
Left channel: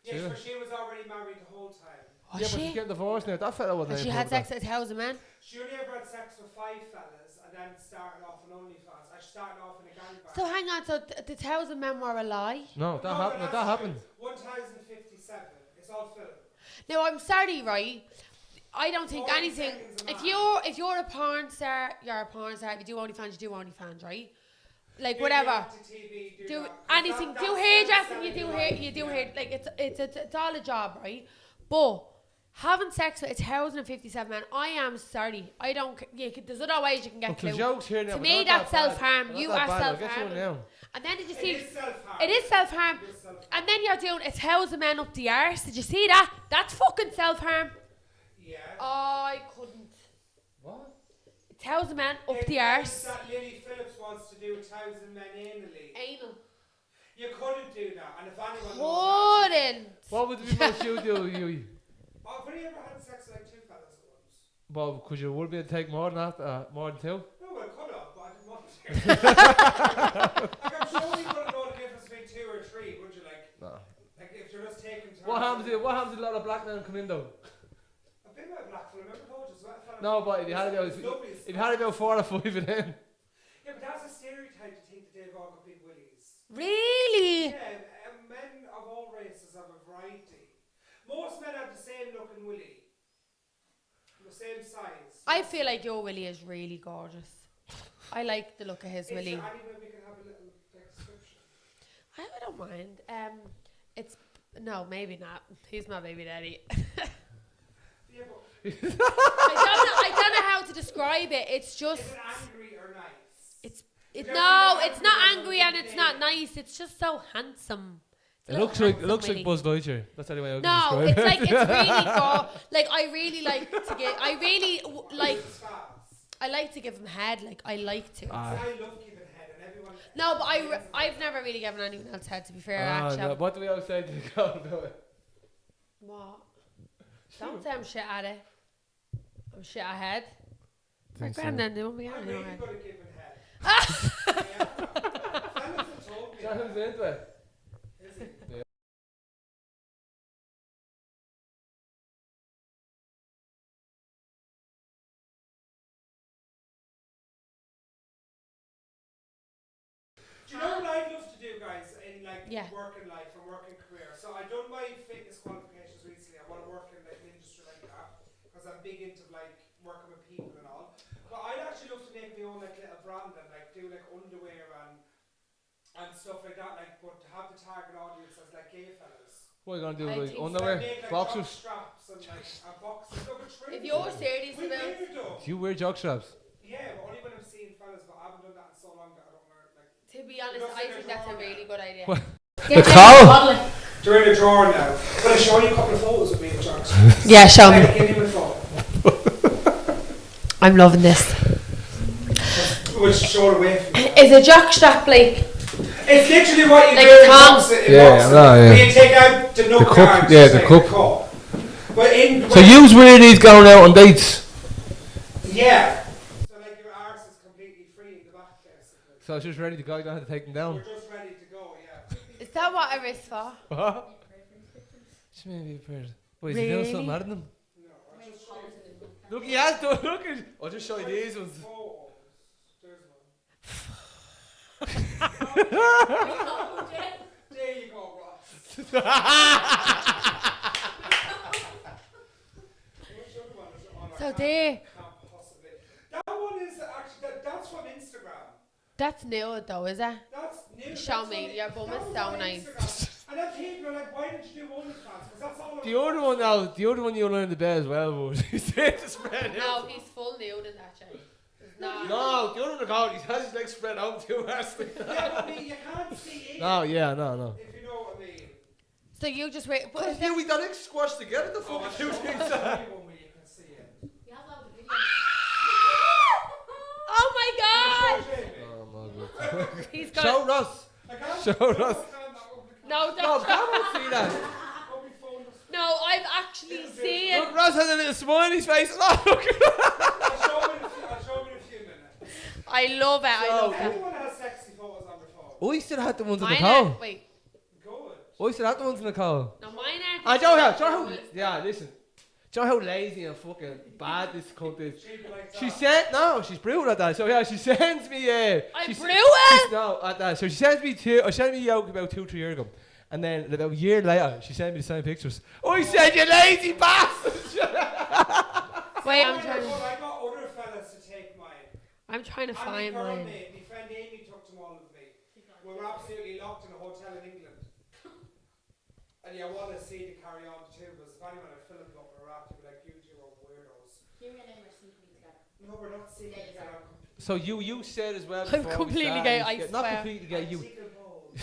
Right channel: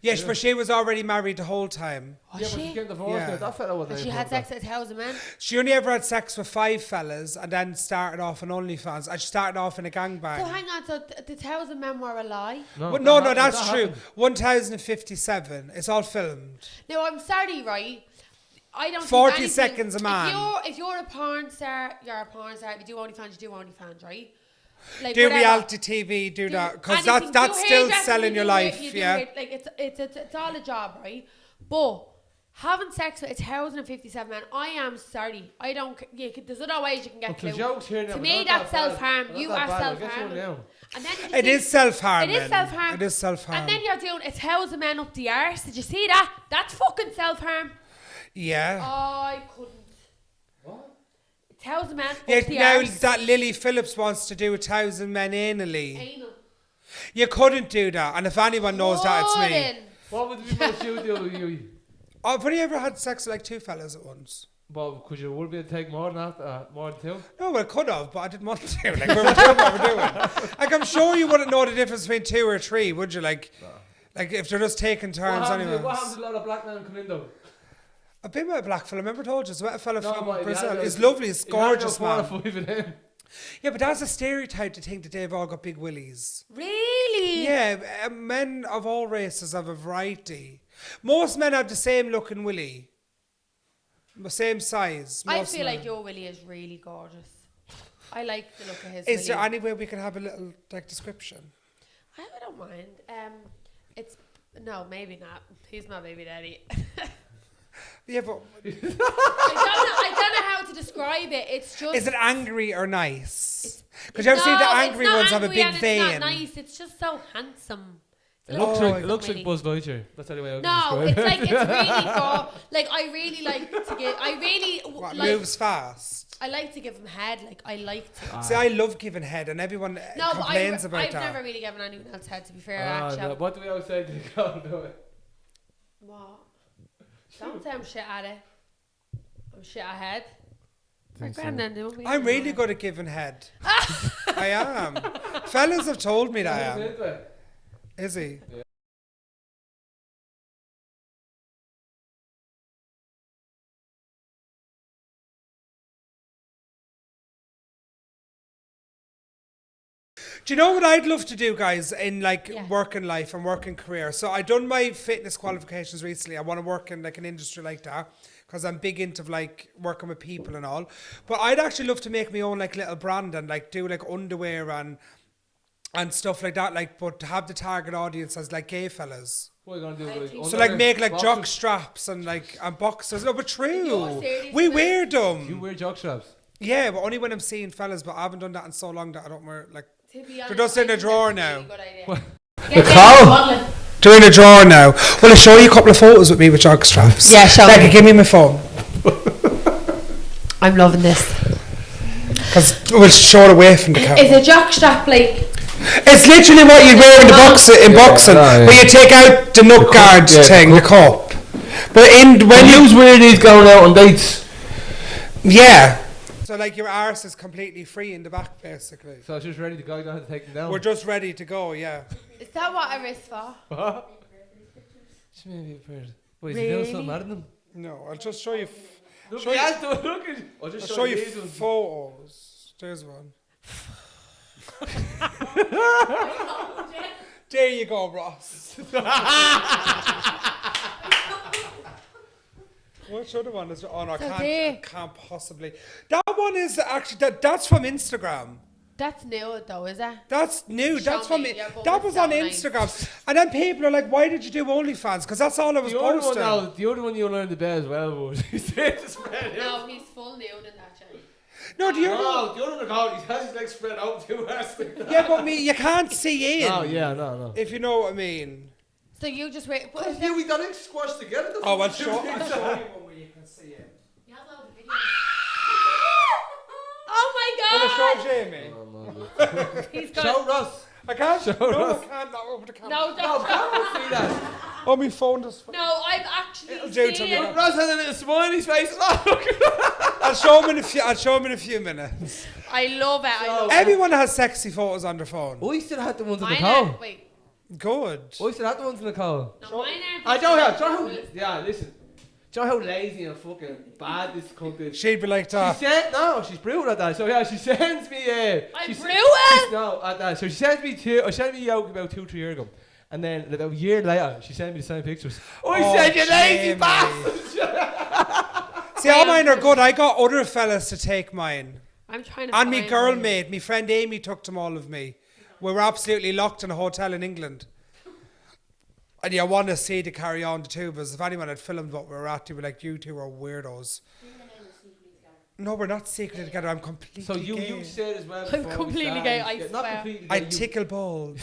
Yes, but she was already married the whole time. Was Yeah, but she? she's getting divorced Yeah. now. That fella wasn't. And she anything had about sex with 1,000 men. She only ever had sex with 5 fellas and then started off on OnlyFans. And she started off in a gangbang. So hang on, so the 1,000 men were a lie? that. No, But that no, happened, that's that true. happened. 1,057. It's all filmed. Now I'm sorry, right? I don't 40 think anything, seconds a man. If you're a porn star, you're a porn star. If you do OnlyFans, you do OnlyFans, right? Like Do whatever. reality TV, do that. Because anything. that's Do still hairdressing, selling you your do life. You do Yeah. it. Like it's all a job, right? But having sex with 1,057 men, I am sorry. I don't. There's other ways you can get Okay, clue. jokes here now, To but me, not that's that bad. self-harm. Not You that are bad, I'll get self-harm. you now. And then did you It see? is self-harm. It is self-harm. It is self-harm. And then you're doing 1,000 men up the arse. Did you see that? That's fucking self-harm. Yeah. I couldn't. What? 1,000 men Yeah, up the now arse. that Lily Phillips wants to do 1,000 men anally. Anal. You couldn't do that. And if anyone knows that, it's me. Couldn't. What would the most you do, you? Oh, have you ever had sex with like 2 fellas at once? Well, could you would be able to take more than that, more than 2? No, well, I could have, but I didn't want to. Like, we were doing what we're doing. Like, I'm sure you wouldn't know the difference between 2 or 3, would you? Like, like if they're just taking turns. What happens? anyways. What happens to a lot of black men come in though? I've been with a black fella. I remember I told you. I met a fella No, from but Brazil. He's lovely. He's It had about gorgeous, 4 or man. 5 of them. Yeah, but that's a stereotype to think that they've all got big willies. Really? Yeah, men of all races have a variety. Most men have the same looking willy. The same size. I most feel men. like your willy is really gorgeous. I like the look of his Is willy. there any way we can have a little like description? I don't mind. It's no, maybe not. He's my baby daddy. Yeah, but I don't know how to describe it. It's just. is it angry or nice? It's Because you ever see the angry it's not ones have a angry big and vein. it's not nice. It's just so handsome. It's It a looks little like handsome willy. Buzz Lightyear. That's the only way I can No, describe it's it. like it's really like I really like to get. I really like. Moves fast. I like to give him head. Like, I like to. See, I love giving head, and everyone No, but complains about I've that. never really given anyone else head, to be fair, Ah, actually. no, what do we always say to the girl? Do it? What? Don't say I'm shit at it. I'm shit at head. Think so. I'm really good at giving head. I am. Fellas have told me that I am. Into it. Is he? Yeah. Do you know what I'd love to do, guys, in like Yeah. working life and working career? So I done my fitness qualifications recently. I want to work in like an industry like that because I'm big into like working with people and all. But I'd actually love to make my own like little brand and like do like underwear and stuff like that. Like, but to have the target audience as like gay fellas. What are you gonna do? I Like, think So underwear, like make like boxers? jock straps and like and boxers. No, but true. you're serious We about- wear Do you them. wear jock straps? Yeah, but only when I'm seeing fellas. But I haven't done that in so long that I don't wear like. To be honest, just in I the think drawer that's a now. really good idea. What? Yeah, Nicole! bottle it. They're in a drawer now. Will I show you a couple of photos with me with jock straps? Yeah, show Like, me. give me my phone. I'm loving this. Because we'll show it away from the camera. Is a jock strap like? It's literally what you wear in the boxing. In Yeah, boxing, I know, yeah. where you take out the nut cup, guard yeah, the thing, the cup. But in when So you wear these going out on dates? yeah. So like your arse is completely free in the back, basically. So it's just ready to go. You don't have to take them down. We're just ready to go. Yeah. Is that what a wrist for? What? Just maybe a pair. Wait, is he doing something Really? at them? No, I'll just show you. Look, Show he you- has done. Look at. I'll just I'll show show you you these ones. photos. There's one. There you go, Ross. Which other one is? Oh no, So can't possibly. That one is actually that's from Instagram. That's new though, is it? That's new. Show That's from me, yeah, but that it's was so on nice. Instagram, and then people are like, "Why did you do OnlyFans?" Because that's all I was The other one posting. now. The other one you learned the bed as well was. He said to spread No, out. he's full nude in that chain. No, do you? No, the other one called. He has his legs spread out too. Yeah, but me, you can't see in. Oh yeah, no. If you know what I mean. So you just wait. But is Yeah, we done it squashed together. The Oh, I'll fucking show two you things. one where you can see it. Oh my Show god! Jamie. Oh my god. He's Show got. Russ. I can't. Show no, us. I can't. Not over the camera. No, No, don't. come on, see that. Oh, my phone just. No, I've actually It'll do to seen. me. Russ has a little smile on his face. Oh, look at that. I'll show him in a few. I'll show him in a few minutes. I love it. I love it. Everyone has sexy photos on their phone. We still had the ones in Mine Nicole. are, wait. Good. We still had the ones in Nicole. No, mine aren't. I don't have. Yeah, listen. Do you know how lazy and fucking bad this cunt is? She'd be like She that. said no, she's brutal at that. So yeah, she sends me. I'm she's- brutal? she's- No, at that. So she sends me she sent me out about 2-3 years ago, and then about a year later, she sent me the same pictures. I Oh, said you lazy Jamie. bastard. See, all mine are good. I got other fellas to take mine. I'm trying to And find me girl mine. mate, my friend Amy took them all of me. We were absolutely locked in a hotel in England. And you want to see to carry on the two, because if anyone had filmed what we were at, they'd be like, you two are weirdos. No, we're not secretly together. I'm completely So you gay. said as well. I'm before we completely started, gay, I not swear. completely I gay. tickle balls.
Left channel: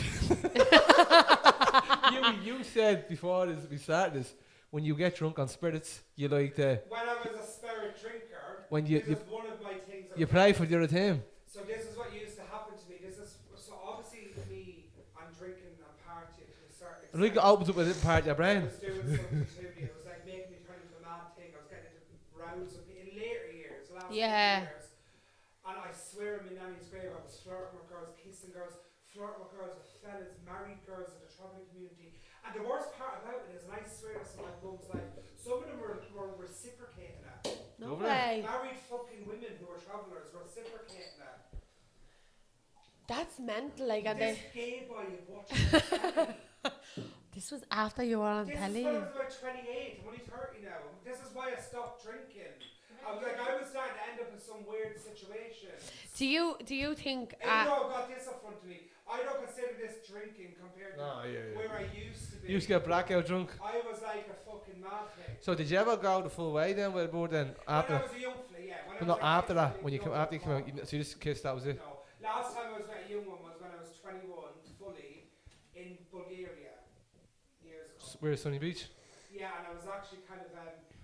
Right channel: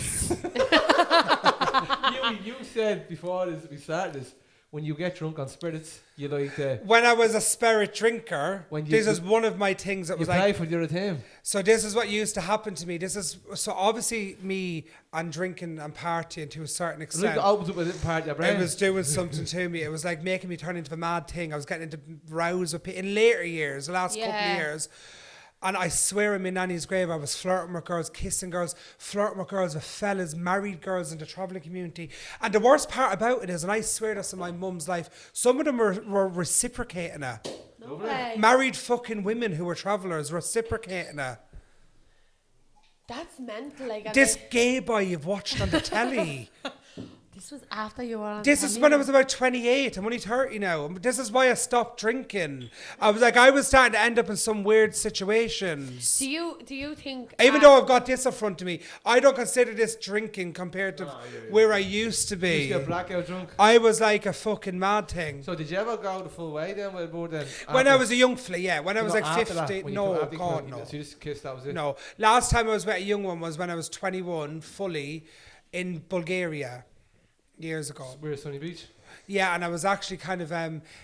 You said before we started this, when you get drunk on spirits, you like to. When I was a spirit drinker, When you- this is one of my things that You was play like, for the other team. so this is what used to happen to me. This is, so obviously me and drinking and partying to a certain It's extent. like it opens up a little part of your It brain. was doing something to me. It was like making me turn into a mad thing. I was getting into rows with people in later years, the last couple Yeah. of years. And I swear in my nanny's grave, I was flirting with girls, kissing girls, flirting with girls, with fellas, married girls in the travelling community. And the worst part about it is, and I swear this in my mum's life, some of them were reciprocating it. No Lovely. way. Married fucking women who were travellers reciprocating it. That's mental. Like, and This they- gay boy you've watched on the telly. this was after you were on. This is telly. when I was about 28. I'm only 30 now. This is why I stopped drinking. I was starting to end up in some weird situations. Do you think? Even though I've got this in front of me, I don't consider this drinking compared to yeah. where I used to You be. used to get blackout drunk. I was like a fucking mad thing. So did you ever go the full way then with more than When I was a young fella, yeah. When I was not like after 15. that, when you No, come after you come God, out, no. so you just kissed, that was it. No. Last time I was with a young one was when I was 21, fully, in Bulgaria, years ago. We're at Sunny Beach. Yeah, and I was actually kind of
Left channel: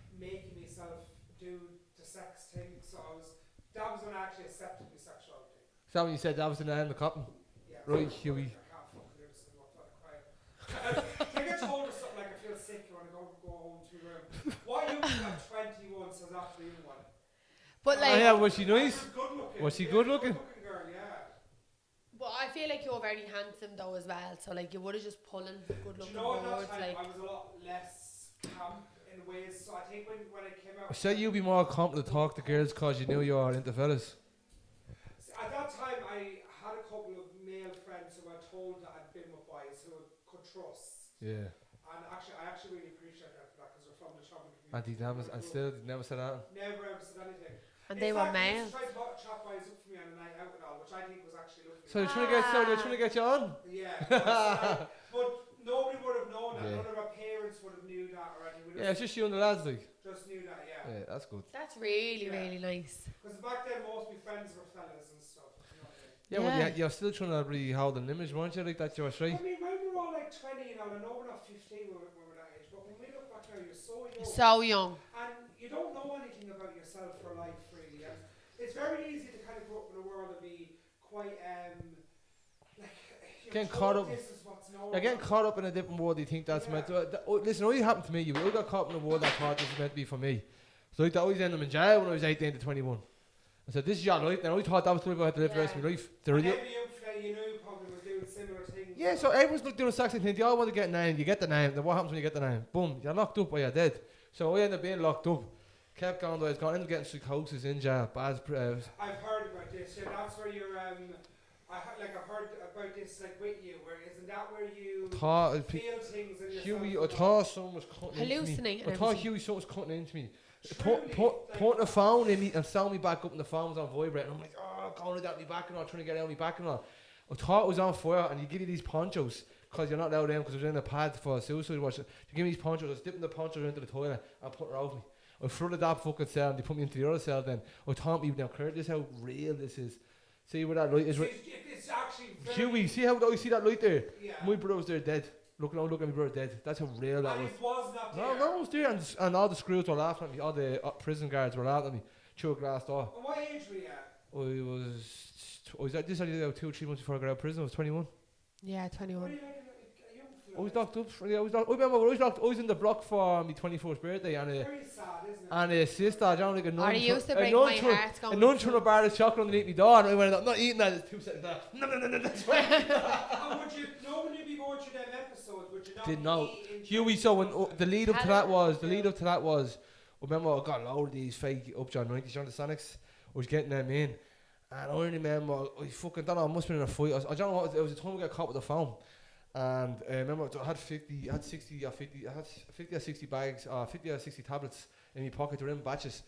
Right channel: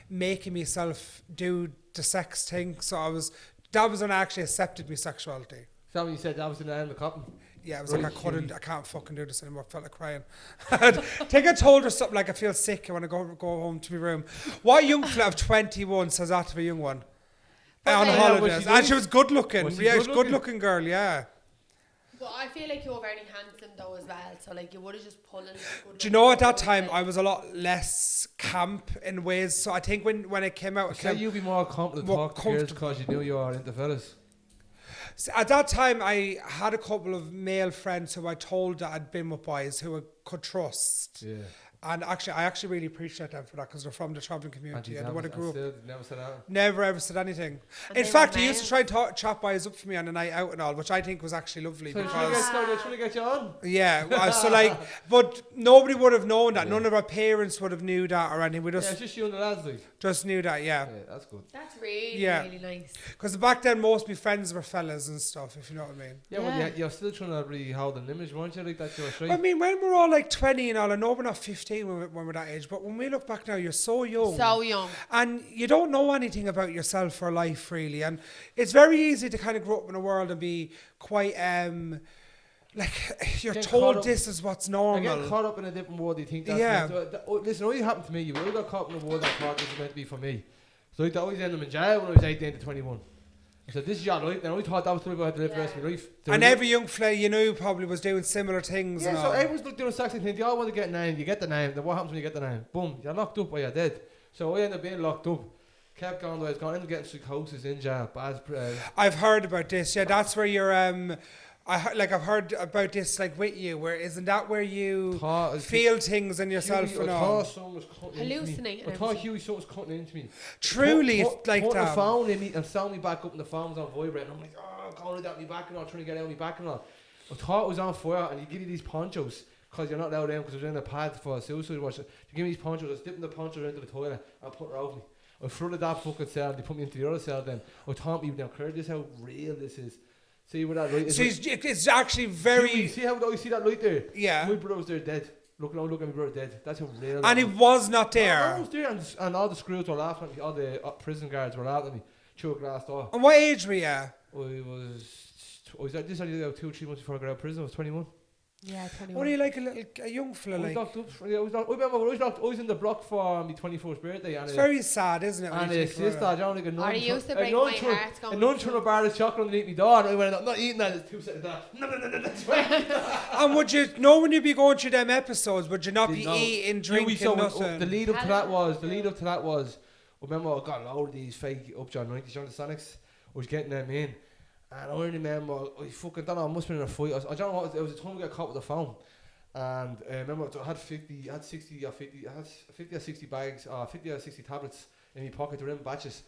making myself do the sex thing. So I was That was when I actually accepted my sexuality. Is that when you said that was in the end of the copping? Yeah, I was Right, like, Hughie. I can't fucking do this anymore. I felt like crying. I think I told her something like, I feel sick. I want to go home to my room. What young fella of 21 says that to a young one? But On like- Yeah, was holidays. she And nice? she was good looking. Was she Yeah, good she's a looking? good looking girl, yeah. But I feel like you're very handsome though as well. So like you would have just pulling the good. Do you know at that photos, time like- I was a lot less camp in ways. So I think when it came out, Say you'd be more confident to More talk to girls because you knew you were into fellas. at that time I had a couple of male friends who I told that I'd been with boys who I could trust. Yeah. And actually, I actually really appreciate them for that because they're from the travelling And community. you And never, what I and grew up. still you never said that. Never ever said anything. And In they fact, were he used to males. try and chat boys up for me on a night out and all, which I think was actually lovely. So they're because- trying to get you on. yeah, so like, but nobody would have known that. Yeah. None of our parents would have knew that or anything. We Yeah, it's just just you and the lads, like. just knew that, yeah. Yeah, that's good. That's really Yeah. really nice. Because back then, most of my friends were fellas and stuff, if you know what I mean. Yeah, well, Yeah. you're still trying to really hold an image, weren't you? Like that, you're I straight. mean, when we're all like 20 and all, I know we're not 15 when we're that age, but when we look back now, you're so young. So young. And you don't know anything about yourself or life, really. And it's very easy to kind of grow up in a world and be quite, like, you're Getting caught told up- this is what's normal. I get caught up in a different world. You think that's Yeah. meant to, listen, all happened to me. You got caught up in a world I thought this was meant to be for me. So I always ended up in jail when I was 18 to 21. I said, this is your life. And I only thought that was the life I had to live the rest of my life. And every young fella you knew probably was doing similar things. Yeah, and so all. everyone's doing the exact same thing. They all want to get a name. You get the name. Then what happens when you get the name? Boom, you're locked up or you're dead. So I ended up being locked up. Kept going the way it's gone. Ended up getting psychosis in jail. Bad, I've heard about this. Yeah, that's where you're. I've heard about this like with you. Where isn't that where you feel things in yourself? Hughie, I and all? thought someone was cutting into me. Hallucinating I thought everything. Hughie someone was cutting into me. Truly, like put the that. phone in me and sound me back up and the phone was on vibrate. And I'm like, oh, going down my back and all, trying to get out my back and all. I thought it was on fire and you give you these ponchos because you're not allowed in because I was in a pad for a suicide watch. You give me these ponchos, I was dipping the ponchos into the toilet and putting her over me. I flooded that fucking cell and they put me into the other cell then. I thought me now, Claire, this is how real this is. See where that light is. So it's actually very. Hughie, see how you see that light there? Yeah. My brother was there dead. Look at my brother dead. That's how real that And he was. was not there. No, I was there, and all the screws were laughing at me. All the prison guards were laughing at me through a glass door. And what age were you? I was this only about 2 or 3 months before I got out of prison. I was 21. Yeah, What 21. are you like a young I fella? was Like? locked up. I remember when I was locked. I was in the block for my 21st birthday, and It's very sad, isn't it? when and you a think about sister, I don't like a nun. Or it used to a break nun my threw- heart going A nun through- threw a bar of chocolate underneath my door, and I went, I'm not eating that. It's 2 seconds. No, that's right. it. And would you know when you'd be going through them episodes? Would you not be Didn't know. eating, Hughie, drinking, so nothing? the lead up to Had that it- was I remember I got a load of these fake Upjohn 90s on the Sonics. I was getting them in, and I only remember I fucking don't know. I must have been in a fight. I don't know what it was. The time we got caught with the phone, and I remember I had 50 or 60 bags, 50 or 60 tablets in my pocket. They were in batches,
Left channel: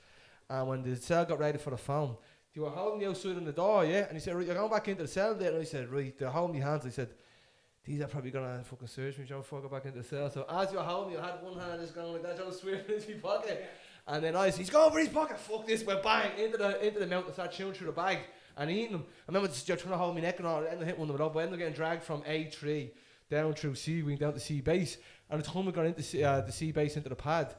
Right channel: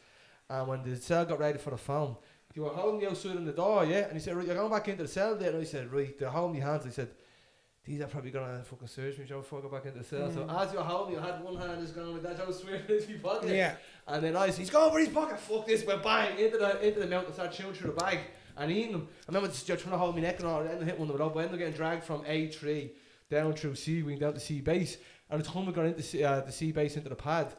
and when the cell got ready for the phone, they were holding me outside on the door, yeah. And he said, right, you're going back into the cell there. And I said, right, they're holding my hands. I said, these are probably gonna fucking search me, Joe, before I go back into the cell. So as you were holding me, I had one hand just going like that, Joe was swearing into my pocket. Yeah. And then I said, he's going for his pocket. Fuck this, went bang into the mount and started chewing through the bag and eating them. I remember just trying to hold my neck and all, and I hit one of them up. I ended up getting dragged from A3 down through C wing down to C base. And the time we got into the C base into the pad,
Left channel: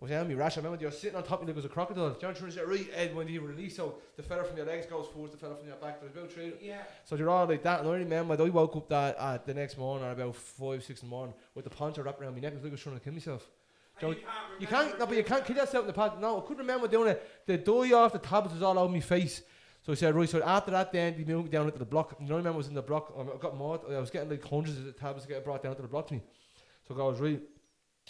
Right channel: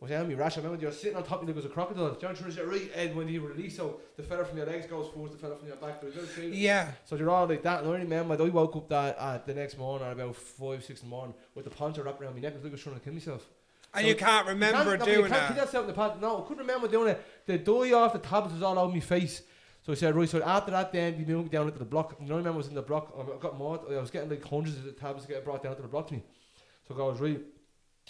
I was on me rash. I remember you were sitting on top of me like it was a crocodile. John True said, right, Ed, when you release, so the fella from your legs goes forward, the fella from your back goes out through. Yeah. So you're all like that. And I remember I woke up that the next morning at about 5, 6 in the morning with the poncho wrapped around my neck. It was like I was trying to kill myself. And So you can't You remember can't, no, but doing you can't kill that. yourself in the pad. No, I couldn't remember doing it. The dye off the tablets was all over my face. So I said, right, so after that then they moved me down into the block. You know, I remember I was in the block, I got more, I was getting like hundreds of tablets getting brought down to the block to me. So I was right,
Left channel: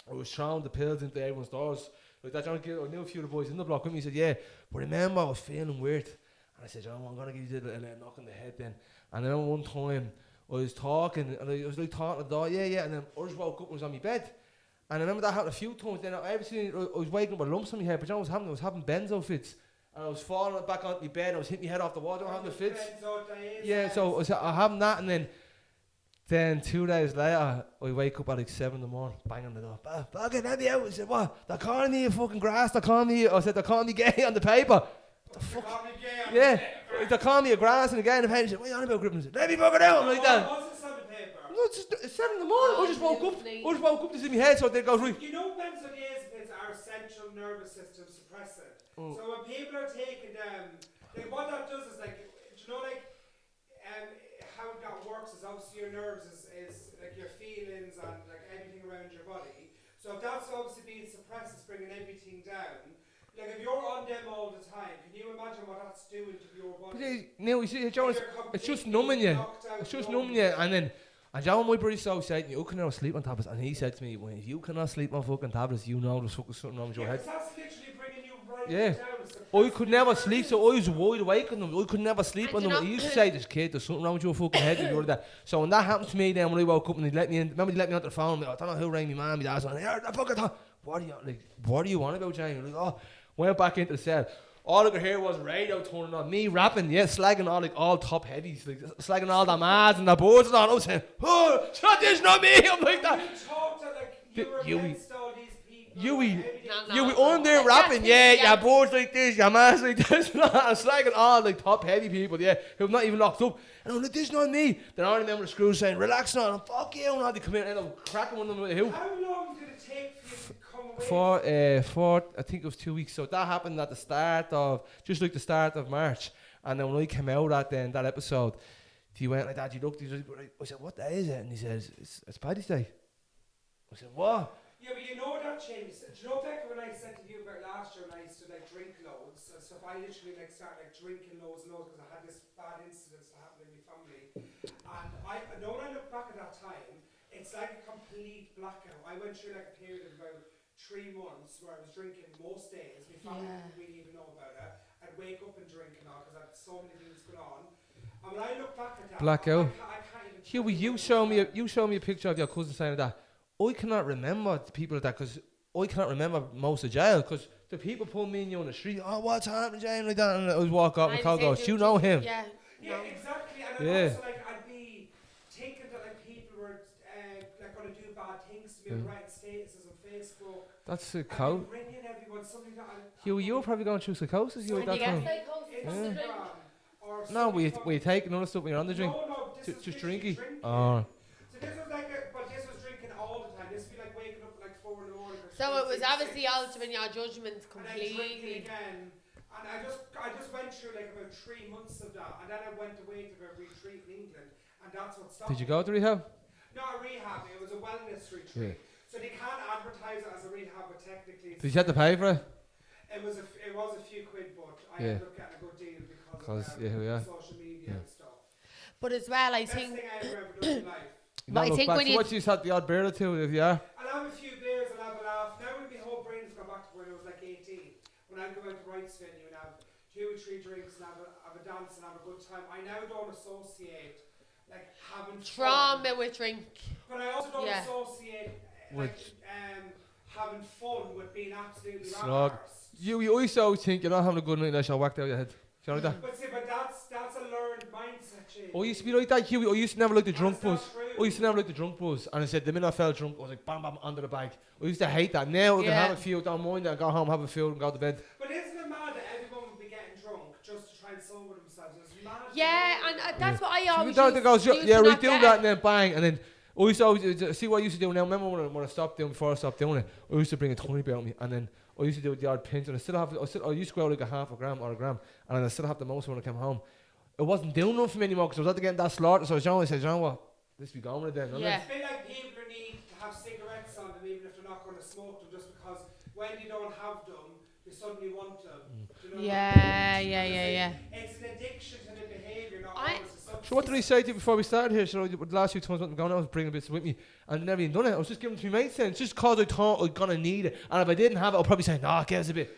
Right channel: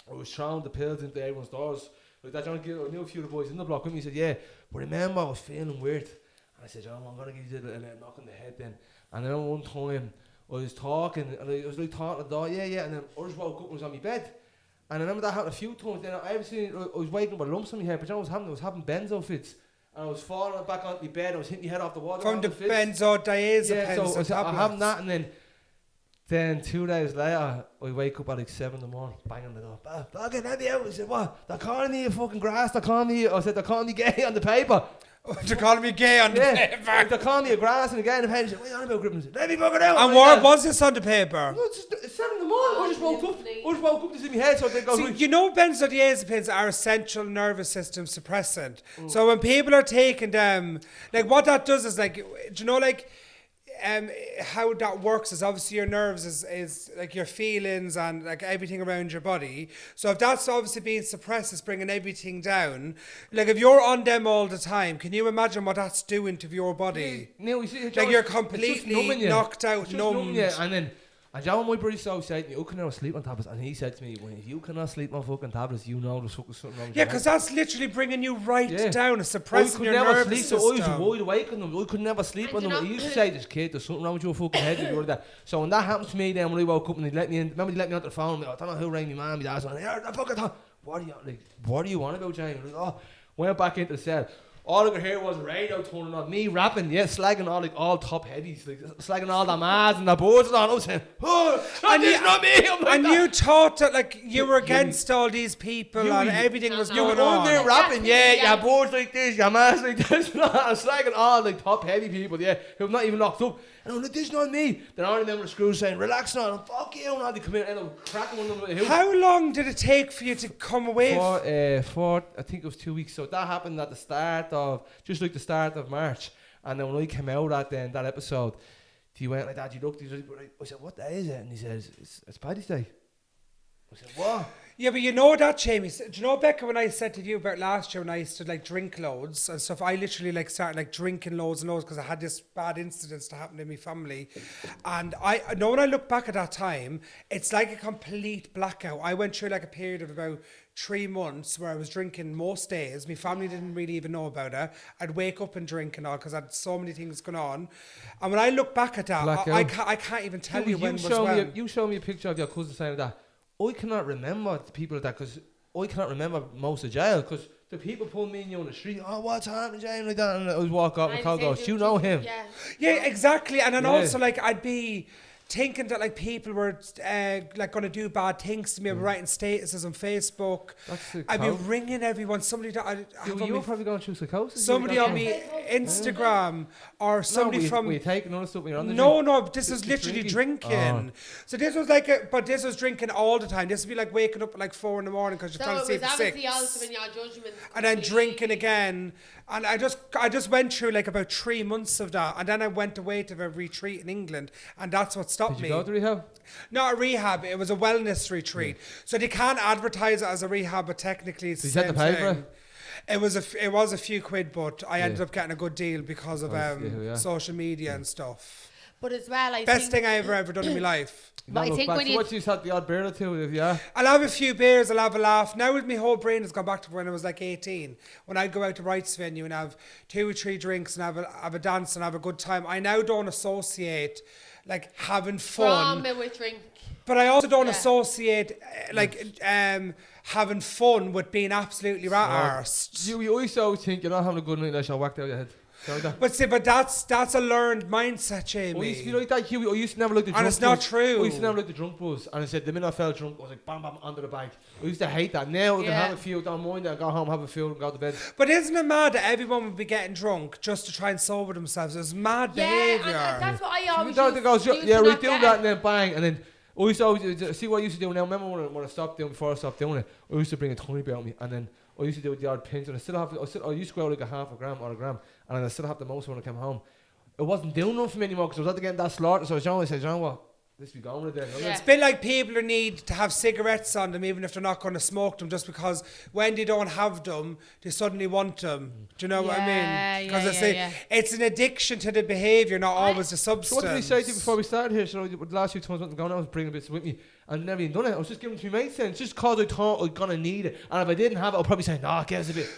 I was throwing the pills into everyone's doors. Like that, John, I knew a few of the boys in the block with me. He said, yeah, but remember I was feeling weird. And I said, John, I'm going to give you a little knock on the head then. And then one time I was talking, and I was like talking at the door, yeah, and then I just woke up and was on my bed. And I remember that happened a few times. Then I was waking up with lumps on my head, but John, I was having benzo fits. And I was falling back onto my bed, and I was hitting my head off the wall. From the fits. benzodiazepines. Yeah, so I having that, and then 2 days later, I wake up at like 7 in the morning, banging the door. Fucking let me out. I said, what? They're calling me a fucking grass. They're calling me. I said, they're calling me gay on the paper. They're calling me gay on the Yeah, paper. they're calling me a grass and a guy in the pen. What are you on about, Griffin? Let me fucking out. And like what that. was this on the paper? No, it's 7 in the morning. I just woke up. This in my head, so they go. So, Right. you know, benzodiazepines are a central nervous system suppressant. So when people are taking them, like what that does is like, do you know, like, how that works is obviously your nerves is like your feelings and like everything around your body. So if that's obviously being suppressed, it's bringing everything down. Like if you're on them all the time, can you imagine what that's doing to your body? No, you see, Like Joe, you're it's just completely numbing you. knocked out, It's just numbed. numbing you, and then. And Joe, my brother so said to me, you cannot sleep on tablets. And he said to me, well, if you cannot sleep on fucking tablets, you know there's fucking something wrong with Yeah, your because head. that's literally bringing you right Yeah. down, I suppressing could your never nervous sleep, so I was system. wide awake on them. I could never sleep And on you them. know- He used to say, this kid, there's something wrong with your fucking head. If you were that. So when that happened to me, then when I woke up and they let me in, remember they let me onto the phone. I don't know who rang me, man. My dad's on. I fucking thought, what are you on about, Jamie? Like, oh, went back into the cell. All I could hear was radio turning on, me rapping, slagging all top heavies, like slagging all the mads and the boards and all. I was saying, oh, this not me. I'm like And that. you thought that like you were Hughie. against all these people Hughie. and everything was No, You no. were going on there on. rapping, Yeah. your boards like this, your mass like this. I'm slagging all like top heavy people, who have not even locked up. And I'm like, this is not me. Then I remember the screws saying, relax now, and fuck you, and they come in and I'm cracking one of them with a hoop. How long did it take for you to come away? For I think it was 2 weeks. So that happened at the start of the start of March. And then when I came out at that episode, he went like that. He looked. I said, "What day is it?" And he says, "It's Paddy's Day." I said, "What?" Yeah, but you know that, Jamie. Do you know, Becca, when I said to you about last year when I used to like drink loads and stuff, I literally like started like drinking loads and loads because I had this bad incidents to happen in my family. And I know when I look back at that time, it's like a complete blackout. I went through like a period of about 3 months where I was drinking most days. My family didn't really even know about it. I'd wake up and drink and all because I had so many things going on. And when I look back at that, I can't even tell you when it was You show me a picture of your cousin saying that. I cannot remember the people like that because I cannot remember most of jail because the people pulling me in on the street. Oh, what's happening, Jane? Like that, and I was walk up and call goes, "You know him?" Yeah, exactly. And then Yeah. also like I'd be thinking that like people were like going to do bad things to me. I'm writing statuses on Facebook. That's a I'd be ringing everyone. Somebody that You were probably going through psychosis. somebody like on that, me Instagram or no, somebody we from. taking other stuff when you're on the drink. No, this is Just literally drinking? drinking. Oh. So this was but this was drinking all the time. This would be like waking up at like 4 a.m. because you're So trying it to sleep was at obviously 6. also in your judgment. And then drinking again. And I just went through like about 3 months of that. And then I went away to a retreat in England. And that's what stopped Did me. you go to rehab? Not a rehab, it was a wellness retreat. So they can't advertise it as a rehab, but technically it's Did the you have to same pay for thing. It was a few quid, but I ended up getting a good deal because of social media and stuff. But as well, I Best think thing I ever done in my life. But I think when you- what you had the odd beer or two, yeah. I'll have a few beers, I'll have a laugh. Now with my whole brain has gone back to when I was like 18. When I'd go out to Rights venue and have 2 or 3 drinks and have a dance and have a good time. I now don't associate like having fun. trauma with drink. But I also don't Yeah. associate having fun with being absolutely arsed. You always think you're not having a good night unless you're whacked out of your head. You know like that? But see, that's a learned mindset, Jamie. I used to be like that, Hughie. I used to never like the And drunk it's not buzz. true. I used to never like the drunk buzz. And I said, the minute I felt drunk, I was like, bam, bam, under the bag. I used to hate that. Now I can Yeah. have a few, don't mind it, and go home, have a few, and go to bed. But isn't it mad that everyone would be getting drunk just to try and sober themselves? It's mad Yeah, behaviour. and that's what I always So the goes, used yeah, to we not do get that, it. and then bang, and then I used to always, see what I used to do now. Remember when I stopped doing, before I stopped doing it, I used to bring a tiny bit on me, and then I used to do the odd pinch, and I used to go out like a half a gram or a gram, and then I still have the most when I came home. It wasn't doing nothing for me anymore because I was after getting that slaughter. So John said, John, what? Let's be going with it then. Yeah. It's a bit like people who need to have cigarettes on them even if they're not going to smoke them just because when they don't have them, they suddenly want them. Do you know what I mean? 'Cause I say it's an addiction to the behaviour, not always the substance. So what did he say to you before we started here? So the last few times I was going, I was bringing bits with me and never even done it. I was just giving it to my mates then, just because I thought I was going to need it. And if I didn't have it, I'll probably say, nah, give us a bit.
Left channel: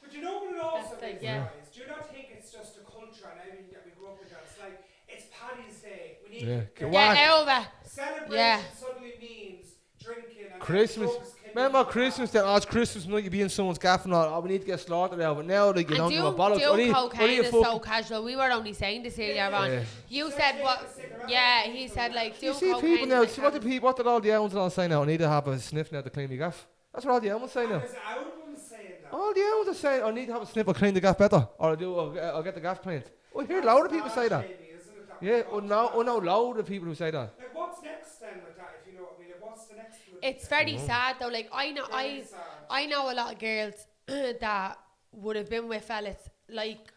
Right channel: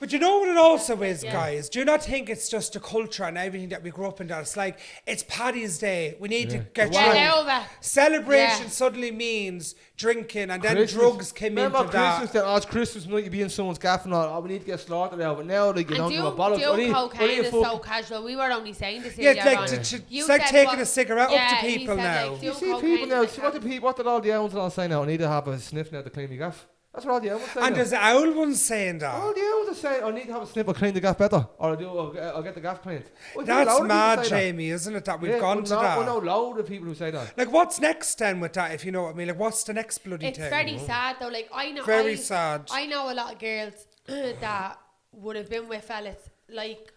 But you know what it also is, yeah. guys? Do you not think it's just a culture and everything that we grew up in that it's like, it's Paddy's Day, we need to get Get drunk. over. Celebration Yeah. suddenly means drinking and then Christmas. drugs came Remember into Christmas that. then? Oh, it's Christmas night, you be in someone's gaff and all. Oh, we need to get slaughtered out. But now, like, you don't And give a bollocks. do cocaine is so casual. We were only saying this Yeah, earlier it's on. like, it's You like said taking what- a cigarette yeah, up to he people said now. like do You see cocaine people now, is see like what did all the owns and all say now? I need to have a sniff now to clean me gaff. That's what all the animals say. And now. there's owl ones saying that. All the animals are saying, I need to have a snip, I'll clean the gaff better. Or I'll get the gaff cleaned. That's load mad, of people say Jamie, isn't it? That that. we've gone to that. I know load of people who say that. Like, what's next then with that, if you know what I mean? Like, what's the next bloody It's thing? very sad though. Like Very sad. I know a lot of girls that would have been with fellas like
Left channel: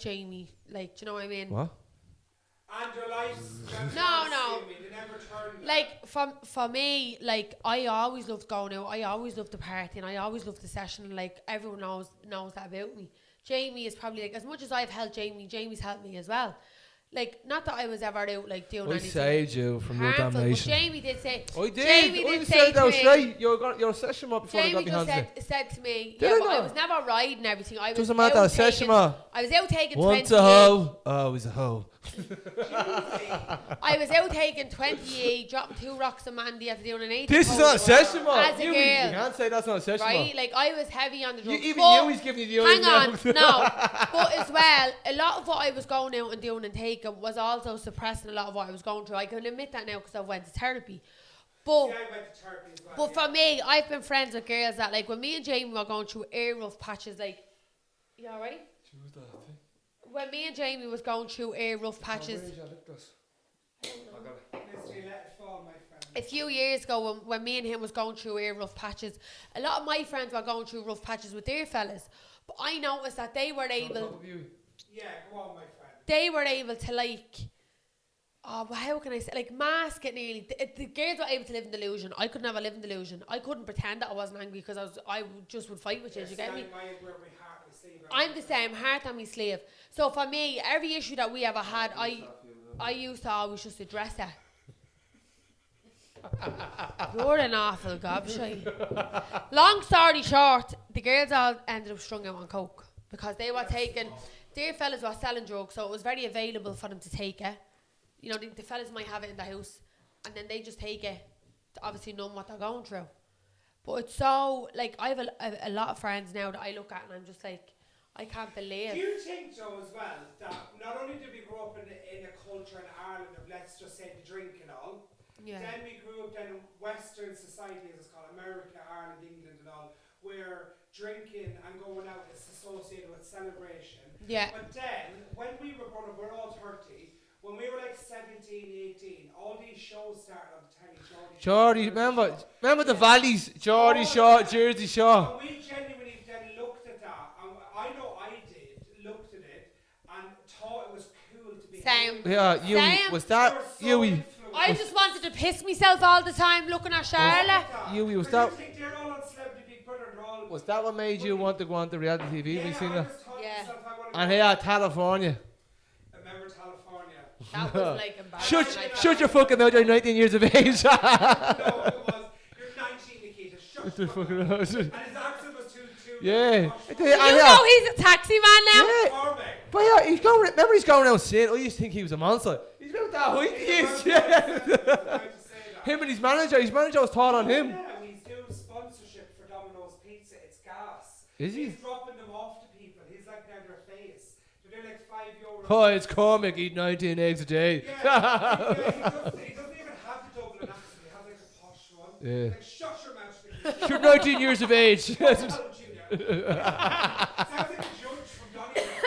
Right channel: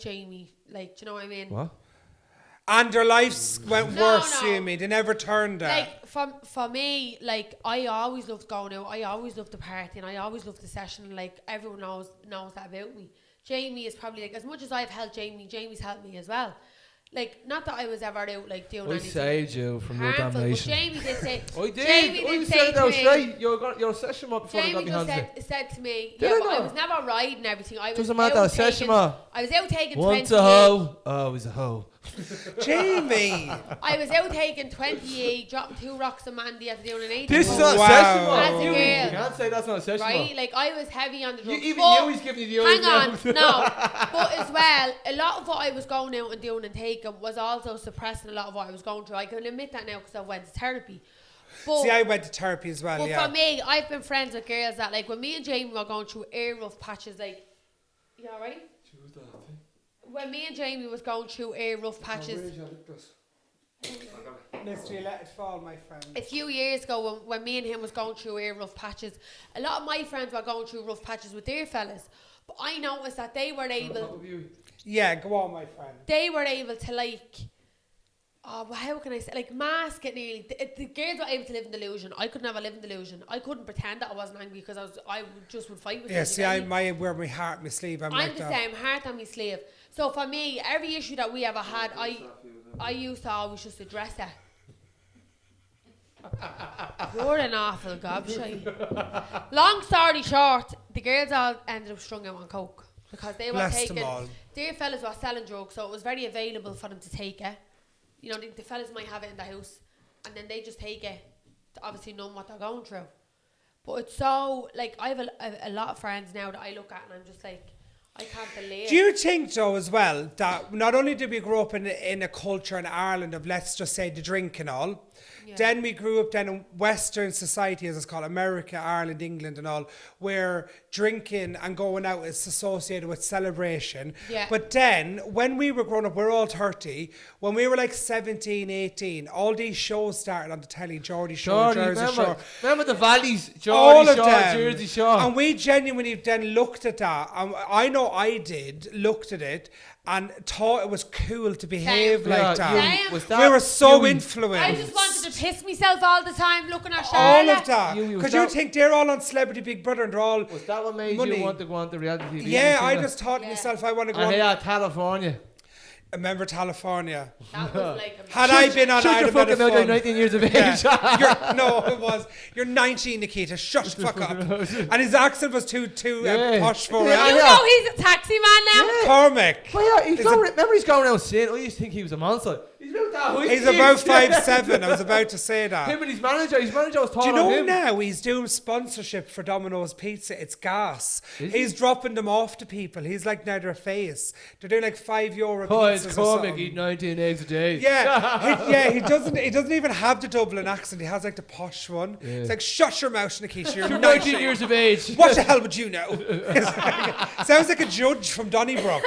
Jamie. Like, do you know what I mean? What? And their lives went No, worse, no. Jamie. They never turned out. Like for me, like I always loved going out. I always loved the party, and I always loved the session. Like everyone knows that about me. Jamie is probably like, as much as I've helped Jamie, Jamie's helped me as well. Like, not that I was ever out like doing I anything saved you from your harmful, but damnation. Jamie did say. I did. Jamie I did said say that to was me. straight. Your session up before I Jamie got just behind said to me, Did yeah, I but I not? was never riding everything. I was Doesn't matter, out session, taking, ma. I was out taking Once 28. a hoe, always a hoe. Jamie. I was out taking 28, dropping 2 rocks of Mandy after doing an 8. This is hole, not a Wow. session, man. As a You girl. can't say that's not a session, right? man. Like, I was heavy on the drugs. Even but- you, he's giving you the eyes Hang on, now. no. But as well, a lot of what I was going out and doing and taking was also suppressing a lot of what I was going through. I can admit that now because I went to therapy. But, See, I went to therapy as well, but yeah. for me, I've been friends with girls that, like, when me and Jamie were going through air rough patches, like, you alright? When me and Jamie was going through air rough patches, Mister, you let it fall, my friend. a few years ago when me and him was going through air rough patches, a lot of my friends were going through rough patches with their fellas. But I noticed that they were able Yeah, go on, my friend. to, like, oh, well, how can I say, like, mask it nearly. The girls were able to live in delusion. I could never live in delusion. I couldn't pretend that I wasn't angry because just would fight with Yeah, you. see, I wear my heart on my sleeve. I'm like the that. same, heart on my sleeve. So for me, every issue that we ever had, I used to always just address it. You're an awful gobshite. Long story short, the girls all ended up strung out on coke because they were Bless them taking. all. Their fellas were selling drugs, so it was very available for them to take it. You know, the fellas might have it in the house, and then they just take it to obviously know what they're going through. But it's so, like, I have a lot of friends now that I look at and I'm just like, I can't believe. Do you think, though, as well, that not only did we grow up in a culture in Ireland of, let's just say, the drink and all, Yeah. then we grew up then in Western society, as it's called, America, Ireland, England and all, where drinking and going out is associated with celebration. Yeah. But then, when we were growing up, we're all 30, when we were like 17, 18, all these shows started on the telly, Geordie Shore, Geordie, Jersey Shore. remember the valleys, All Geordie of Shore, them. Jersey Shore. And we genuinely then looked at that. I know I did, looked at it, and thought it was cool to behave Same. like Yeah, that. Same. was that We were so Hughie? influenced. I just wanted to piss myself all the time looking at all Charlotte. of that. Hughie, was Because you that- think they're all on Celebrity Big Brother and they're all... Was that what made you Money. want to go on to reality TV? Yeah, You I seen that? just thought to Yeah. myself, I want to go And on... here, California. Remember California? That was like a Had I been on... Shut I'd your have been fucking a mouth, you're fun. 19 years of age. No, it was. You're 19, Nikita. Shut the fuck up. And his accent was too Yeah. posh for Yeah, it. You yeah. know he's a taxi man now. Yeah. Cormac. But yeah, remember he's going out saying, I used to think he was a monster. He's about that height. He's about 5'7". I was about to say that. Him and his manager was Do you taller know than him. now he's doing sponsorship for Domino's Pizza? It's gas. Is He's he? dropping them off to people. He's like now their face. They're doing like €5. Oh, it's pizzas or Cormac, something. eat 19 eggs a day. Yeah, he doesn't even have the Dublin accent. He has like the posh one. Yeah. It's like, shut your mouth, Nikisha. You're You're 19 years of age. What the hell would you know? Sounds like a judge from Donnybrook.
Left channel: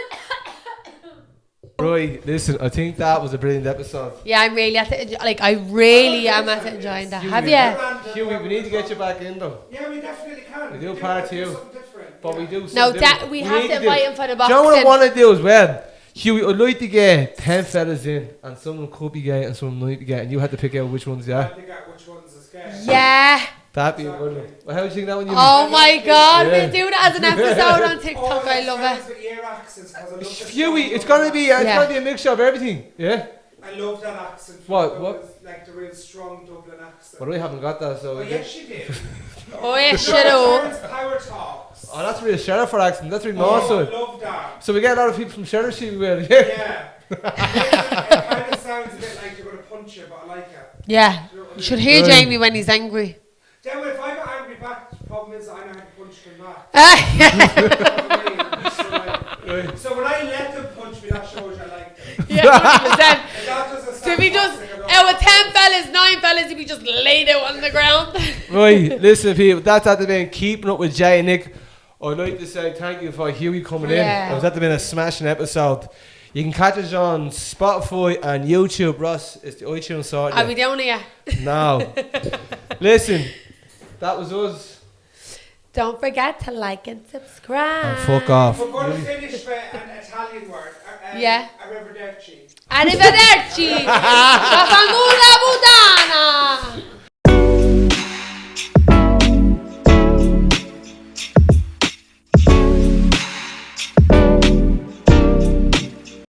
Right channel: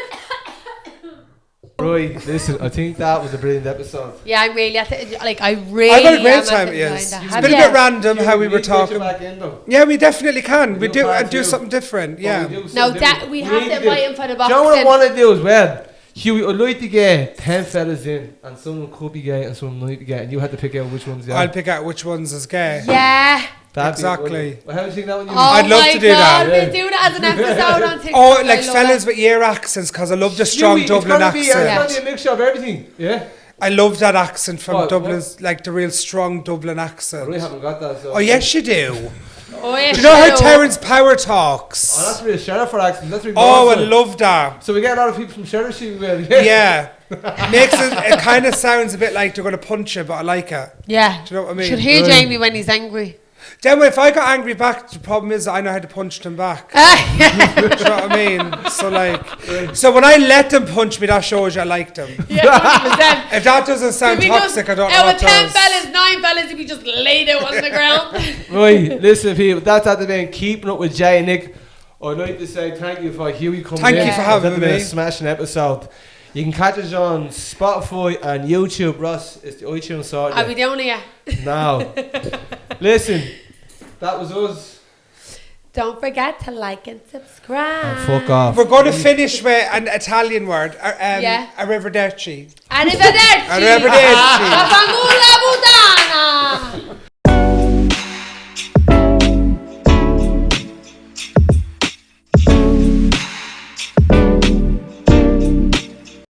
Right, listen, I think that was a brilliant episode. Yeah, I'm really at the, like, I I had a really great am time, at the yes. enjoying that. It's Have been a you? bit random how we were need to get talking. you back in though. Yeah, we definitely can. We We do do part do two. something different. But Yeah. we do No, something that different. we have need to do- invite him for the Do you know what I boxing. want to do as well? Hughie, I'd like to get 10 fellas in, and someone could be gay and someone might be gay, and you had to pick out which ones, yeah? I'll pick out which ones is gay. Yeah. That'd be a Exactly. good one. Well, how do you think that one, you Oh I'd love my to do god, that, yeah. we'll do that as an episode on TikTok. Oh, I like love fellas it. with ear accents, because I love the strong Hughie, Dublin it's gonna be, accent. Yeah. a mixture of everything, yeah? I love that accent from What, Dublin's, like the real strong Dublin accent. But I haven't got that, so... Oh, yes, you do. Oh, yeah, You know how shut up. Terence Power talks? Oh, that's real Sheriff accent, that's real Oh, I Northside. love that. So we get a lot of people from Sheriff, well, Yeah. Makes it kind of sounds a bit like they're going to punch you, but I like it. Yeah. Do you know what I mean? Should hear Right. Jamie when he's angry. Then if I got angry back, the problem is I know how to punch them back. Do you know what I mean? So like, so when I let them punch me, that shows you I like them. Yeah, 100%. If that doesn't sound If he toxic, just, I don't know. out what of 10 does. fellas, 9 fellas, if he just laid out on the ground. Right, listen, people, that's at the been keeping up with Jay and Nick. I'd like to say thank you for Hughie coming Thank in. you for It's having at the been me. a smashing episode. You can catch us on Spotify and YouTube. Ross, it's the iTunes sort. I'll be down here. Now, listen, that was us. Don't forget to like and subscribe. And fuck off. We're going to finish with an Italian word. Yeah. Arrivederci. Arrivederci. Arrivederci. Vaffanculo.